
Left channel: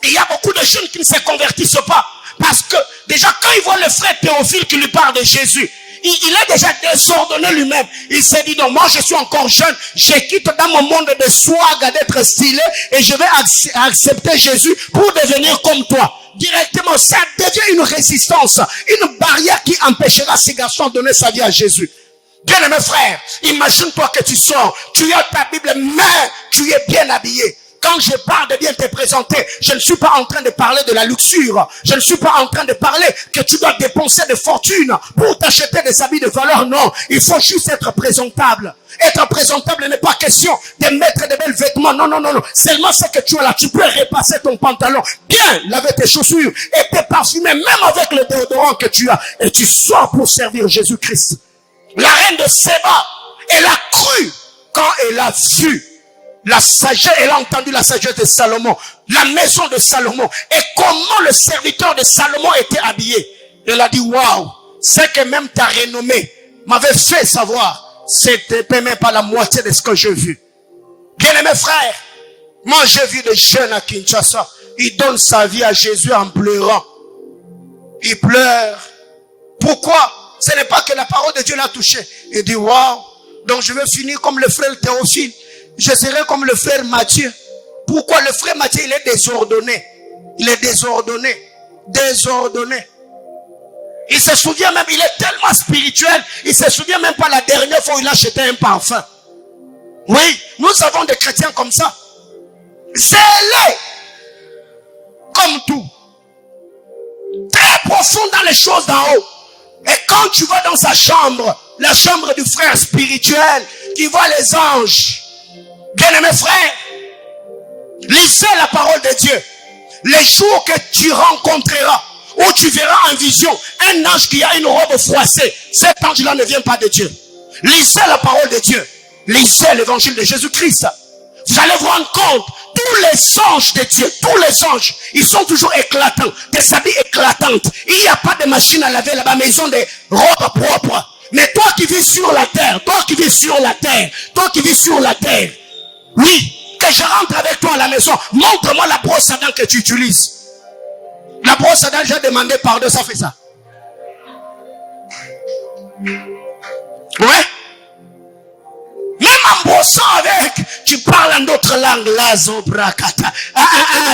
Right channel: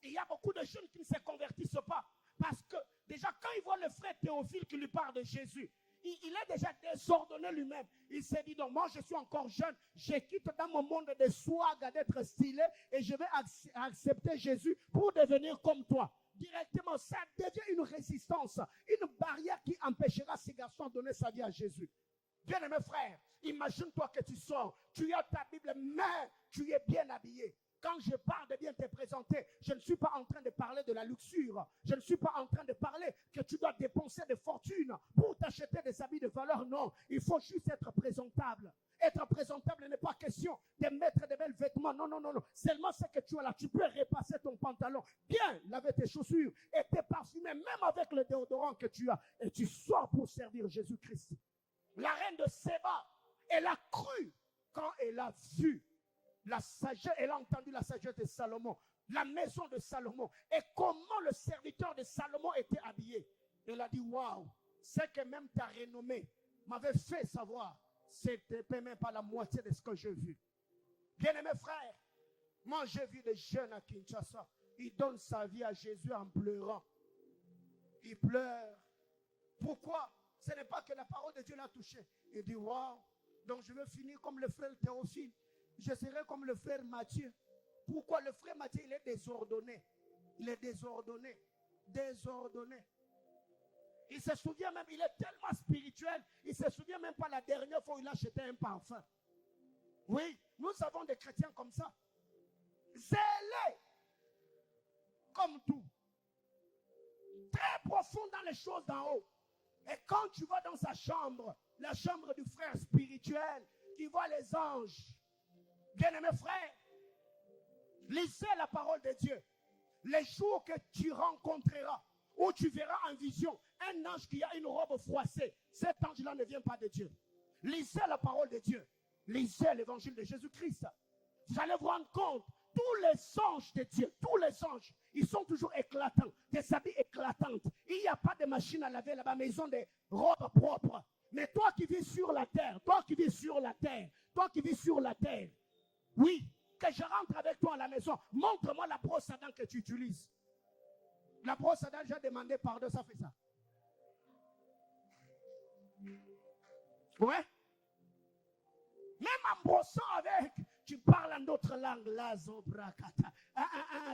il y a beaucoup de jeunes qui ne se convertissent pas. Parce que déjà, quand ils voient le frère Théophile qui lui parle de Jésus, il est déjà désordonné lui-même. Il s'est dit, non, moi je suis encore jeune, je quitte dans mon monde de swag d'être stylé et je vais accepter Jésus pour devenir comme toi. Directement, ça devient une résistance, une barrière qui empêchera ces garçons de donner sa vie à Jésus. Bien-aimé frère, imagine-toi que tu sors, tu as ta Bible, mais tu es bien habillé. Quand je parle de bien te présenter, je ne suis pas en train de parler de la luxure. Je ne suis pas en train de parler que tu dois dépenser des fortunes pour t'acheter des habits de valeur. Non, il faut juste être présentable. Être présentable n'est pas question de mettre de belles vêtements. Non, non, non, non. Seulement ce que tu as là, tu peux repasser ton pantalon, bien laver tes chaussures et te parfumer, même avec le déodorant que tu as. Et tu sors pour servir Jésus-Christ. La reine de Séba, elle a cru quand elle a vu la sagesse, elle a entendu la sagesse de Salomon, la maison de Salomon, et comment le serviteur de Salomon était habillé. Elle a dit, waouh, c'est que même ta renommée m'avait fait savoir, c'était même pas la moitié de ce que j'ai vu. Bien-aimés frères, moi j'ai vu des jeunes à Kinshasa, ils donnent sa vie à Jésus en pleurant. Ils pleurent. Pourquoi? Ce n'est pas que la parole de Dieu l'a touché. Il dit, waouh, donc je vais finir comme le frère Théophile. Je serai comme le frère Matthieu. Pourquoi? Le frère Matthieu, il est désordonné. Il est désordonné. Désordonné. Il se souvient même, il est tellement spirituel, il se souvient même pas la dernière fois où il a acheté un parfum. Oui, nous avons des chrétiens comme ça. Zélés. Comme tout. Très profond dans les choses d'en haut. Et quand tu vas dans sa chambre, la chambre du frère spirituel, qui voit les anges, bien-aimés frères, lisez la parole de Dieu. Les jours que tu rencontreras, où tu verras en vision un ange qui a une robe froissée. Cet ange-là ne vient pas de Dieu. Lisez la parole de Dieu. Lisez l'évangile de Jésus-Christ. Vous allez vous rendre compte, tous les anges de Dieu, tous les anges, ils sont toujours éclatants, des habits éclatantes. Il n'y a pas de machine à laver là-bas, mais ils ont des robes propres. Mais toi qui vis sur la terre, toi qui vis sur la terre, oui, que je rentre avec toi à la maison, montre-moi la brosse à dents que tu utilises. La brosse à dents, j'ai demandé pardon, ça fait ça. Ouais. Même en brossant avec, tu parles en d'autres langues. Là, zobrakata.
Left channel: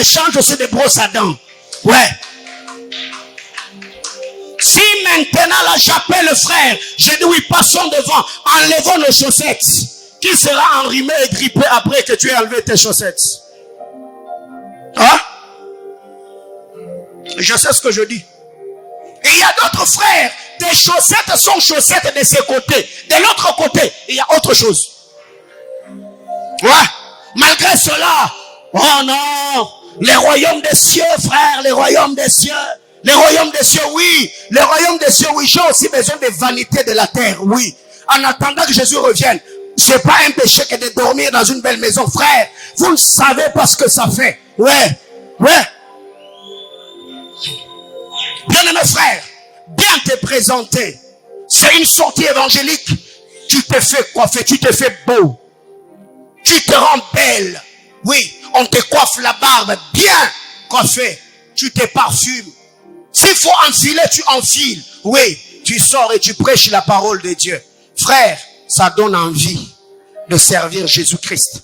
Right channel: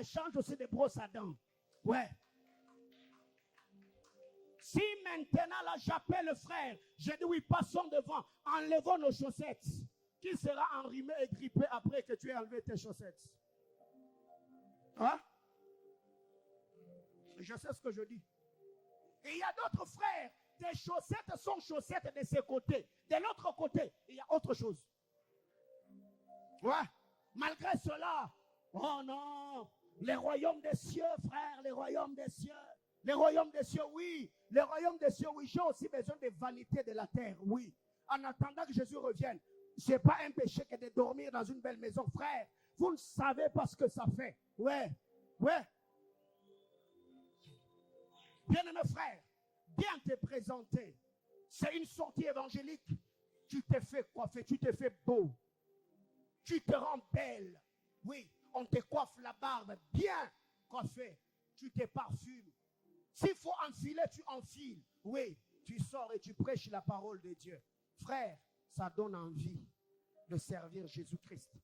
Change aussi de brosse à dents. Ouais. Si maintenant là j'appelle le frère, je dis oui, passons devant, enlevons nos chaussettes. Qui sera enrhumé et grippé après que tu aies enlevé tes chaussettes? Hein? Je sais ce que je dis. Et il y a d'autres frères, tes chaussettes sont chaussettes de ces côtés. De l'autre côté, il y a autre chose. Ouais. Malgré cela, oh non, les royaumes des cieux, frère, les royaumes des cieux. Les royaumes des cieux, oui. Les royaumes des cieux, oui. J'ai aussi besoin des vanités de la terre, oui. En attendant que Jésus revienne. C'est pas un péché que de dormir dans une belle maison, frère. Vous ne savez pas ce que ça fait. Ouais. Ouais. Bien-aimé frère, bien te présenter. C'est une sortie évangélique. Tu te fais coiffer, tu te fais beau. Tu te rends belle. Oui, on te coiffe la barbe bien coiffée. Tu te parfumes. S'il faut enfiler, tu enfiles. Oui, tu sors et tu prêches la parole de Dieu. Frère, ça donne envie de servir Jésus-Christ.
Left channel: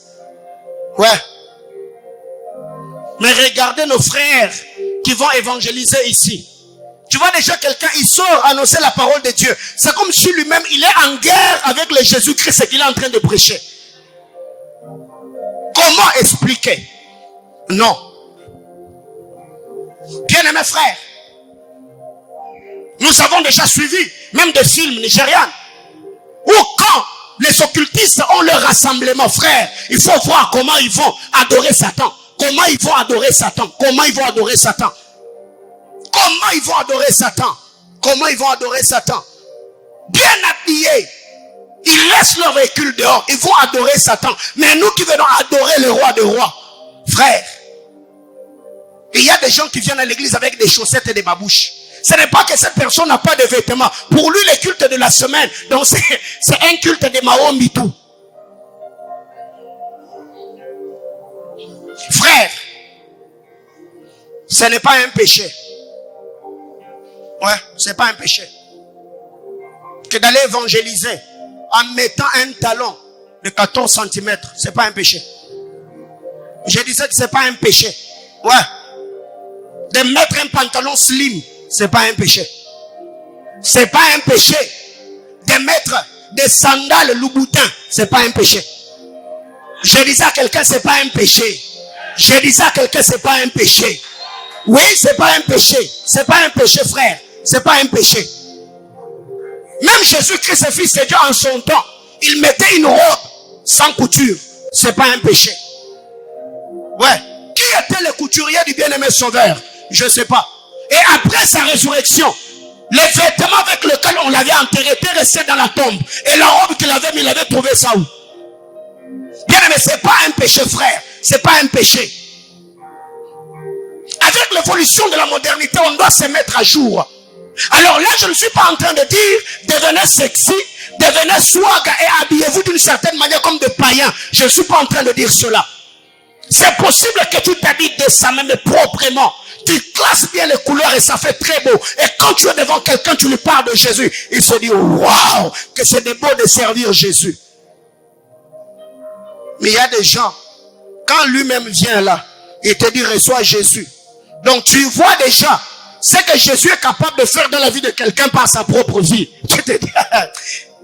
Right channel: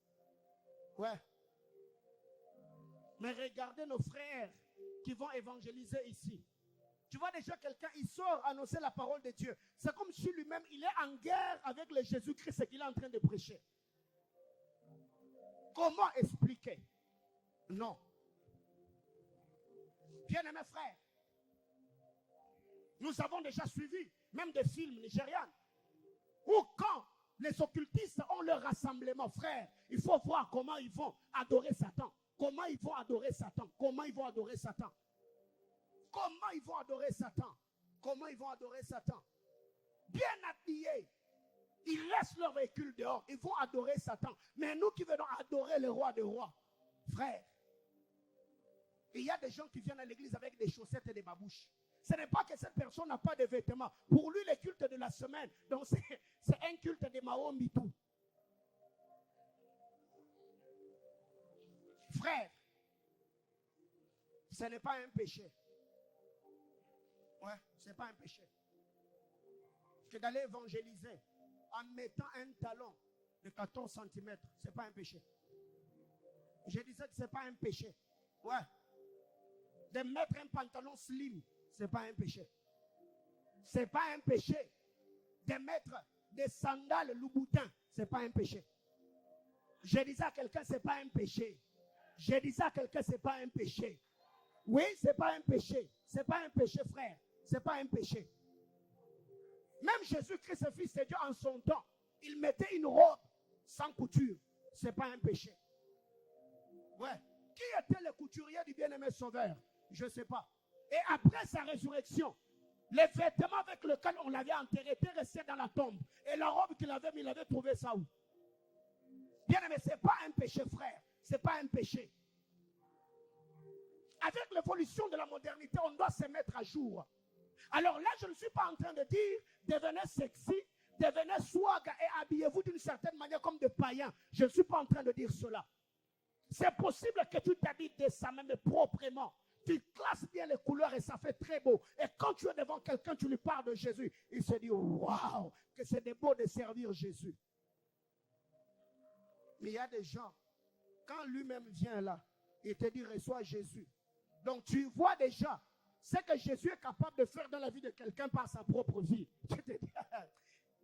Ouais. Mais regardez nos frères qui vont évangéliser ici. Tu vois déjà quelqu'un, il sort annoncer la parole de Dieu. C'est comme si lui-même, il est en guerre avec le Jésus-Christ qu'il est en train de prêcher. Comment expliquer? Non. Bien-aimés frères, nous avons déjà suivi même des films nigérians où quand les occultistes ont leur rassemblement, frère, il faut voir comment ils vont adorer Satan. Comment ils vont adorer Satan. Comment ils vont adorer Satan. Comment ils vont adorer Satan. Comment ils vont adorer Satan. Bien habillés. Ils laissent leur véhicule dehors. Ils vont adorer Satan. Mais nous qui venons adorer le roi des rois, frère, il y a des gens qui viennent à l'église avec des chaussettes et des babouches. Ce n'est pas que cette personne n'a pas de vêtements. Pour lui, le culte de la semaine, donc c'est un culte de Mao Mitou. Frère, ce n'est pas un péché. Ouais, ce n'est pas un péché. Que d'aller évangéliser en mettant un talon de 14 cm, ce n'est pas un péché. Je disais que ce n'est pas un péché. Ouais. De mettre un pantalon slim, c'est pas un péché. C'est pas un péché. De mettre des sandales Louboutin, c'est pas un péché. Je disais à quelqu'un, c'est pas un péché. Je disais à quelqu'un, c'est pas un péché. Oui, c'est pas un péché. C'est pas un péché, frère. C'est pas un péché. Même Jésus-Christ, fils de Dieu, en son temps, il mettait une robe sans couture. C'est pas un péché. Ouais. Qui était le couturier du bien-aimé sauveur? Je ne sais pas. Et après sa résurrection, les vêtements avec lesquels on l'avait enterré étaient restés dans la tombe. Et la robe qu'il avait mis, il avait trouvé ça où? Bien aimé, c'est pas un péché, frère. C'est pas un péché. Avec l'évolution de la modernité, on doit se mettre à jour. Alors là, je ne suis pas en train de dire devenez sexy, devenez swag et habillez-vous d'une certaine manière comme des païens. Je ne suis pas en train de dire cela. C'est possible que tu t'habilles décemment mais proprement. Tu classes bien les couleurs et ça fait très beau. Et quand tu es devant quelqu'un, tu lui parles de Jésus. Il se dit, waouh, que c'est beau de servir Jésus. Mais il y a des gens, quand lui-même vient là, il te dit, reçois Jésus. Donc tu vois déjà ce que Jésus est capable de faire dans la vie de quelqu'un par sa propre vie. Tu te dis,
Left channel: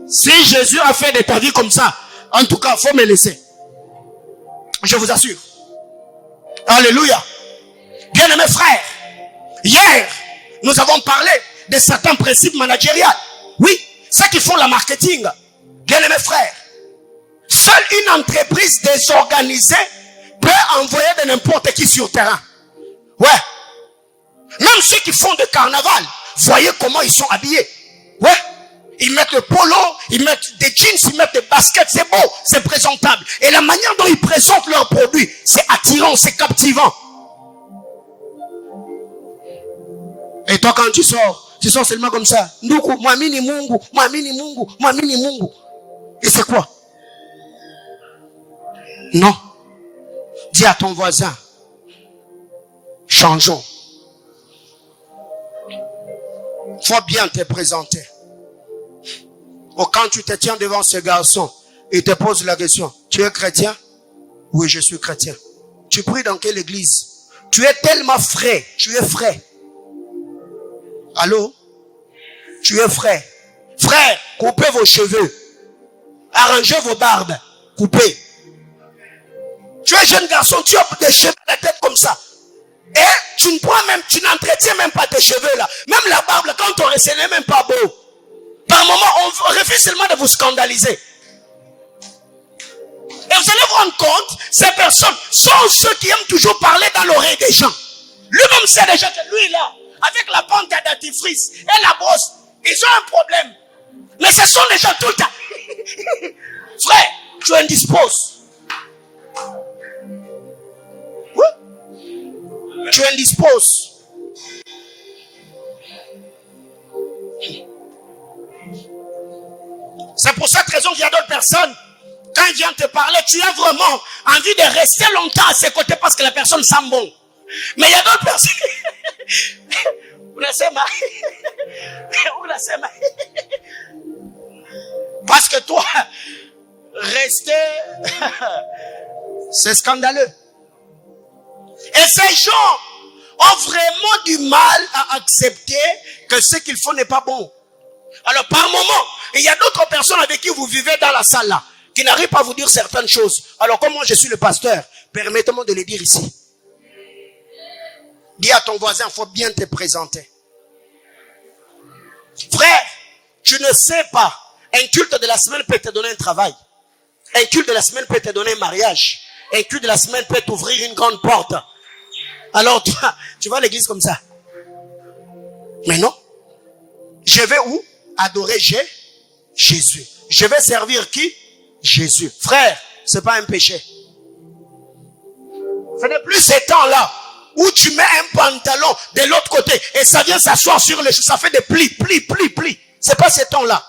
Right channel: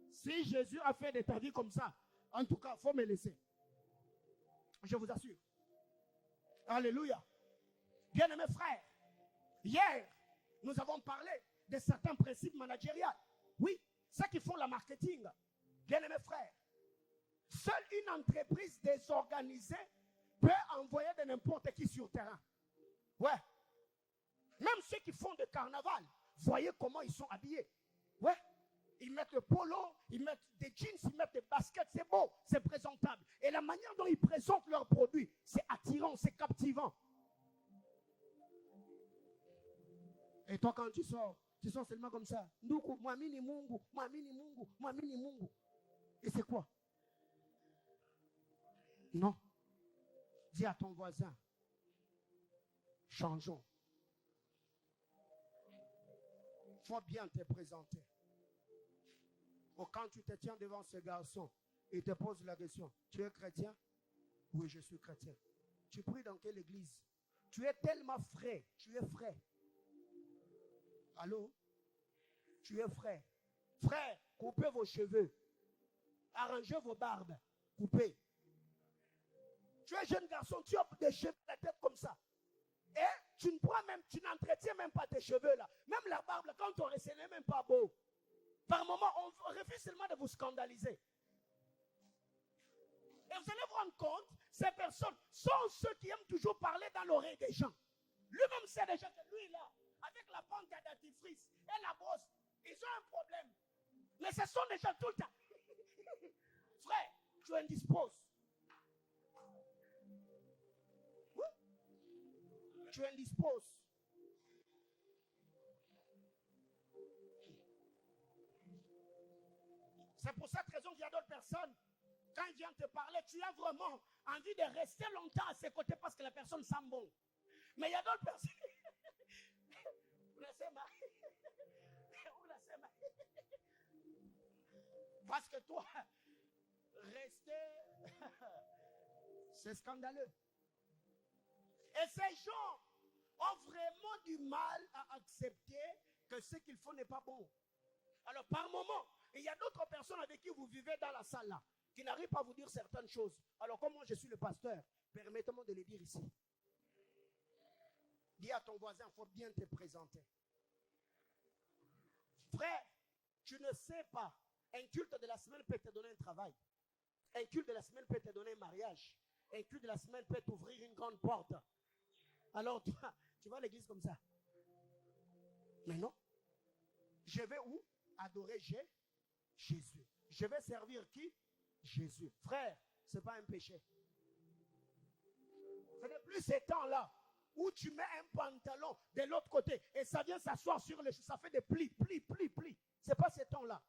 si Jésus a fait de ta vie comme ça, en tout cas, il faut me laisser. Je vous assure. Alléluia. Bien-aimés frères, hier, nous avons parlé de certains principes managériaux. Oui, ceux qui font le marketing. Bien-aimés frères, seule une entreprise désorganisée peut envoyer de n'importe qui sur le terrain. Ouais. Même ceux qui font de carnaval, voyez comment ils sont habillés. Ouais. Ils mettent le polo, ils mettent des jeans, ils mettent des baskets, c'est beau, c'est présentable. Et la manière dont ils présentent leurs produits, c'est attirant, c'est captivant. Et toi, quand tu sors seulement comme ça. Nduku, mwamini Mungu, mwamini Mungu, mwamini Mungu. Et c'est quoi? Non. Dis à ton voisin, changeons. Faut bien te présenter. Ou quand tu te tiens devant ce garçon, il te pose la question, tu es chrétien? Oui, je suis chrétien. Tu pries dans quelle église? Tu es tellement frais, tu es frais. Allô? Tu es frais. Frère, coupez vos cheveux. Arrangez vos barbes. Coupez. Tu es jeune garçon, tu as des cheveux à la tête comme ça. Et tu ne prends même, tu n'entretiens même pas tes cheveux là. Même la barbe, là, quand on reste, ce n'est même pas beau. Par moment, on refuse seulement de vous scandaliser. Et vous allez vous rendre compte, ces personnes sont ceux qui aiment toujours parler dans l'oreille des gens. Lui-même sait déjà que lui là, avec la pente à dentifrice et la brosse, ils ont un problème. Mais ce sont des gens tout le temps. Frère, tu indisposes. Oui. Tu indisposes. C'est pour cette raison qu'il y a d'autres personnes, quand ils viennent te parler, tu as vraiment envie de rester longtemps à ses côtés parce que la personne sent bon. Mais il y a d'autres personnes. Parce que toi, rester, c'est scandaleux. Et ces gens ont vraiment du mal à accepter que ce qu'ils font n'est pas bon. Alors par moment, il y a d'autres personnes avec qui vous vivez dans la salle là, qui n'arrivent pas à vous dire certaines choses. Alors comme moi je suis le pasteur, permettez-moi de les dire ici. Dis à ton voisin, il faut bien te présenter. Frère, tu ne sais pas, un culte de la semaine peut te donner un travail. Un culte de la semaine peut te donner un mariage. Un culte de la semaine peut t'ouvrir une grande porte. Alors tu vas à l'église comme ça. Mais non. Je vais où? Adorer Jésus. Je vais servir qui? Jésus. Frère, c'est pas un péché. Ce n'est plus ces temps-là où tu mets un pantalon de l'autre côté et ça vient s'asseoir sur les choses. Ça fait des plis. C'est pas ces temps-là.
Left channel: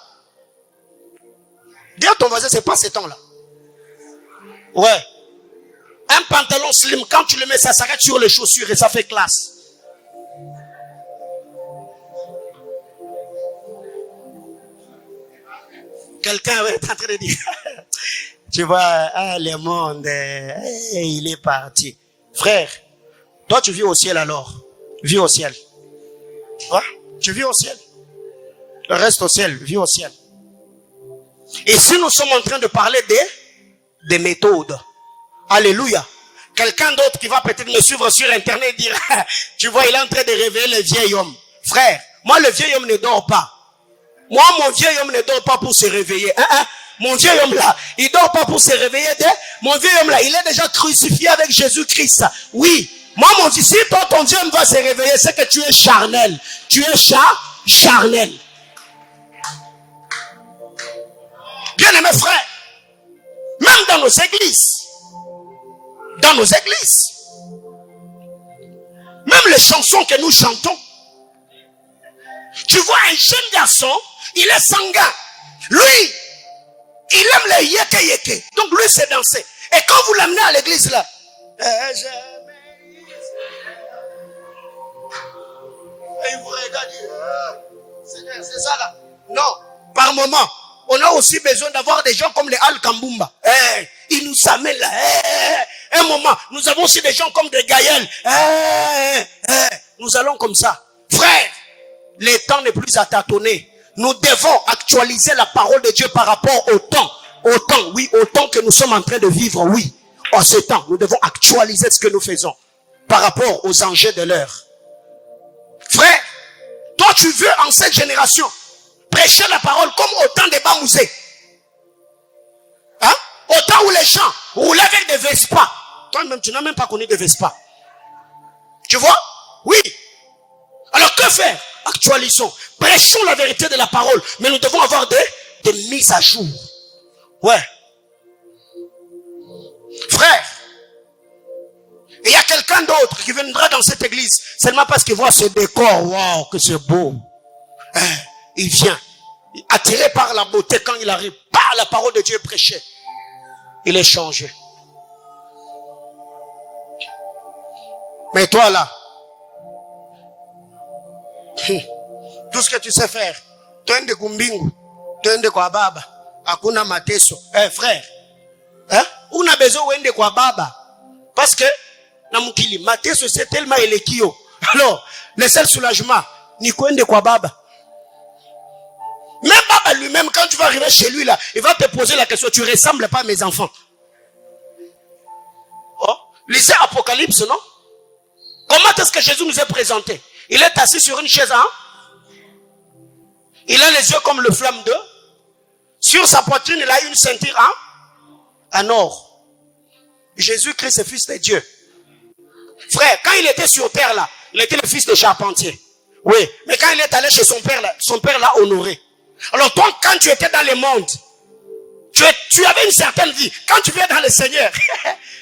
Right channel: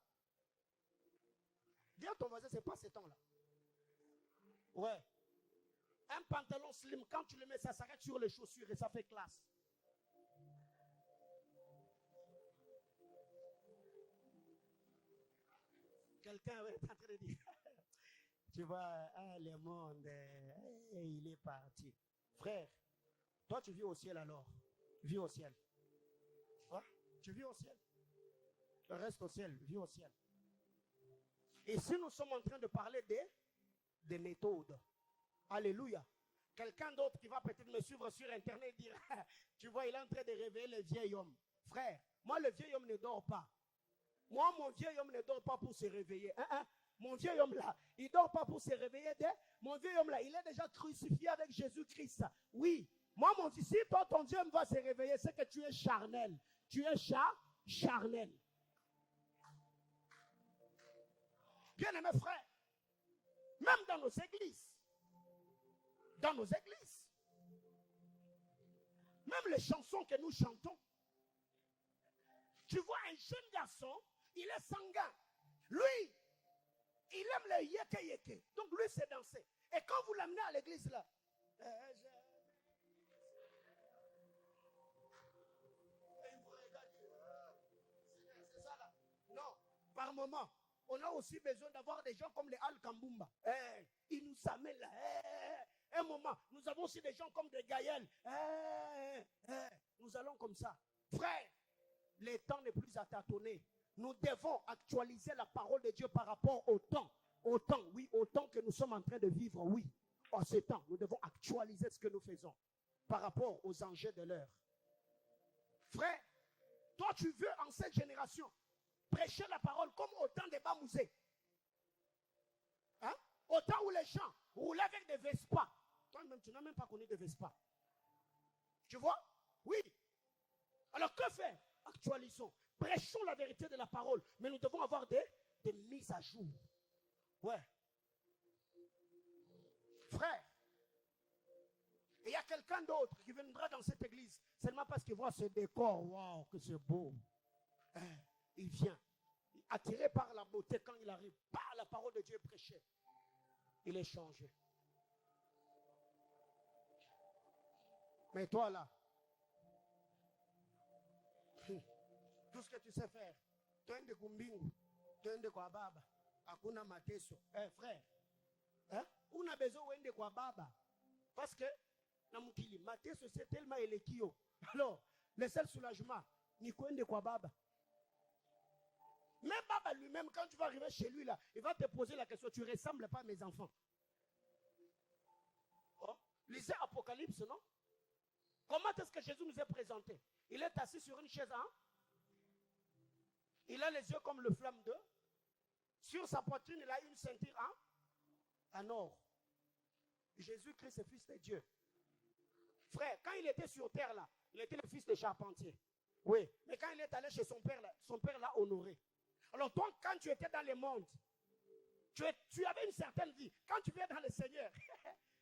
Dis à ton voisin, c'est pas ces temps-là. Ouais. Un pantalon slim, quand tu le mets, ça s'arrête sur les chaussures et ça fait classe. Quelqu'un est en train de dire, tu vois, le monde, il est parti. Frère, toi tu vis au ciel alors. Vis au ciel. Ouais, tu vis au ciel. Reste au ciel, vis au ciel. Et si nous sommes en train de parler des méthodes, alléluia. Quelqu'un d'autre qui va peut-être me suivre sur internet et dire, tu vois, il est en train de réveiller le vieil homme. Frère, moi le vieil homme ne dort pas. Moi, mon vieil homme ne dort pas pour se réveiller. Mon vieil homme là, il dort pas pour se réveiller. Mon vieil homme là, il est déjà crucifié avec Jésus-Christ. Oui. Moi, mon Dieu, si toi, ton vieil homme va se réveiller, c'est que tu es charnel. Tu es charnel. Bien-aimés frères, même dans nos églises, même les chansons que nous chantons, tu vois un jeune garçon, il est sanguin. Lui, il aime les yeke. Donc lui, c'est danser. Et quand vous l'amenez à l'église là, il vous regarde, c'est ça là. Non, par moment, on a aussi besoin d'avoir des gens comme les Al Kambumba. Ils nous amènent là. Un moment, nous avons aussi des gens comme des Gaël. Nous allons comme ça. Frère, le temps n'est plus à tâtonner. Nous devons actualiser la parole de Dieu par rapport au temps. Au temps que nous sommes en train de vivre, oui. En ce temps, nous devons actualiser ce que nous faisons par rapport aux enjeux de l'heure. Frère, toi tu veux en cette génération prêcher la parole comme au temps des Bamouzé. Au temps où les gens roulaient avec des Vespa. Toi-même, tu n'as même pas connu des Vespa. Tu vois? Oui. Alors que faire? Actualisons. Prêchons la vérité de la parole. Mais nous devons avoir des mises à jour. Ouais. Frère, il y a quelqu'un d'autre qui viendra dans cette église seulement parce qu'il voit ce décor. Waouh, que c'est beau. Il vient. Attiré par la beauté quand il arrive. Par la parole de Dieu prêchée. Il est changé. Mais toi là, tout ce que tu sais faire, twende kumbingu, twende kwa baba, hakuna mateso. Frère, una besoin wende kwa baba. Parce que, na mukili, mateso c'est tellement elekio. Alors, le seul soulagement, ni kwende kwa baba. Même baba lui-même, quand tu vas arriver chez lui là, il va te poser la question, tu ressembles pas à mes enfants. Oh, lisez Apocalypse, non? Comment est-ce que Jésus nous est présenté? Il est assis sur une chaise, hein? Il a les yeux comme le flamme d'eau. Sur sa poitrine, il a une ceinture, hein? En or. Jésus-Christ est fils de Dieu. Frère, quand il était sur terre là, il était le fils de charpentier. Oui, mais quand il est allé chez son père l'a honoré. Alors toi, quand tu étais dans le monde, tu avais une certaine vie. Quand tu viens dans le Seigneur,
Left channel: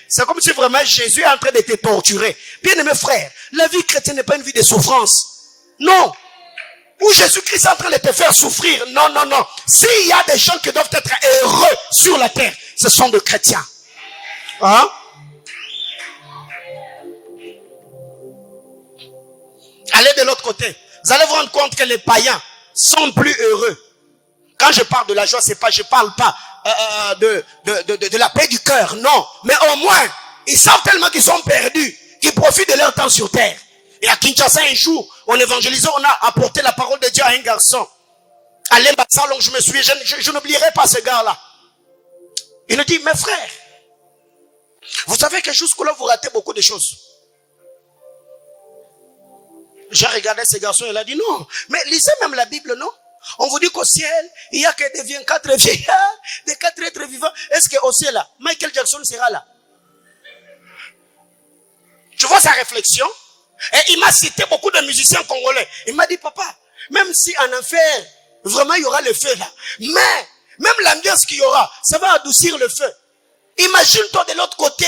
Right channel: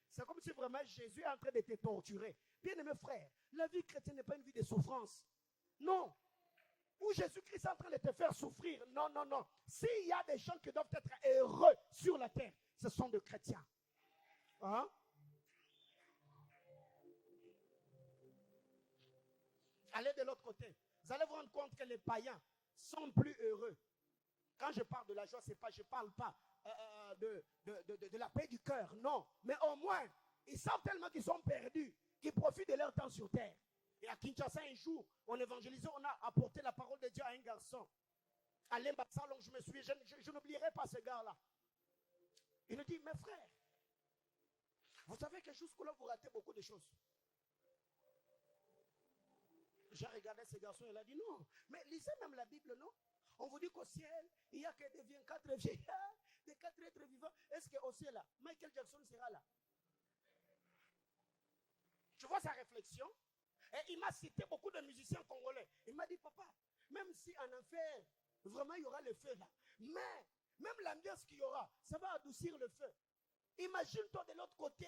c'est comme si vraiment Jésus est en train de te torturer. Bien aimé frère, la vie chrétienne n'est pas une vie de souffrance. Non. Où Jésus-Christ est en train de te faire souffrir. Non, non, non. S'il y a des gens qui doivent être heureux sur la terre, ce sont des chrétiens. Hein? Allez de l'autre côté. Vous allez vous rendre compte que les païens sont plus heureux. Quand je parle de la joie, je parle pas de la paix du cœur, non. Mais au moins, ils savent tellement qu'ils sont perdus, qu'ils profitent de leur temps sur terre. Et à Kinshasa, un jour, on évangélisait, on a apporté la parole de Dieu à un garçon. À l'ambassade, je me suis, je n'oublierai pas ce gars-là. Il nous dit, mes frères, vous savez que jusqu'à-là, vous ratez beaucoup de choses. J'ai regardé ce garçon, il a dit, non, mais lisez même la Bible, non? On vous dit qu'au ciel, il n'y a que des 24 vieillards, des 4 êtres vivants. Est-ce qu'au ciel, là, Michael Jackson sera là? Tu vois sa réflexion? Et il m'a cité beaucoup de musiciens congolais. Il m'a dit, papa, même si en enfer, vraiment il y aura le feu là, mais même l'ambiance qu'il y aura, ça va adoucir le feu. Imagine-toi de l'autre côté,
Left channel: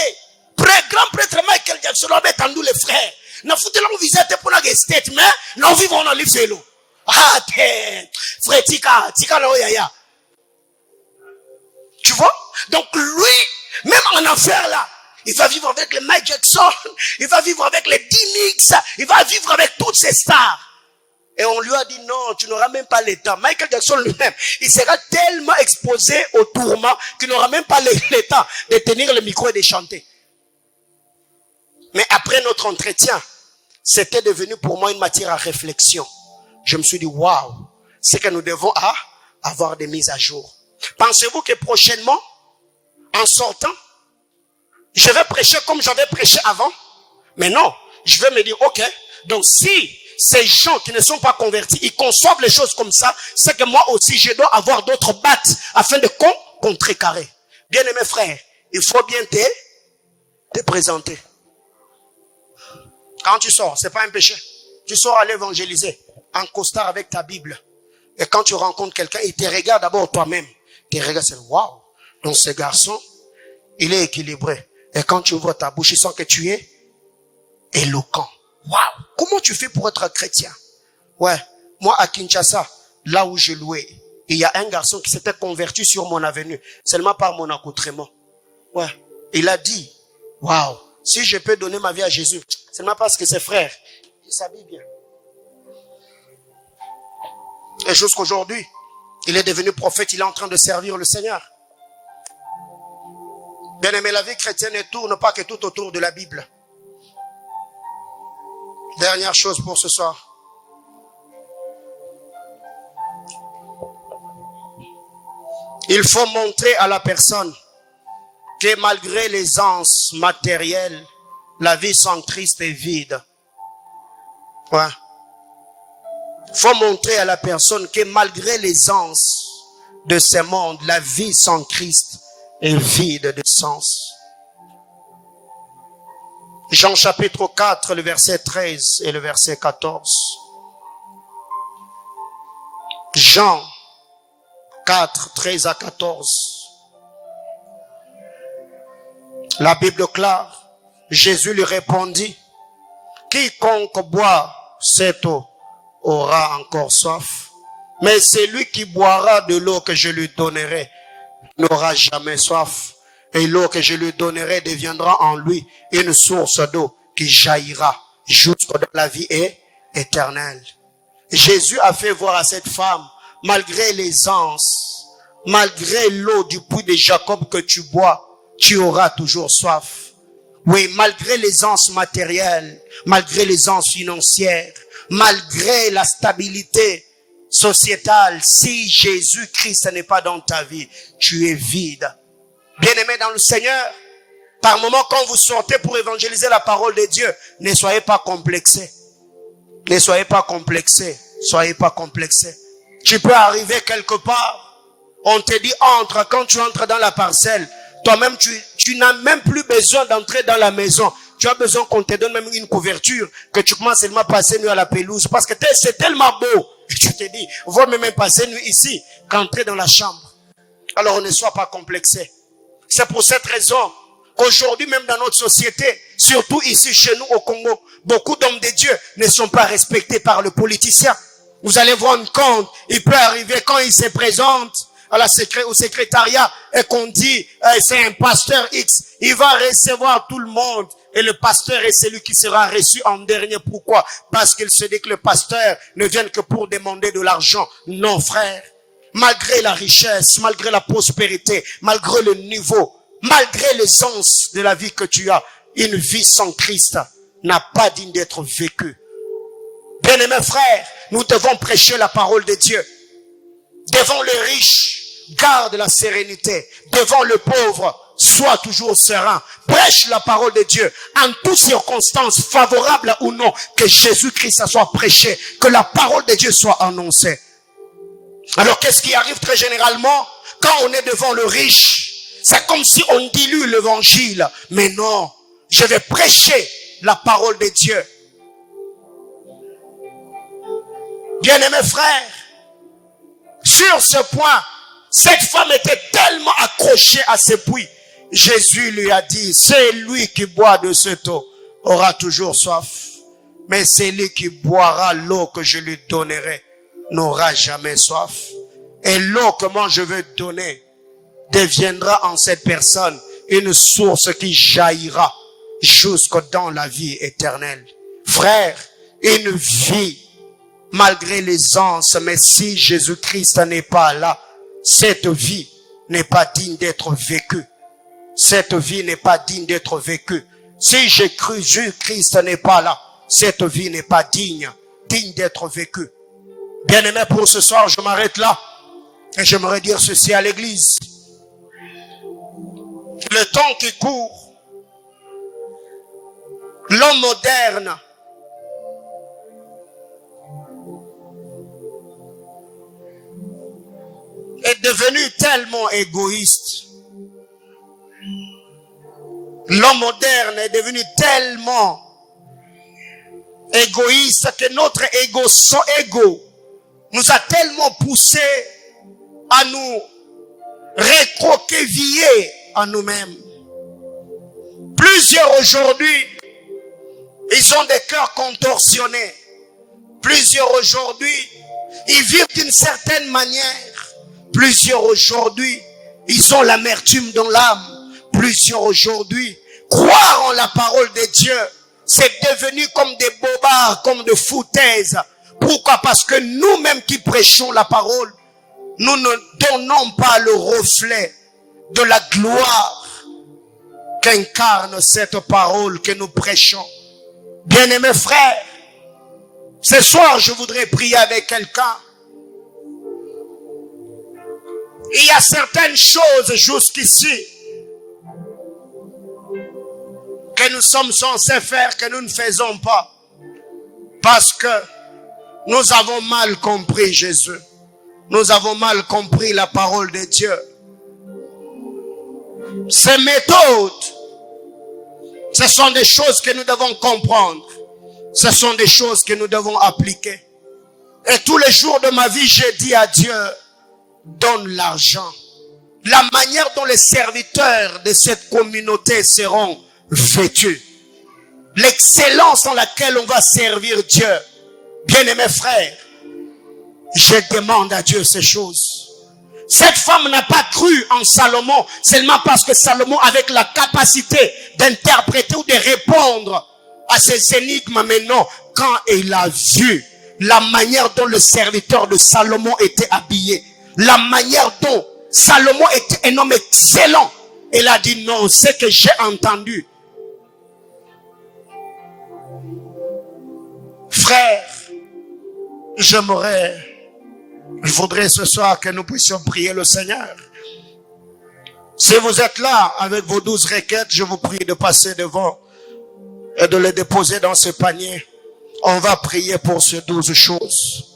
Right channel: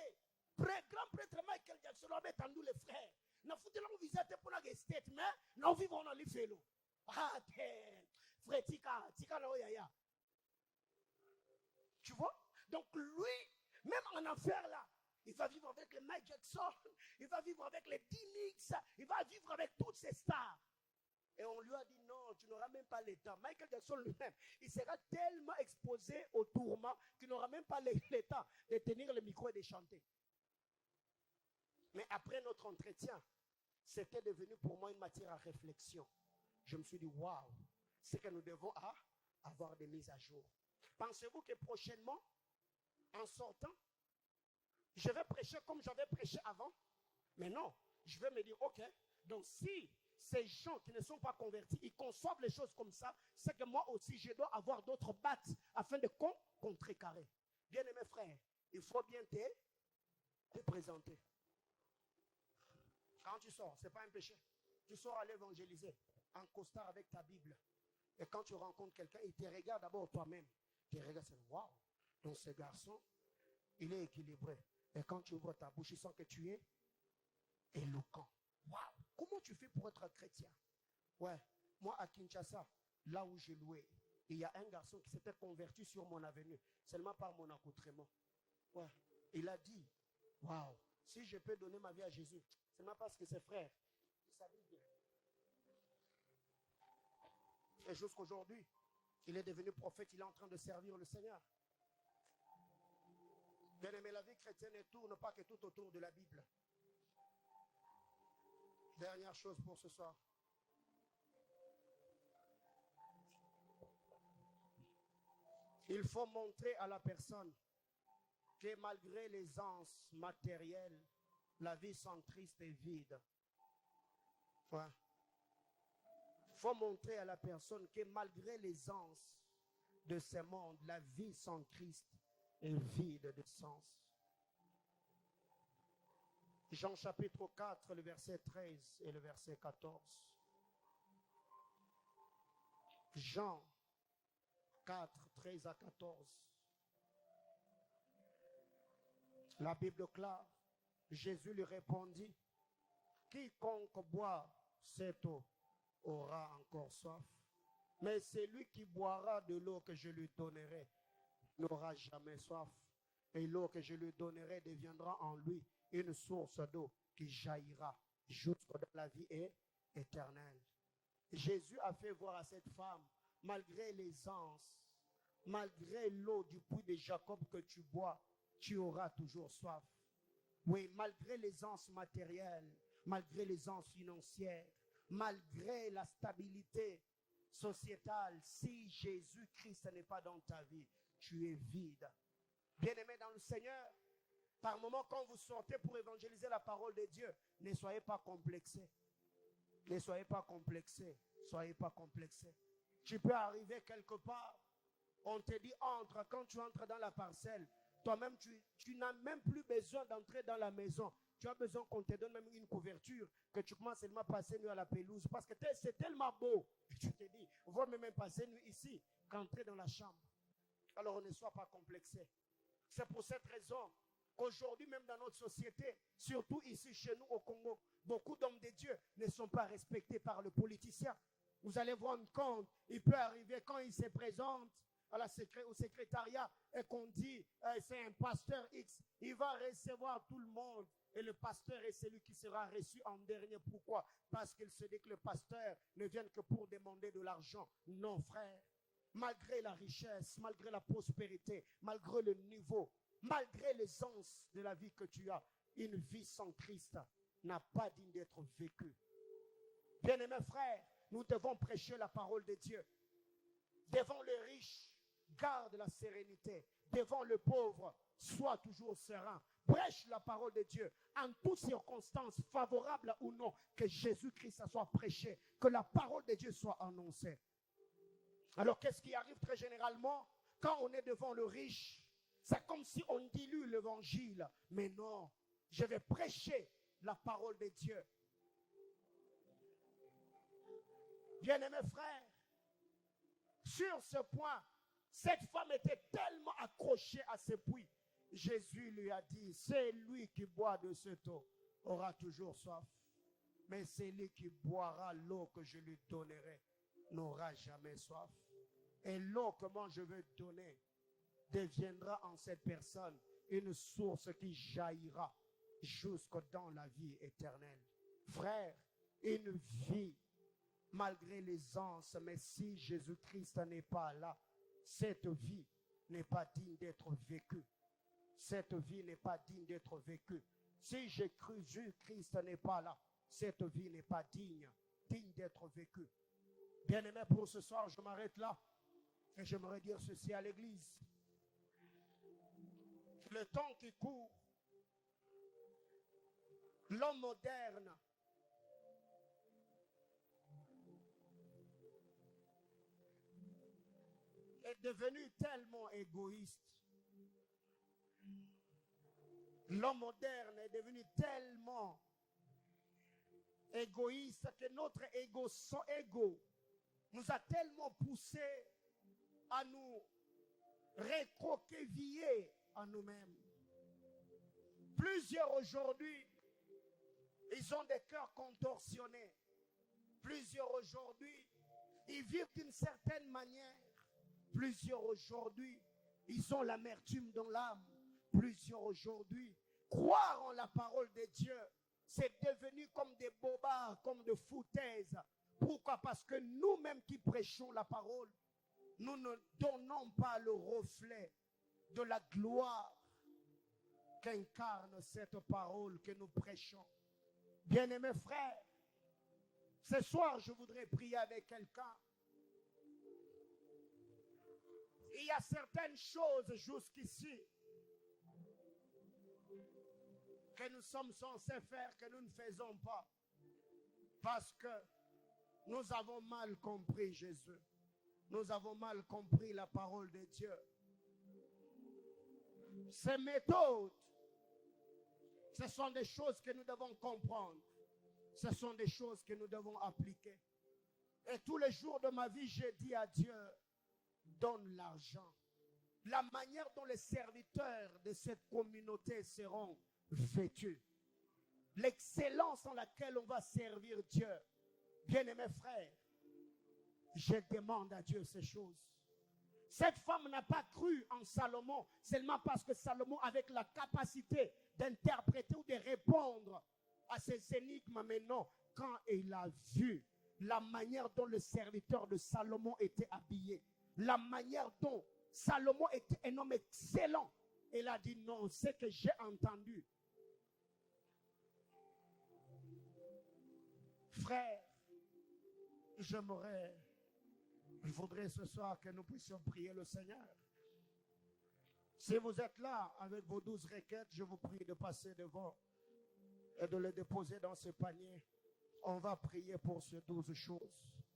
grand prêtre Michael Jackson avait tendu les frères. N'a foutu là, on visite pour la estate, mais nous vivons dans les vélos. Ah, frère, tika, là, yaya. Tu vois? Donc lui, même en enfer là, il va vivre avec les Mike Jackson, il va vivre avec les D-Mix, il va vivre avec toutes ces stars. Et on lui a dit non, tu n'auras même pas le temps. Michael Jackson lui-même, il sera tellement exposé au tourment qu'il n'aura même pas le temps de tenir le micro et de chanter. Mais après notre entretien, c'était devenu pour moi une matière à réflexion. Je me suis dit, waouh, c'est que nous devons avoir des mises à jour. Pensez-vous que prochainement, en sortant, je vais prêcher comme j'avais prêché avant? Mais non, je vais me dire, ok, donc si ces gens qui ne sont pas convertis, ils conçoivent les choses comme ça, c'est que moi aussi, je dois avoir d'autres battes afin de contrecarrer. Bien-aimés frères, il faut bien te présenter. Quand tu sors, c'est pas un péché. Tu sors aller évangéliser en costard avec ta Bible. Et quand tu rencontres quelqu'un, il te regarde d'abord toi-même. Il te regarde, c'est waouh. Donc ce garçon, il est équilibré. Et quand tu ouvres ta bouche, il sent que tu es éloquent. Waouh. Comment tu fais pour être chrétien? Ouais. Moi, à Kinshasa, là où j'ai loué, il y a un garçon qui s'était converti sur mon avenue, seulement par mon accoutrement. Ouais. Il a dit, waouh, si je peux donner ma vie à Jésus, seulement parce que ses frères, ils s'habillent bien. Et jusqu'aujourd'hui, il est devenu prophète, il est en train de servir le Seigneur. Bien aimé, la vie chrétienne ne tourne pas que tout autour de la Bible. Dernière chose pour ce soir. Il faut montrer à la personne que malgré l'aisance matérielle, la vie sans Christ est vide. Ouais. Il faut montrer à la personne que malgré l'aisance de ce monde, la vie sans Christ est vide de sens. Jean chapitre 4, le verset 13 et le verset 14. Jean 4, 13 à 14. La Bible clare, Jésus lui répondit, quiconque boit cette eau aura encore soif, mais celui qui boira de l'eau que je lui donnerai n'aura jamais soif, et l'eau que je lui donnerai deviendra en lui une source d'eau qui jaillira jusque dans la vie éternelle. Jésus a fait voir à cette femme, malgré l'aisance, malgré l'eau du puits de Jacob que tu bois, tu auras toujours soif. Oui, malgré l'aisance matérielle, malgré l'aisance financière, malgré la stabilité sociétale, si Jésus-Christ n'est pas dans ta vie, tu es vide. Bien-aimés dans le Seigneur, par moment quand vous sortez pour évangéliser la parole de Dieu, ne soyez pas complexés. Ne soyez pas complexés. Soyez pas complexés. Tu peux arriver quelque part, on te dit entre, quand tu entres dans la parcelle, toi-même tu n'as même plus besoin d'entrer dans la maison. Tu as besoin qu'on te donne même une couverture, que tu commences seulement à passer nuit à la pelouse, parce que c'est tellement beau. Et tu te dis, vaut même passer nuit ici qu'entrer dans la chambre. Alors ne sois pas complexé. C'est pour cette raison qu'aujourd'hui même dans notre société, surtout ici chez nous au Congo, beaucoup d'hommes de Dieu ne sont pas respectés par le politicien. Vous allez vous rendre compte, il peut arriver quand il se présente au secrétariat et qu'on dit c'est un pasteur X, il va recevoir tout le monde et le pasteur est celui qui sera reçu en dernier. Pourquoi? Parce qu'il se dit que le pasteur ne vient que pour demander de l'argent. Non frère, malgré la richesse, malgré la prospérité, malgré le niveau, malgré l'aisance de la vie que tu as, une vie sans Christ n'a pas digne d'être vécue. Bien-aimés frères, nous devons prêcher la parole de Dieu. Devant le riche, garde la sérénité. Devant le pauvre, sois toujours serein. Prêche la parole de Dieu. En toutes circonstances, favorables ou non, que Jésus-Christ soit prêché. Que la parole de Dieu soit annoncée. Alors qu'est-ce qui arrive très généralement? Quand on est devant le riche, c'est comme si on dilue l'évangile. Mais non, je vais prêcher la parole de Dieu. Bien-aimés frères, sur ce point, cette femme était tellement accrochée à ce puits. Jésus lui a dit, c'est lui qui boit de cette eau aura toujours soif. Mais celui qui boira l'eau que je lui donnerai n'aura jamais soif. Et l'eau que moi je veux donner deviendra en cette personne une source qui jaillira jusque dans la vie éternelle. Frère, une vie malgré l'aisance, mais si Jésus-Christ n'est pas là, cette vie n'est pas digne d'être vécue. Cette vie n'est pas digne d'être vécue. Si Jésus-Christ n'est pas là, cette vie n'est pas digne d'être vécue. Bien-aimé, pour ce soir, je m'arrête là. Et j'aimerais dire ceci à l'église. Le temps qui court, l'homme moderne est devenu tellement égoïste. L'homme moderne est devenu tellement égoïste que notre ego nous a tellement poussé à nous recroqueviller à nous-mêmes. Plusieurs aujourd'hui, ils ont des cœurs contorsionnés. Plusieurs aujourd'hui, ils vivent d'une certaine manière. Plusieurs aujourd'hui, ils ont l'amertume dans l'âme. Plusieurs aujourd'hui, croire en la parole de Dieu, c'est devenu comme des bobards, comme des foutaises. Pourquoi? Parce que nous-mêmes qui prêchons la parole, nous ne donnons pas le reflet de la gloire qu'incarne cette parole que nous prêchons. Bien-aimés frères, ce soir je voudrais prier avec quelqu'un. Il y a certaines choses jusqu'ici que nous sommes censés faire, que nous ne faisons pas. Parce que nous avons mal compris Jésus. Nous avons mal compris la parole de Dieu. Ces méthodes, ce sont des choses que nous devons comprendre. Ce sont des choses que nous devons appliquer. Et tous les jours de ma vie, j'ai dit à Dieu, donne l'argent. La manière dont les serviteurs de cette communauté seront vêtus. L'excellence dans laquelle on va servir Dieu. Bien-aimés frères, je demande à Dieu ces choses. Cette femme n'a pas cru en Salomon seulement parce que Salomon avait la capacité d'interpréter ou de répondre à ces énigmes. Mais non, quand il a vu la manière dont le serviteur de Salomon était habillé, la manière dont Salomon était un homme excellent, il a dit non, ce que j'ai entendu. Frère, je voudrais ce soir que nous puissions prier le Seigneur. Si vous êtes là avec vos 12 requêtes, je vous prie de passer devant et de les déposer dans ce panier. On va prier pour ces 12 choses.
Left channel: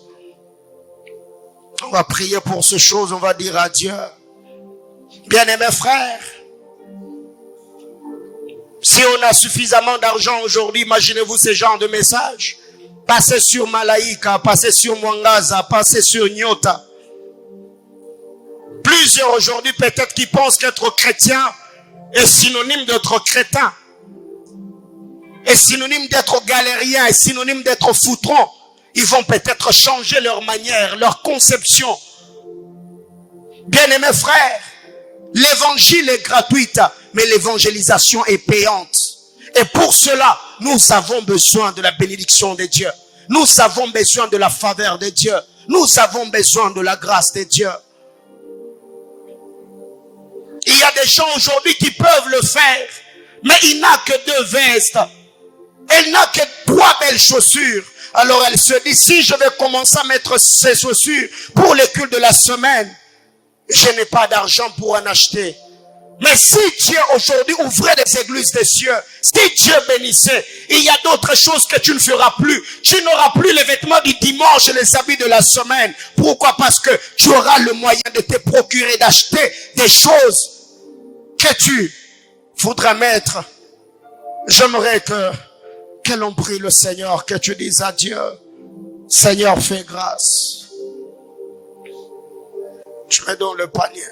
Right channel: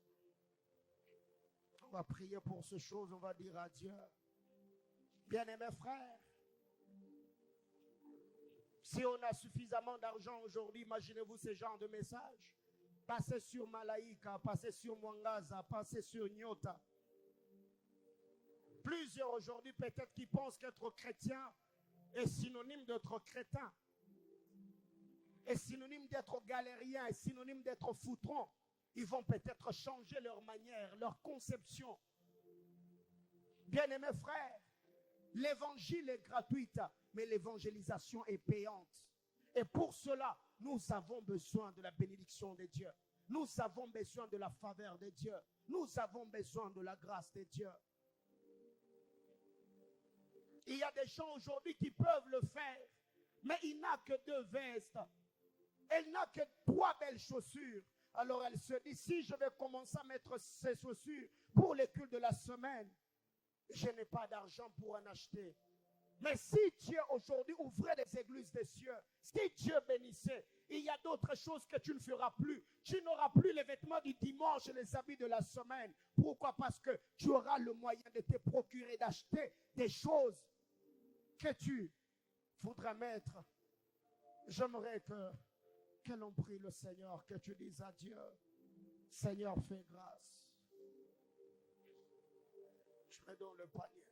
On va prier pour ces choses, on va dire à Dieu. Bien-aimés frères, si on a suffisamment d'argent aujourd'hui, imaginez-vous ce genre de message. Passez sur Malaika, passez sur Mwangaza, passez sur Nyota. Plusieurs aujourd'hui peut-être qui pensent qu'être chrétien est synonyme d'être crétin, est synonyme d'être galérien, est synonyme d'être foutron. Ils vont peut-être changer leur manière, leur conception. Bien-aimés frères, l'évangile est gratuite, mais l'évangélisation est payante. Et pour cela, nous avons besoin de la bénédiction de Dieu. Nous avons besoin de la faveur de Dieu. Nous avons besoin de la grâce de Dieu. Il y a des gens aujourd'hui qui peuvent le faire, mais il n'a que 2 vestes. Elle n'a que 3 belles chaussures. Alors elle se dit, si je vais commencer à mettre ces chaussures pour les cultes de la semaine, je n'ai pas d'argent pour en acheter. Mais si Dieu aujourd'hui ouvrait les églises des cieux, si Dieu bénissait, il y a d'autres choses que tu ne feras plus. Tu n'auras plus les vêtements du dimanche et les habits de la semaine. Pourquoi? Parce que tu auras le moyen de te procurer, d'acheter des choses que tu voudras mettre. J'aimerais que l'on prie le Seigneur, que tu dises à Dieu, Seigneur, fais grâce. Tu mets dans le panier.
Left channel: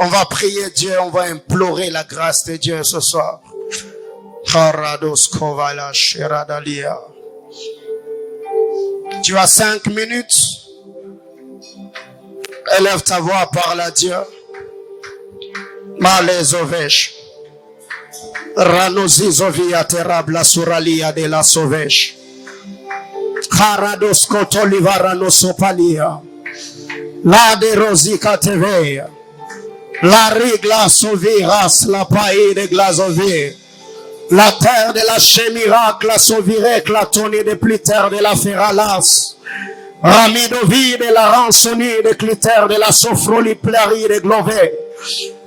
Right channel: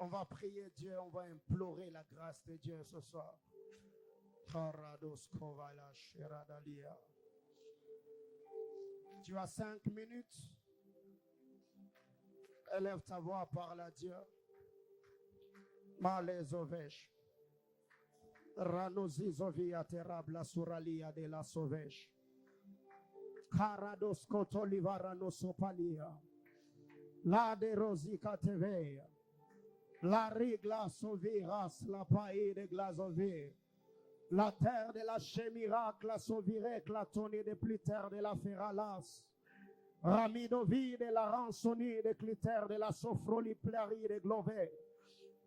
On va prier Dieu, on va implorer la grâce de Dieu ce soir. Tu as 5 minutes. Élève ta voix, parle à Dieu. Malezovèche. Ranozizovia terabla suralia de la sauvèche. Harados kotolivara no sopalia. La de rosika teveia. La rigla sauviras la paille de glazové. La terre de la chemirac la sauvirec la tonne de pliter de la ferralas. Ramidovi de la rançonnie de cliter de la sophroli plari de glové.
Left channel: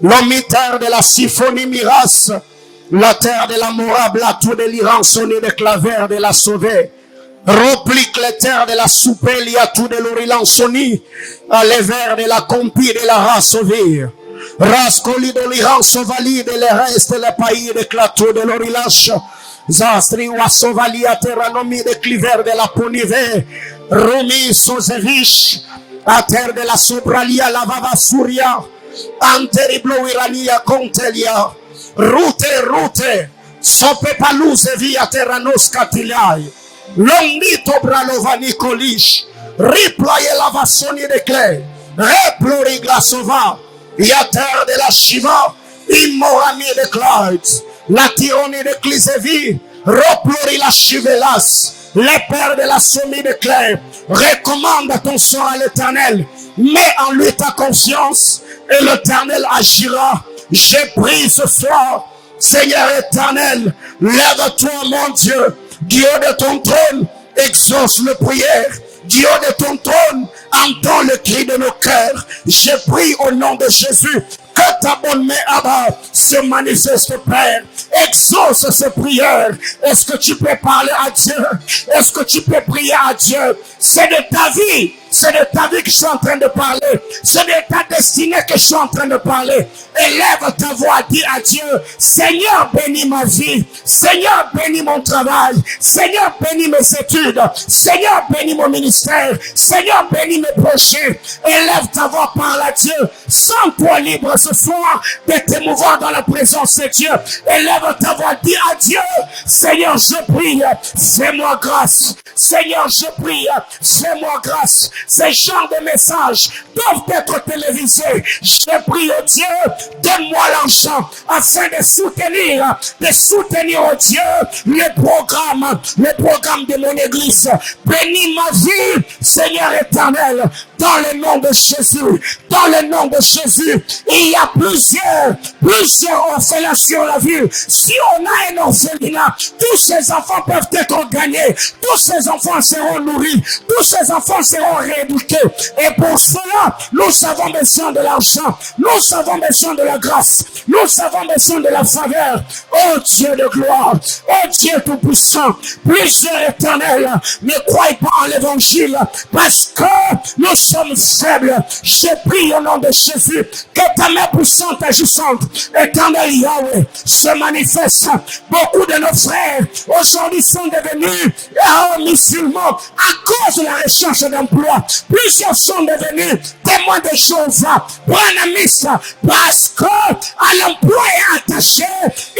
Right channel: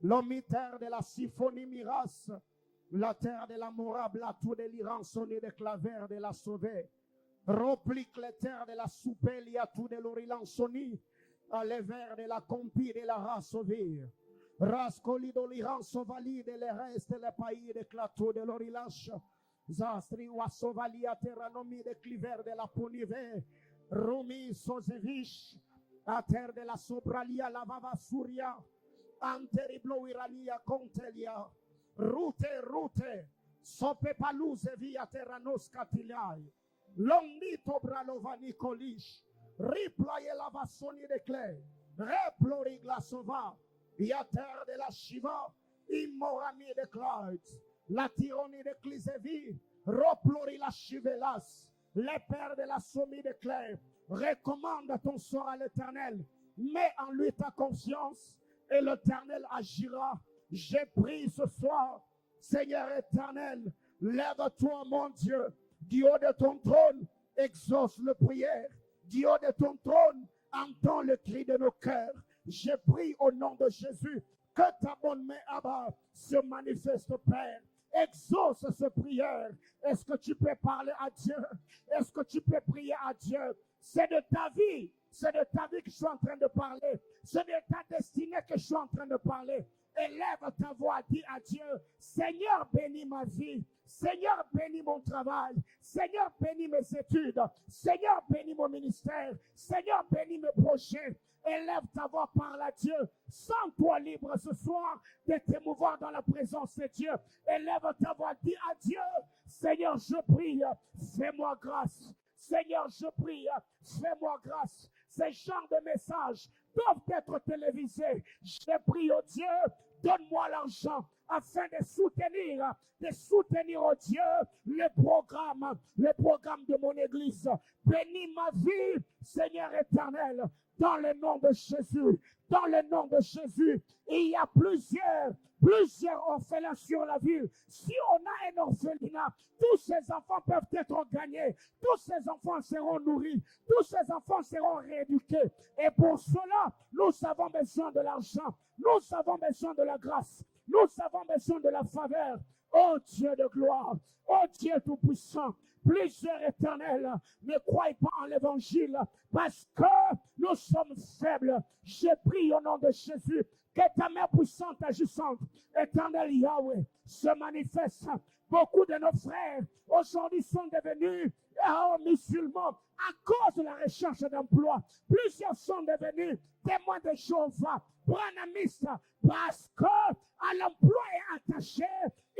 L'omiter de la symphonie miras. La terre de la morable la tout de l'irançonnie de claver de la sauvé. Replique les terres de la soupélie à tout de l'orilançonnie. À les vers de la compie de la race sauvée. Rascoli de l'Iran sauvalide les restes les pays de clateau de l'Orilache. Zastri ou sauvali à terranomi de cliver de la Ponive. Rumi Sozevich à terre de la Sobralia la Vava Souria. Anteriblo Irania Contelia. Route. Sope palouze via terranos catiliai. Longito bralovani colish. Riploye la vassoni de clé. Replori glasova. Il y a terre de la Shiva, immorami de Clyde, la tyrannie de Clisevi, replori la Chivelas, les pères de la sommie de Clé, recommande ton sort à l'Éternel, mets en lui ta confiance et l'Éternel agira. J'ai pris ce soir, Seigneur éternel, lève-toi mon Dieu, Dieu de ton trône, exauce le prière. Dieu de ton trône, entends le cri de nos cœurs. Je prie au nom de Jésus que ta bonne main Abba se manifeste, Père. Exauce ces prières. Est-ce que tu peux parler à Dieu? Est-ce que tu peux prier à Dieu? C'est de ta vie C'est de ta vie que je suis en train de parler. C'est de ta destinée que je suis en train de parler. Élève ta voix, dis à Dieu, Seigneur, bénis ma vie. Seigneur, bénis mon travail. Seigneur, bénis mes études. Seigneur, bénis mon ministère. Seigneur, bénis mes projets. Élève ta voix, parle à Dieu. Sens-toi libre ce soir de t'émouvoir dans la présence de Dieu. Élève ta voix, dis à Dieu, Seigneur, je prie, fais-moi grâce. Seigneur, je prie, fais-moi grâce. Ces genres de messages doivent être télévisés. Je prie, oh Dieu, donne-moi l'argent afin de soutenir, oh Dieu, les programmes de mon église. Bénis ma vie, Seigneur éternel, dans le nom de Jésus. Dans le nom de Jésus, il y a plusieurs orphelins sur la ville. Si on a un orphelinat, tous ces enfants peuvent être gagnés. Tous ces enfants seront nourris. Tous ces enfants seront rééduqués. Et pour cela, nous avons besoin de l'argent. Nous avons besoin de la grâce. Nous avons besoin de la faveur. Oh Dieu de gloire. Oh Dieu tout-puissant. Plusieurs éternels ne croient pas en l'évangile parce que nous sommes faibles. Je prie au nom de Jésus que ta main puissante agissante, éternel Yahweh, se manifeste. Beaucoup de nos frères aujourd'hui sont devenus musulmans à cause de la recherche d'emploi. Plusieurs sont devenus témoins de Jéhovah, branamistes, parce que à l'emploi est attaché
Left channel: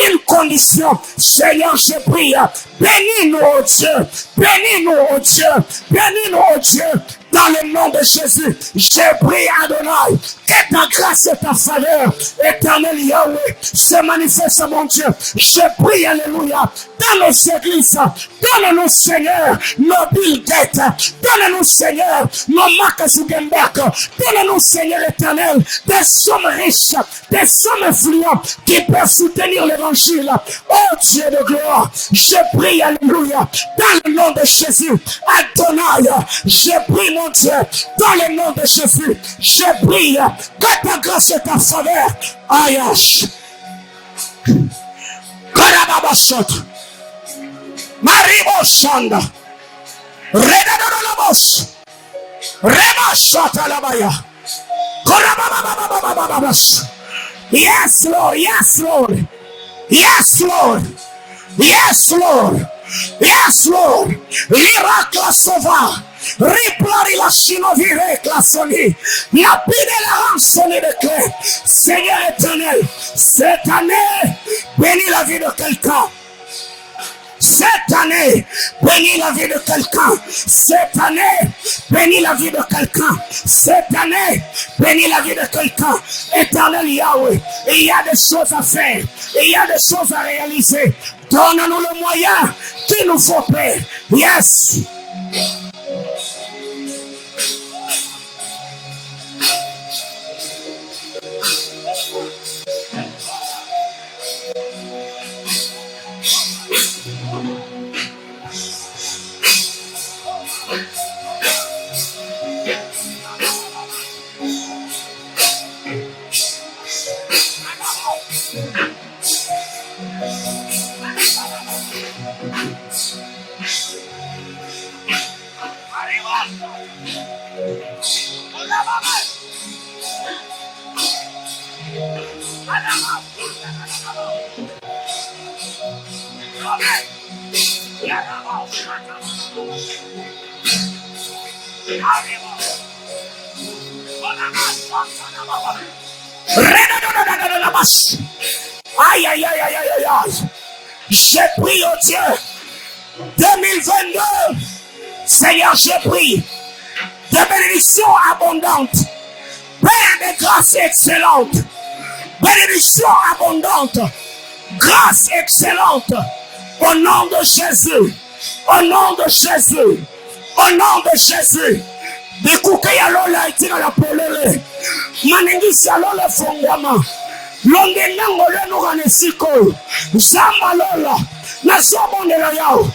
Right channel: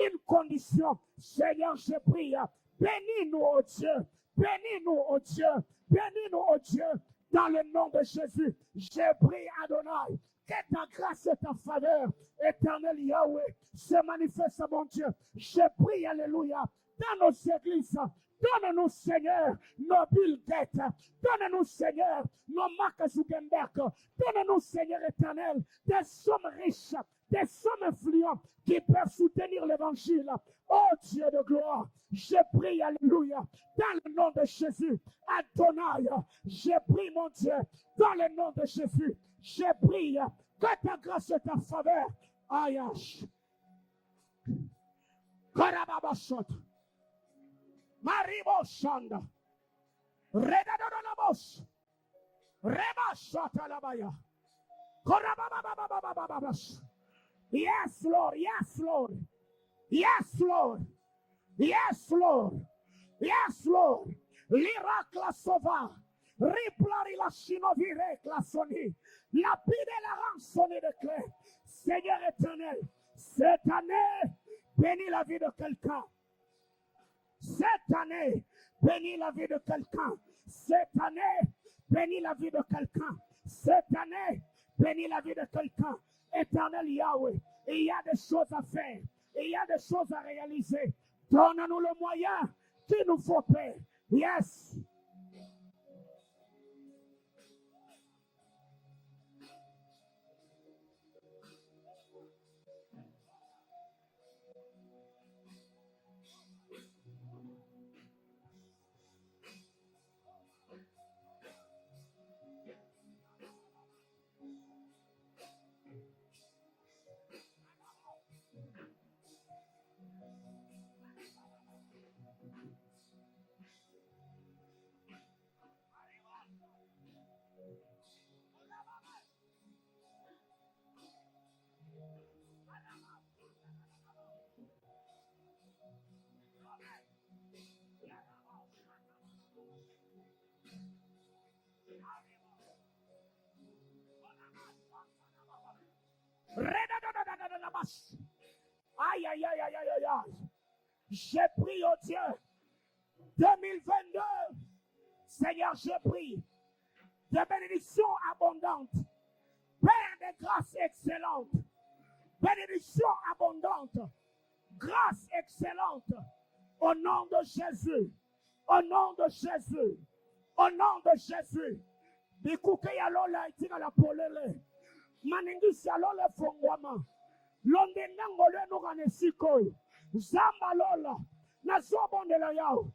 une condition. Seigneur, je prie, bénis-nous, oh Dieu, bénis-nous, oh Dieu, bénis-nous, oh Dieu. Dans le nom de Jésus, je prie Adonai, que ta grâce et ta faveur, éternel Yahweh, se manifeste, mon Dieu. Je prie, alléluia, dans nos églises, donne-nous, Seigneur, nos Bill Gates, donne-nous, Seigneur, nos Mark Zuckerberg, donne-nous, Seigneur éternel, des sommes riches, des sommes influentes qui peuvent soutenir l'évangile. Oh Dieu de gloire, je prie, alléluia, dans le nom de Jésus, Adonai, je prie, mon Dieu, dans le nom de Jésus, je prie que ta grâce et ta faveur, Ayash, Karababashot, Maribo Shanda, Redadolabos, Remashot Alabaya, Korabababababababas. Yes, Lord, yes, Lord, yes, Lord, yes, Lord, yes, Lord, miracle sauveur. Riplari la chinovire classoni. La pide la rançonne de clé. Seigneur éternel, cette année, bénis la vie de quelqu'un. Cette année, bénis la vie de quelqu'un. Cette année, bénis la vie de quelqu'un. Cette année, bénis la vie de quelqu'un. Éternel Yahweh, il y a des choses à faire. Il y a des choses à réaliser. Donne-nous le moyen qu'il nous faut faire. Yes. Aïe, aïe, aïe, aïe, aïe, aïe, aïe. J'ai pris, oh Dieu, 2022, Seigneur, j'ai pris de bénédictions abondantes, Père de grâce excellente, bénédiction abondante, grâce excellente, au nom de Jésus, au nom de Jésus, au nom de Jésus. Bikuke ya lola itina la polele, manengisi ya lola fongama, longe nango leno ganesiko, zama lola, na sobonde la yao.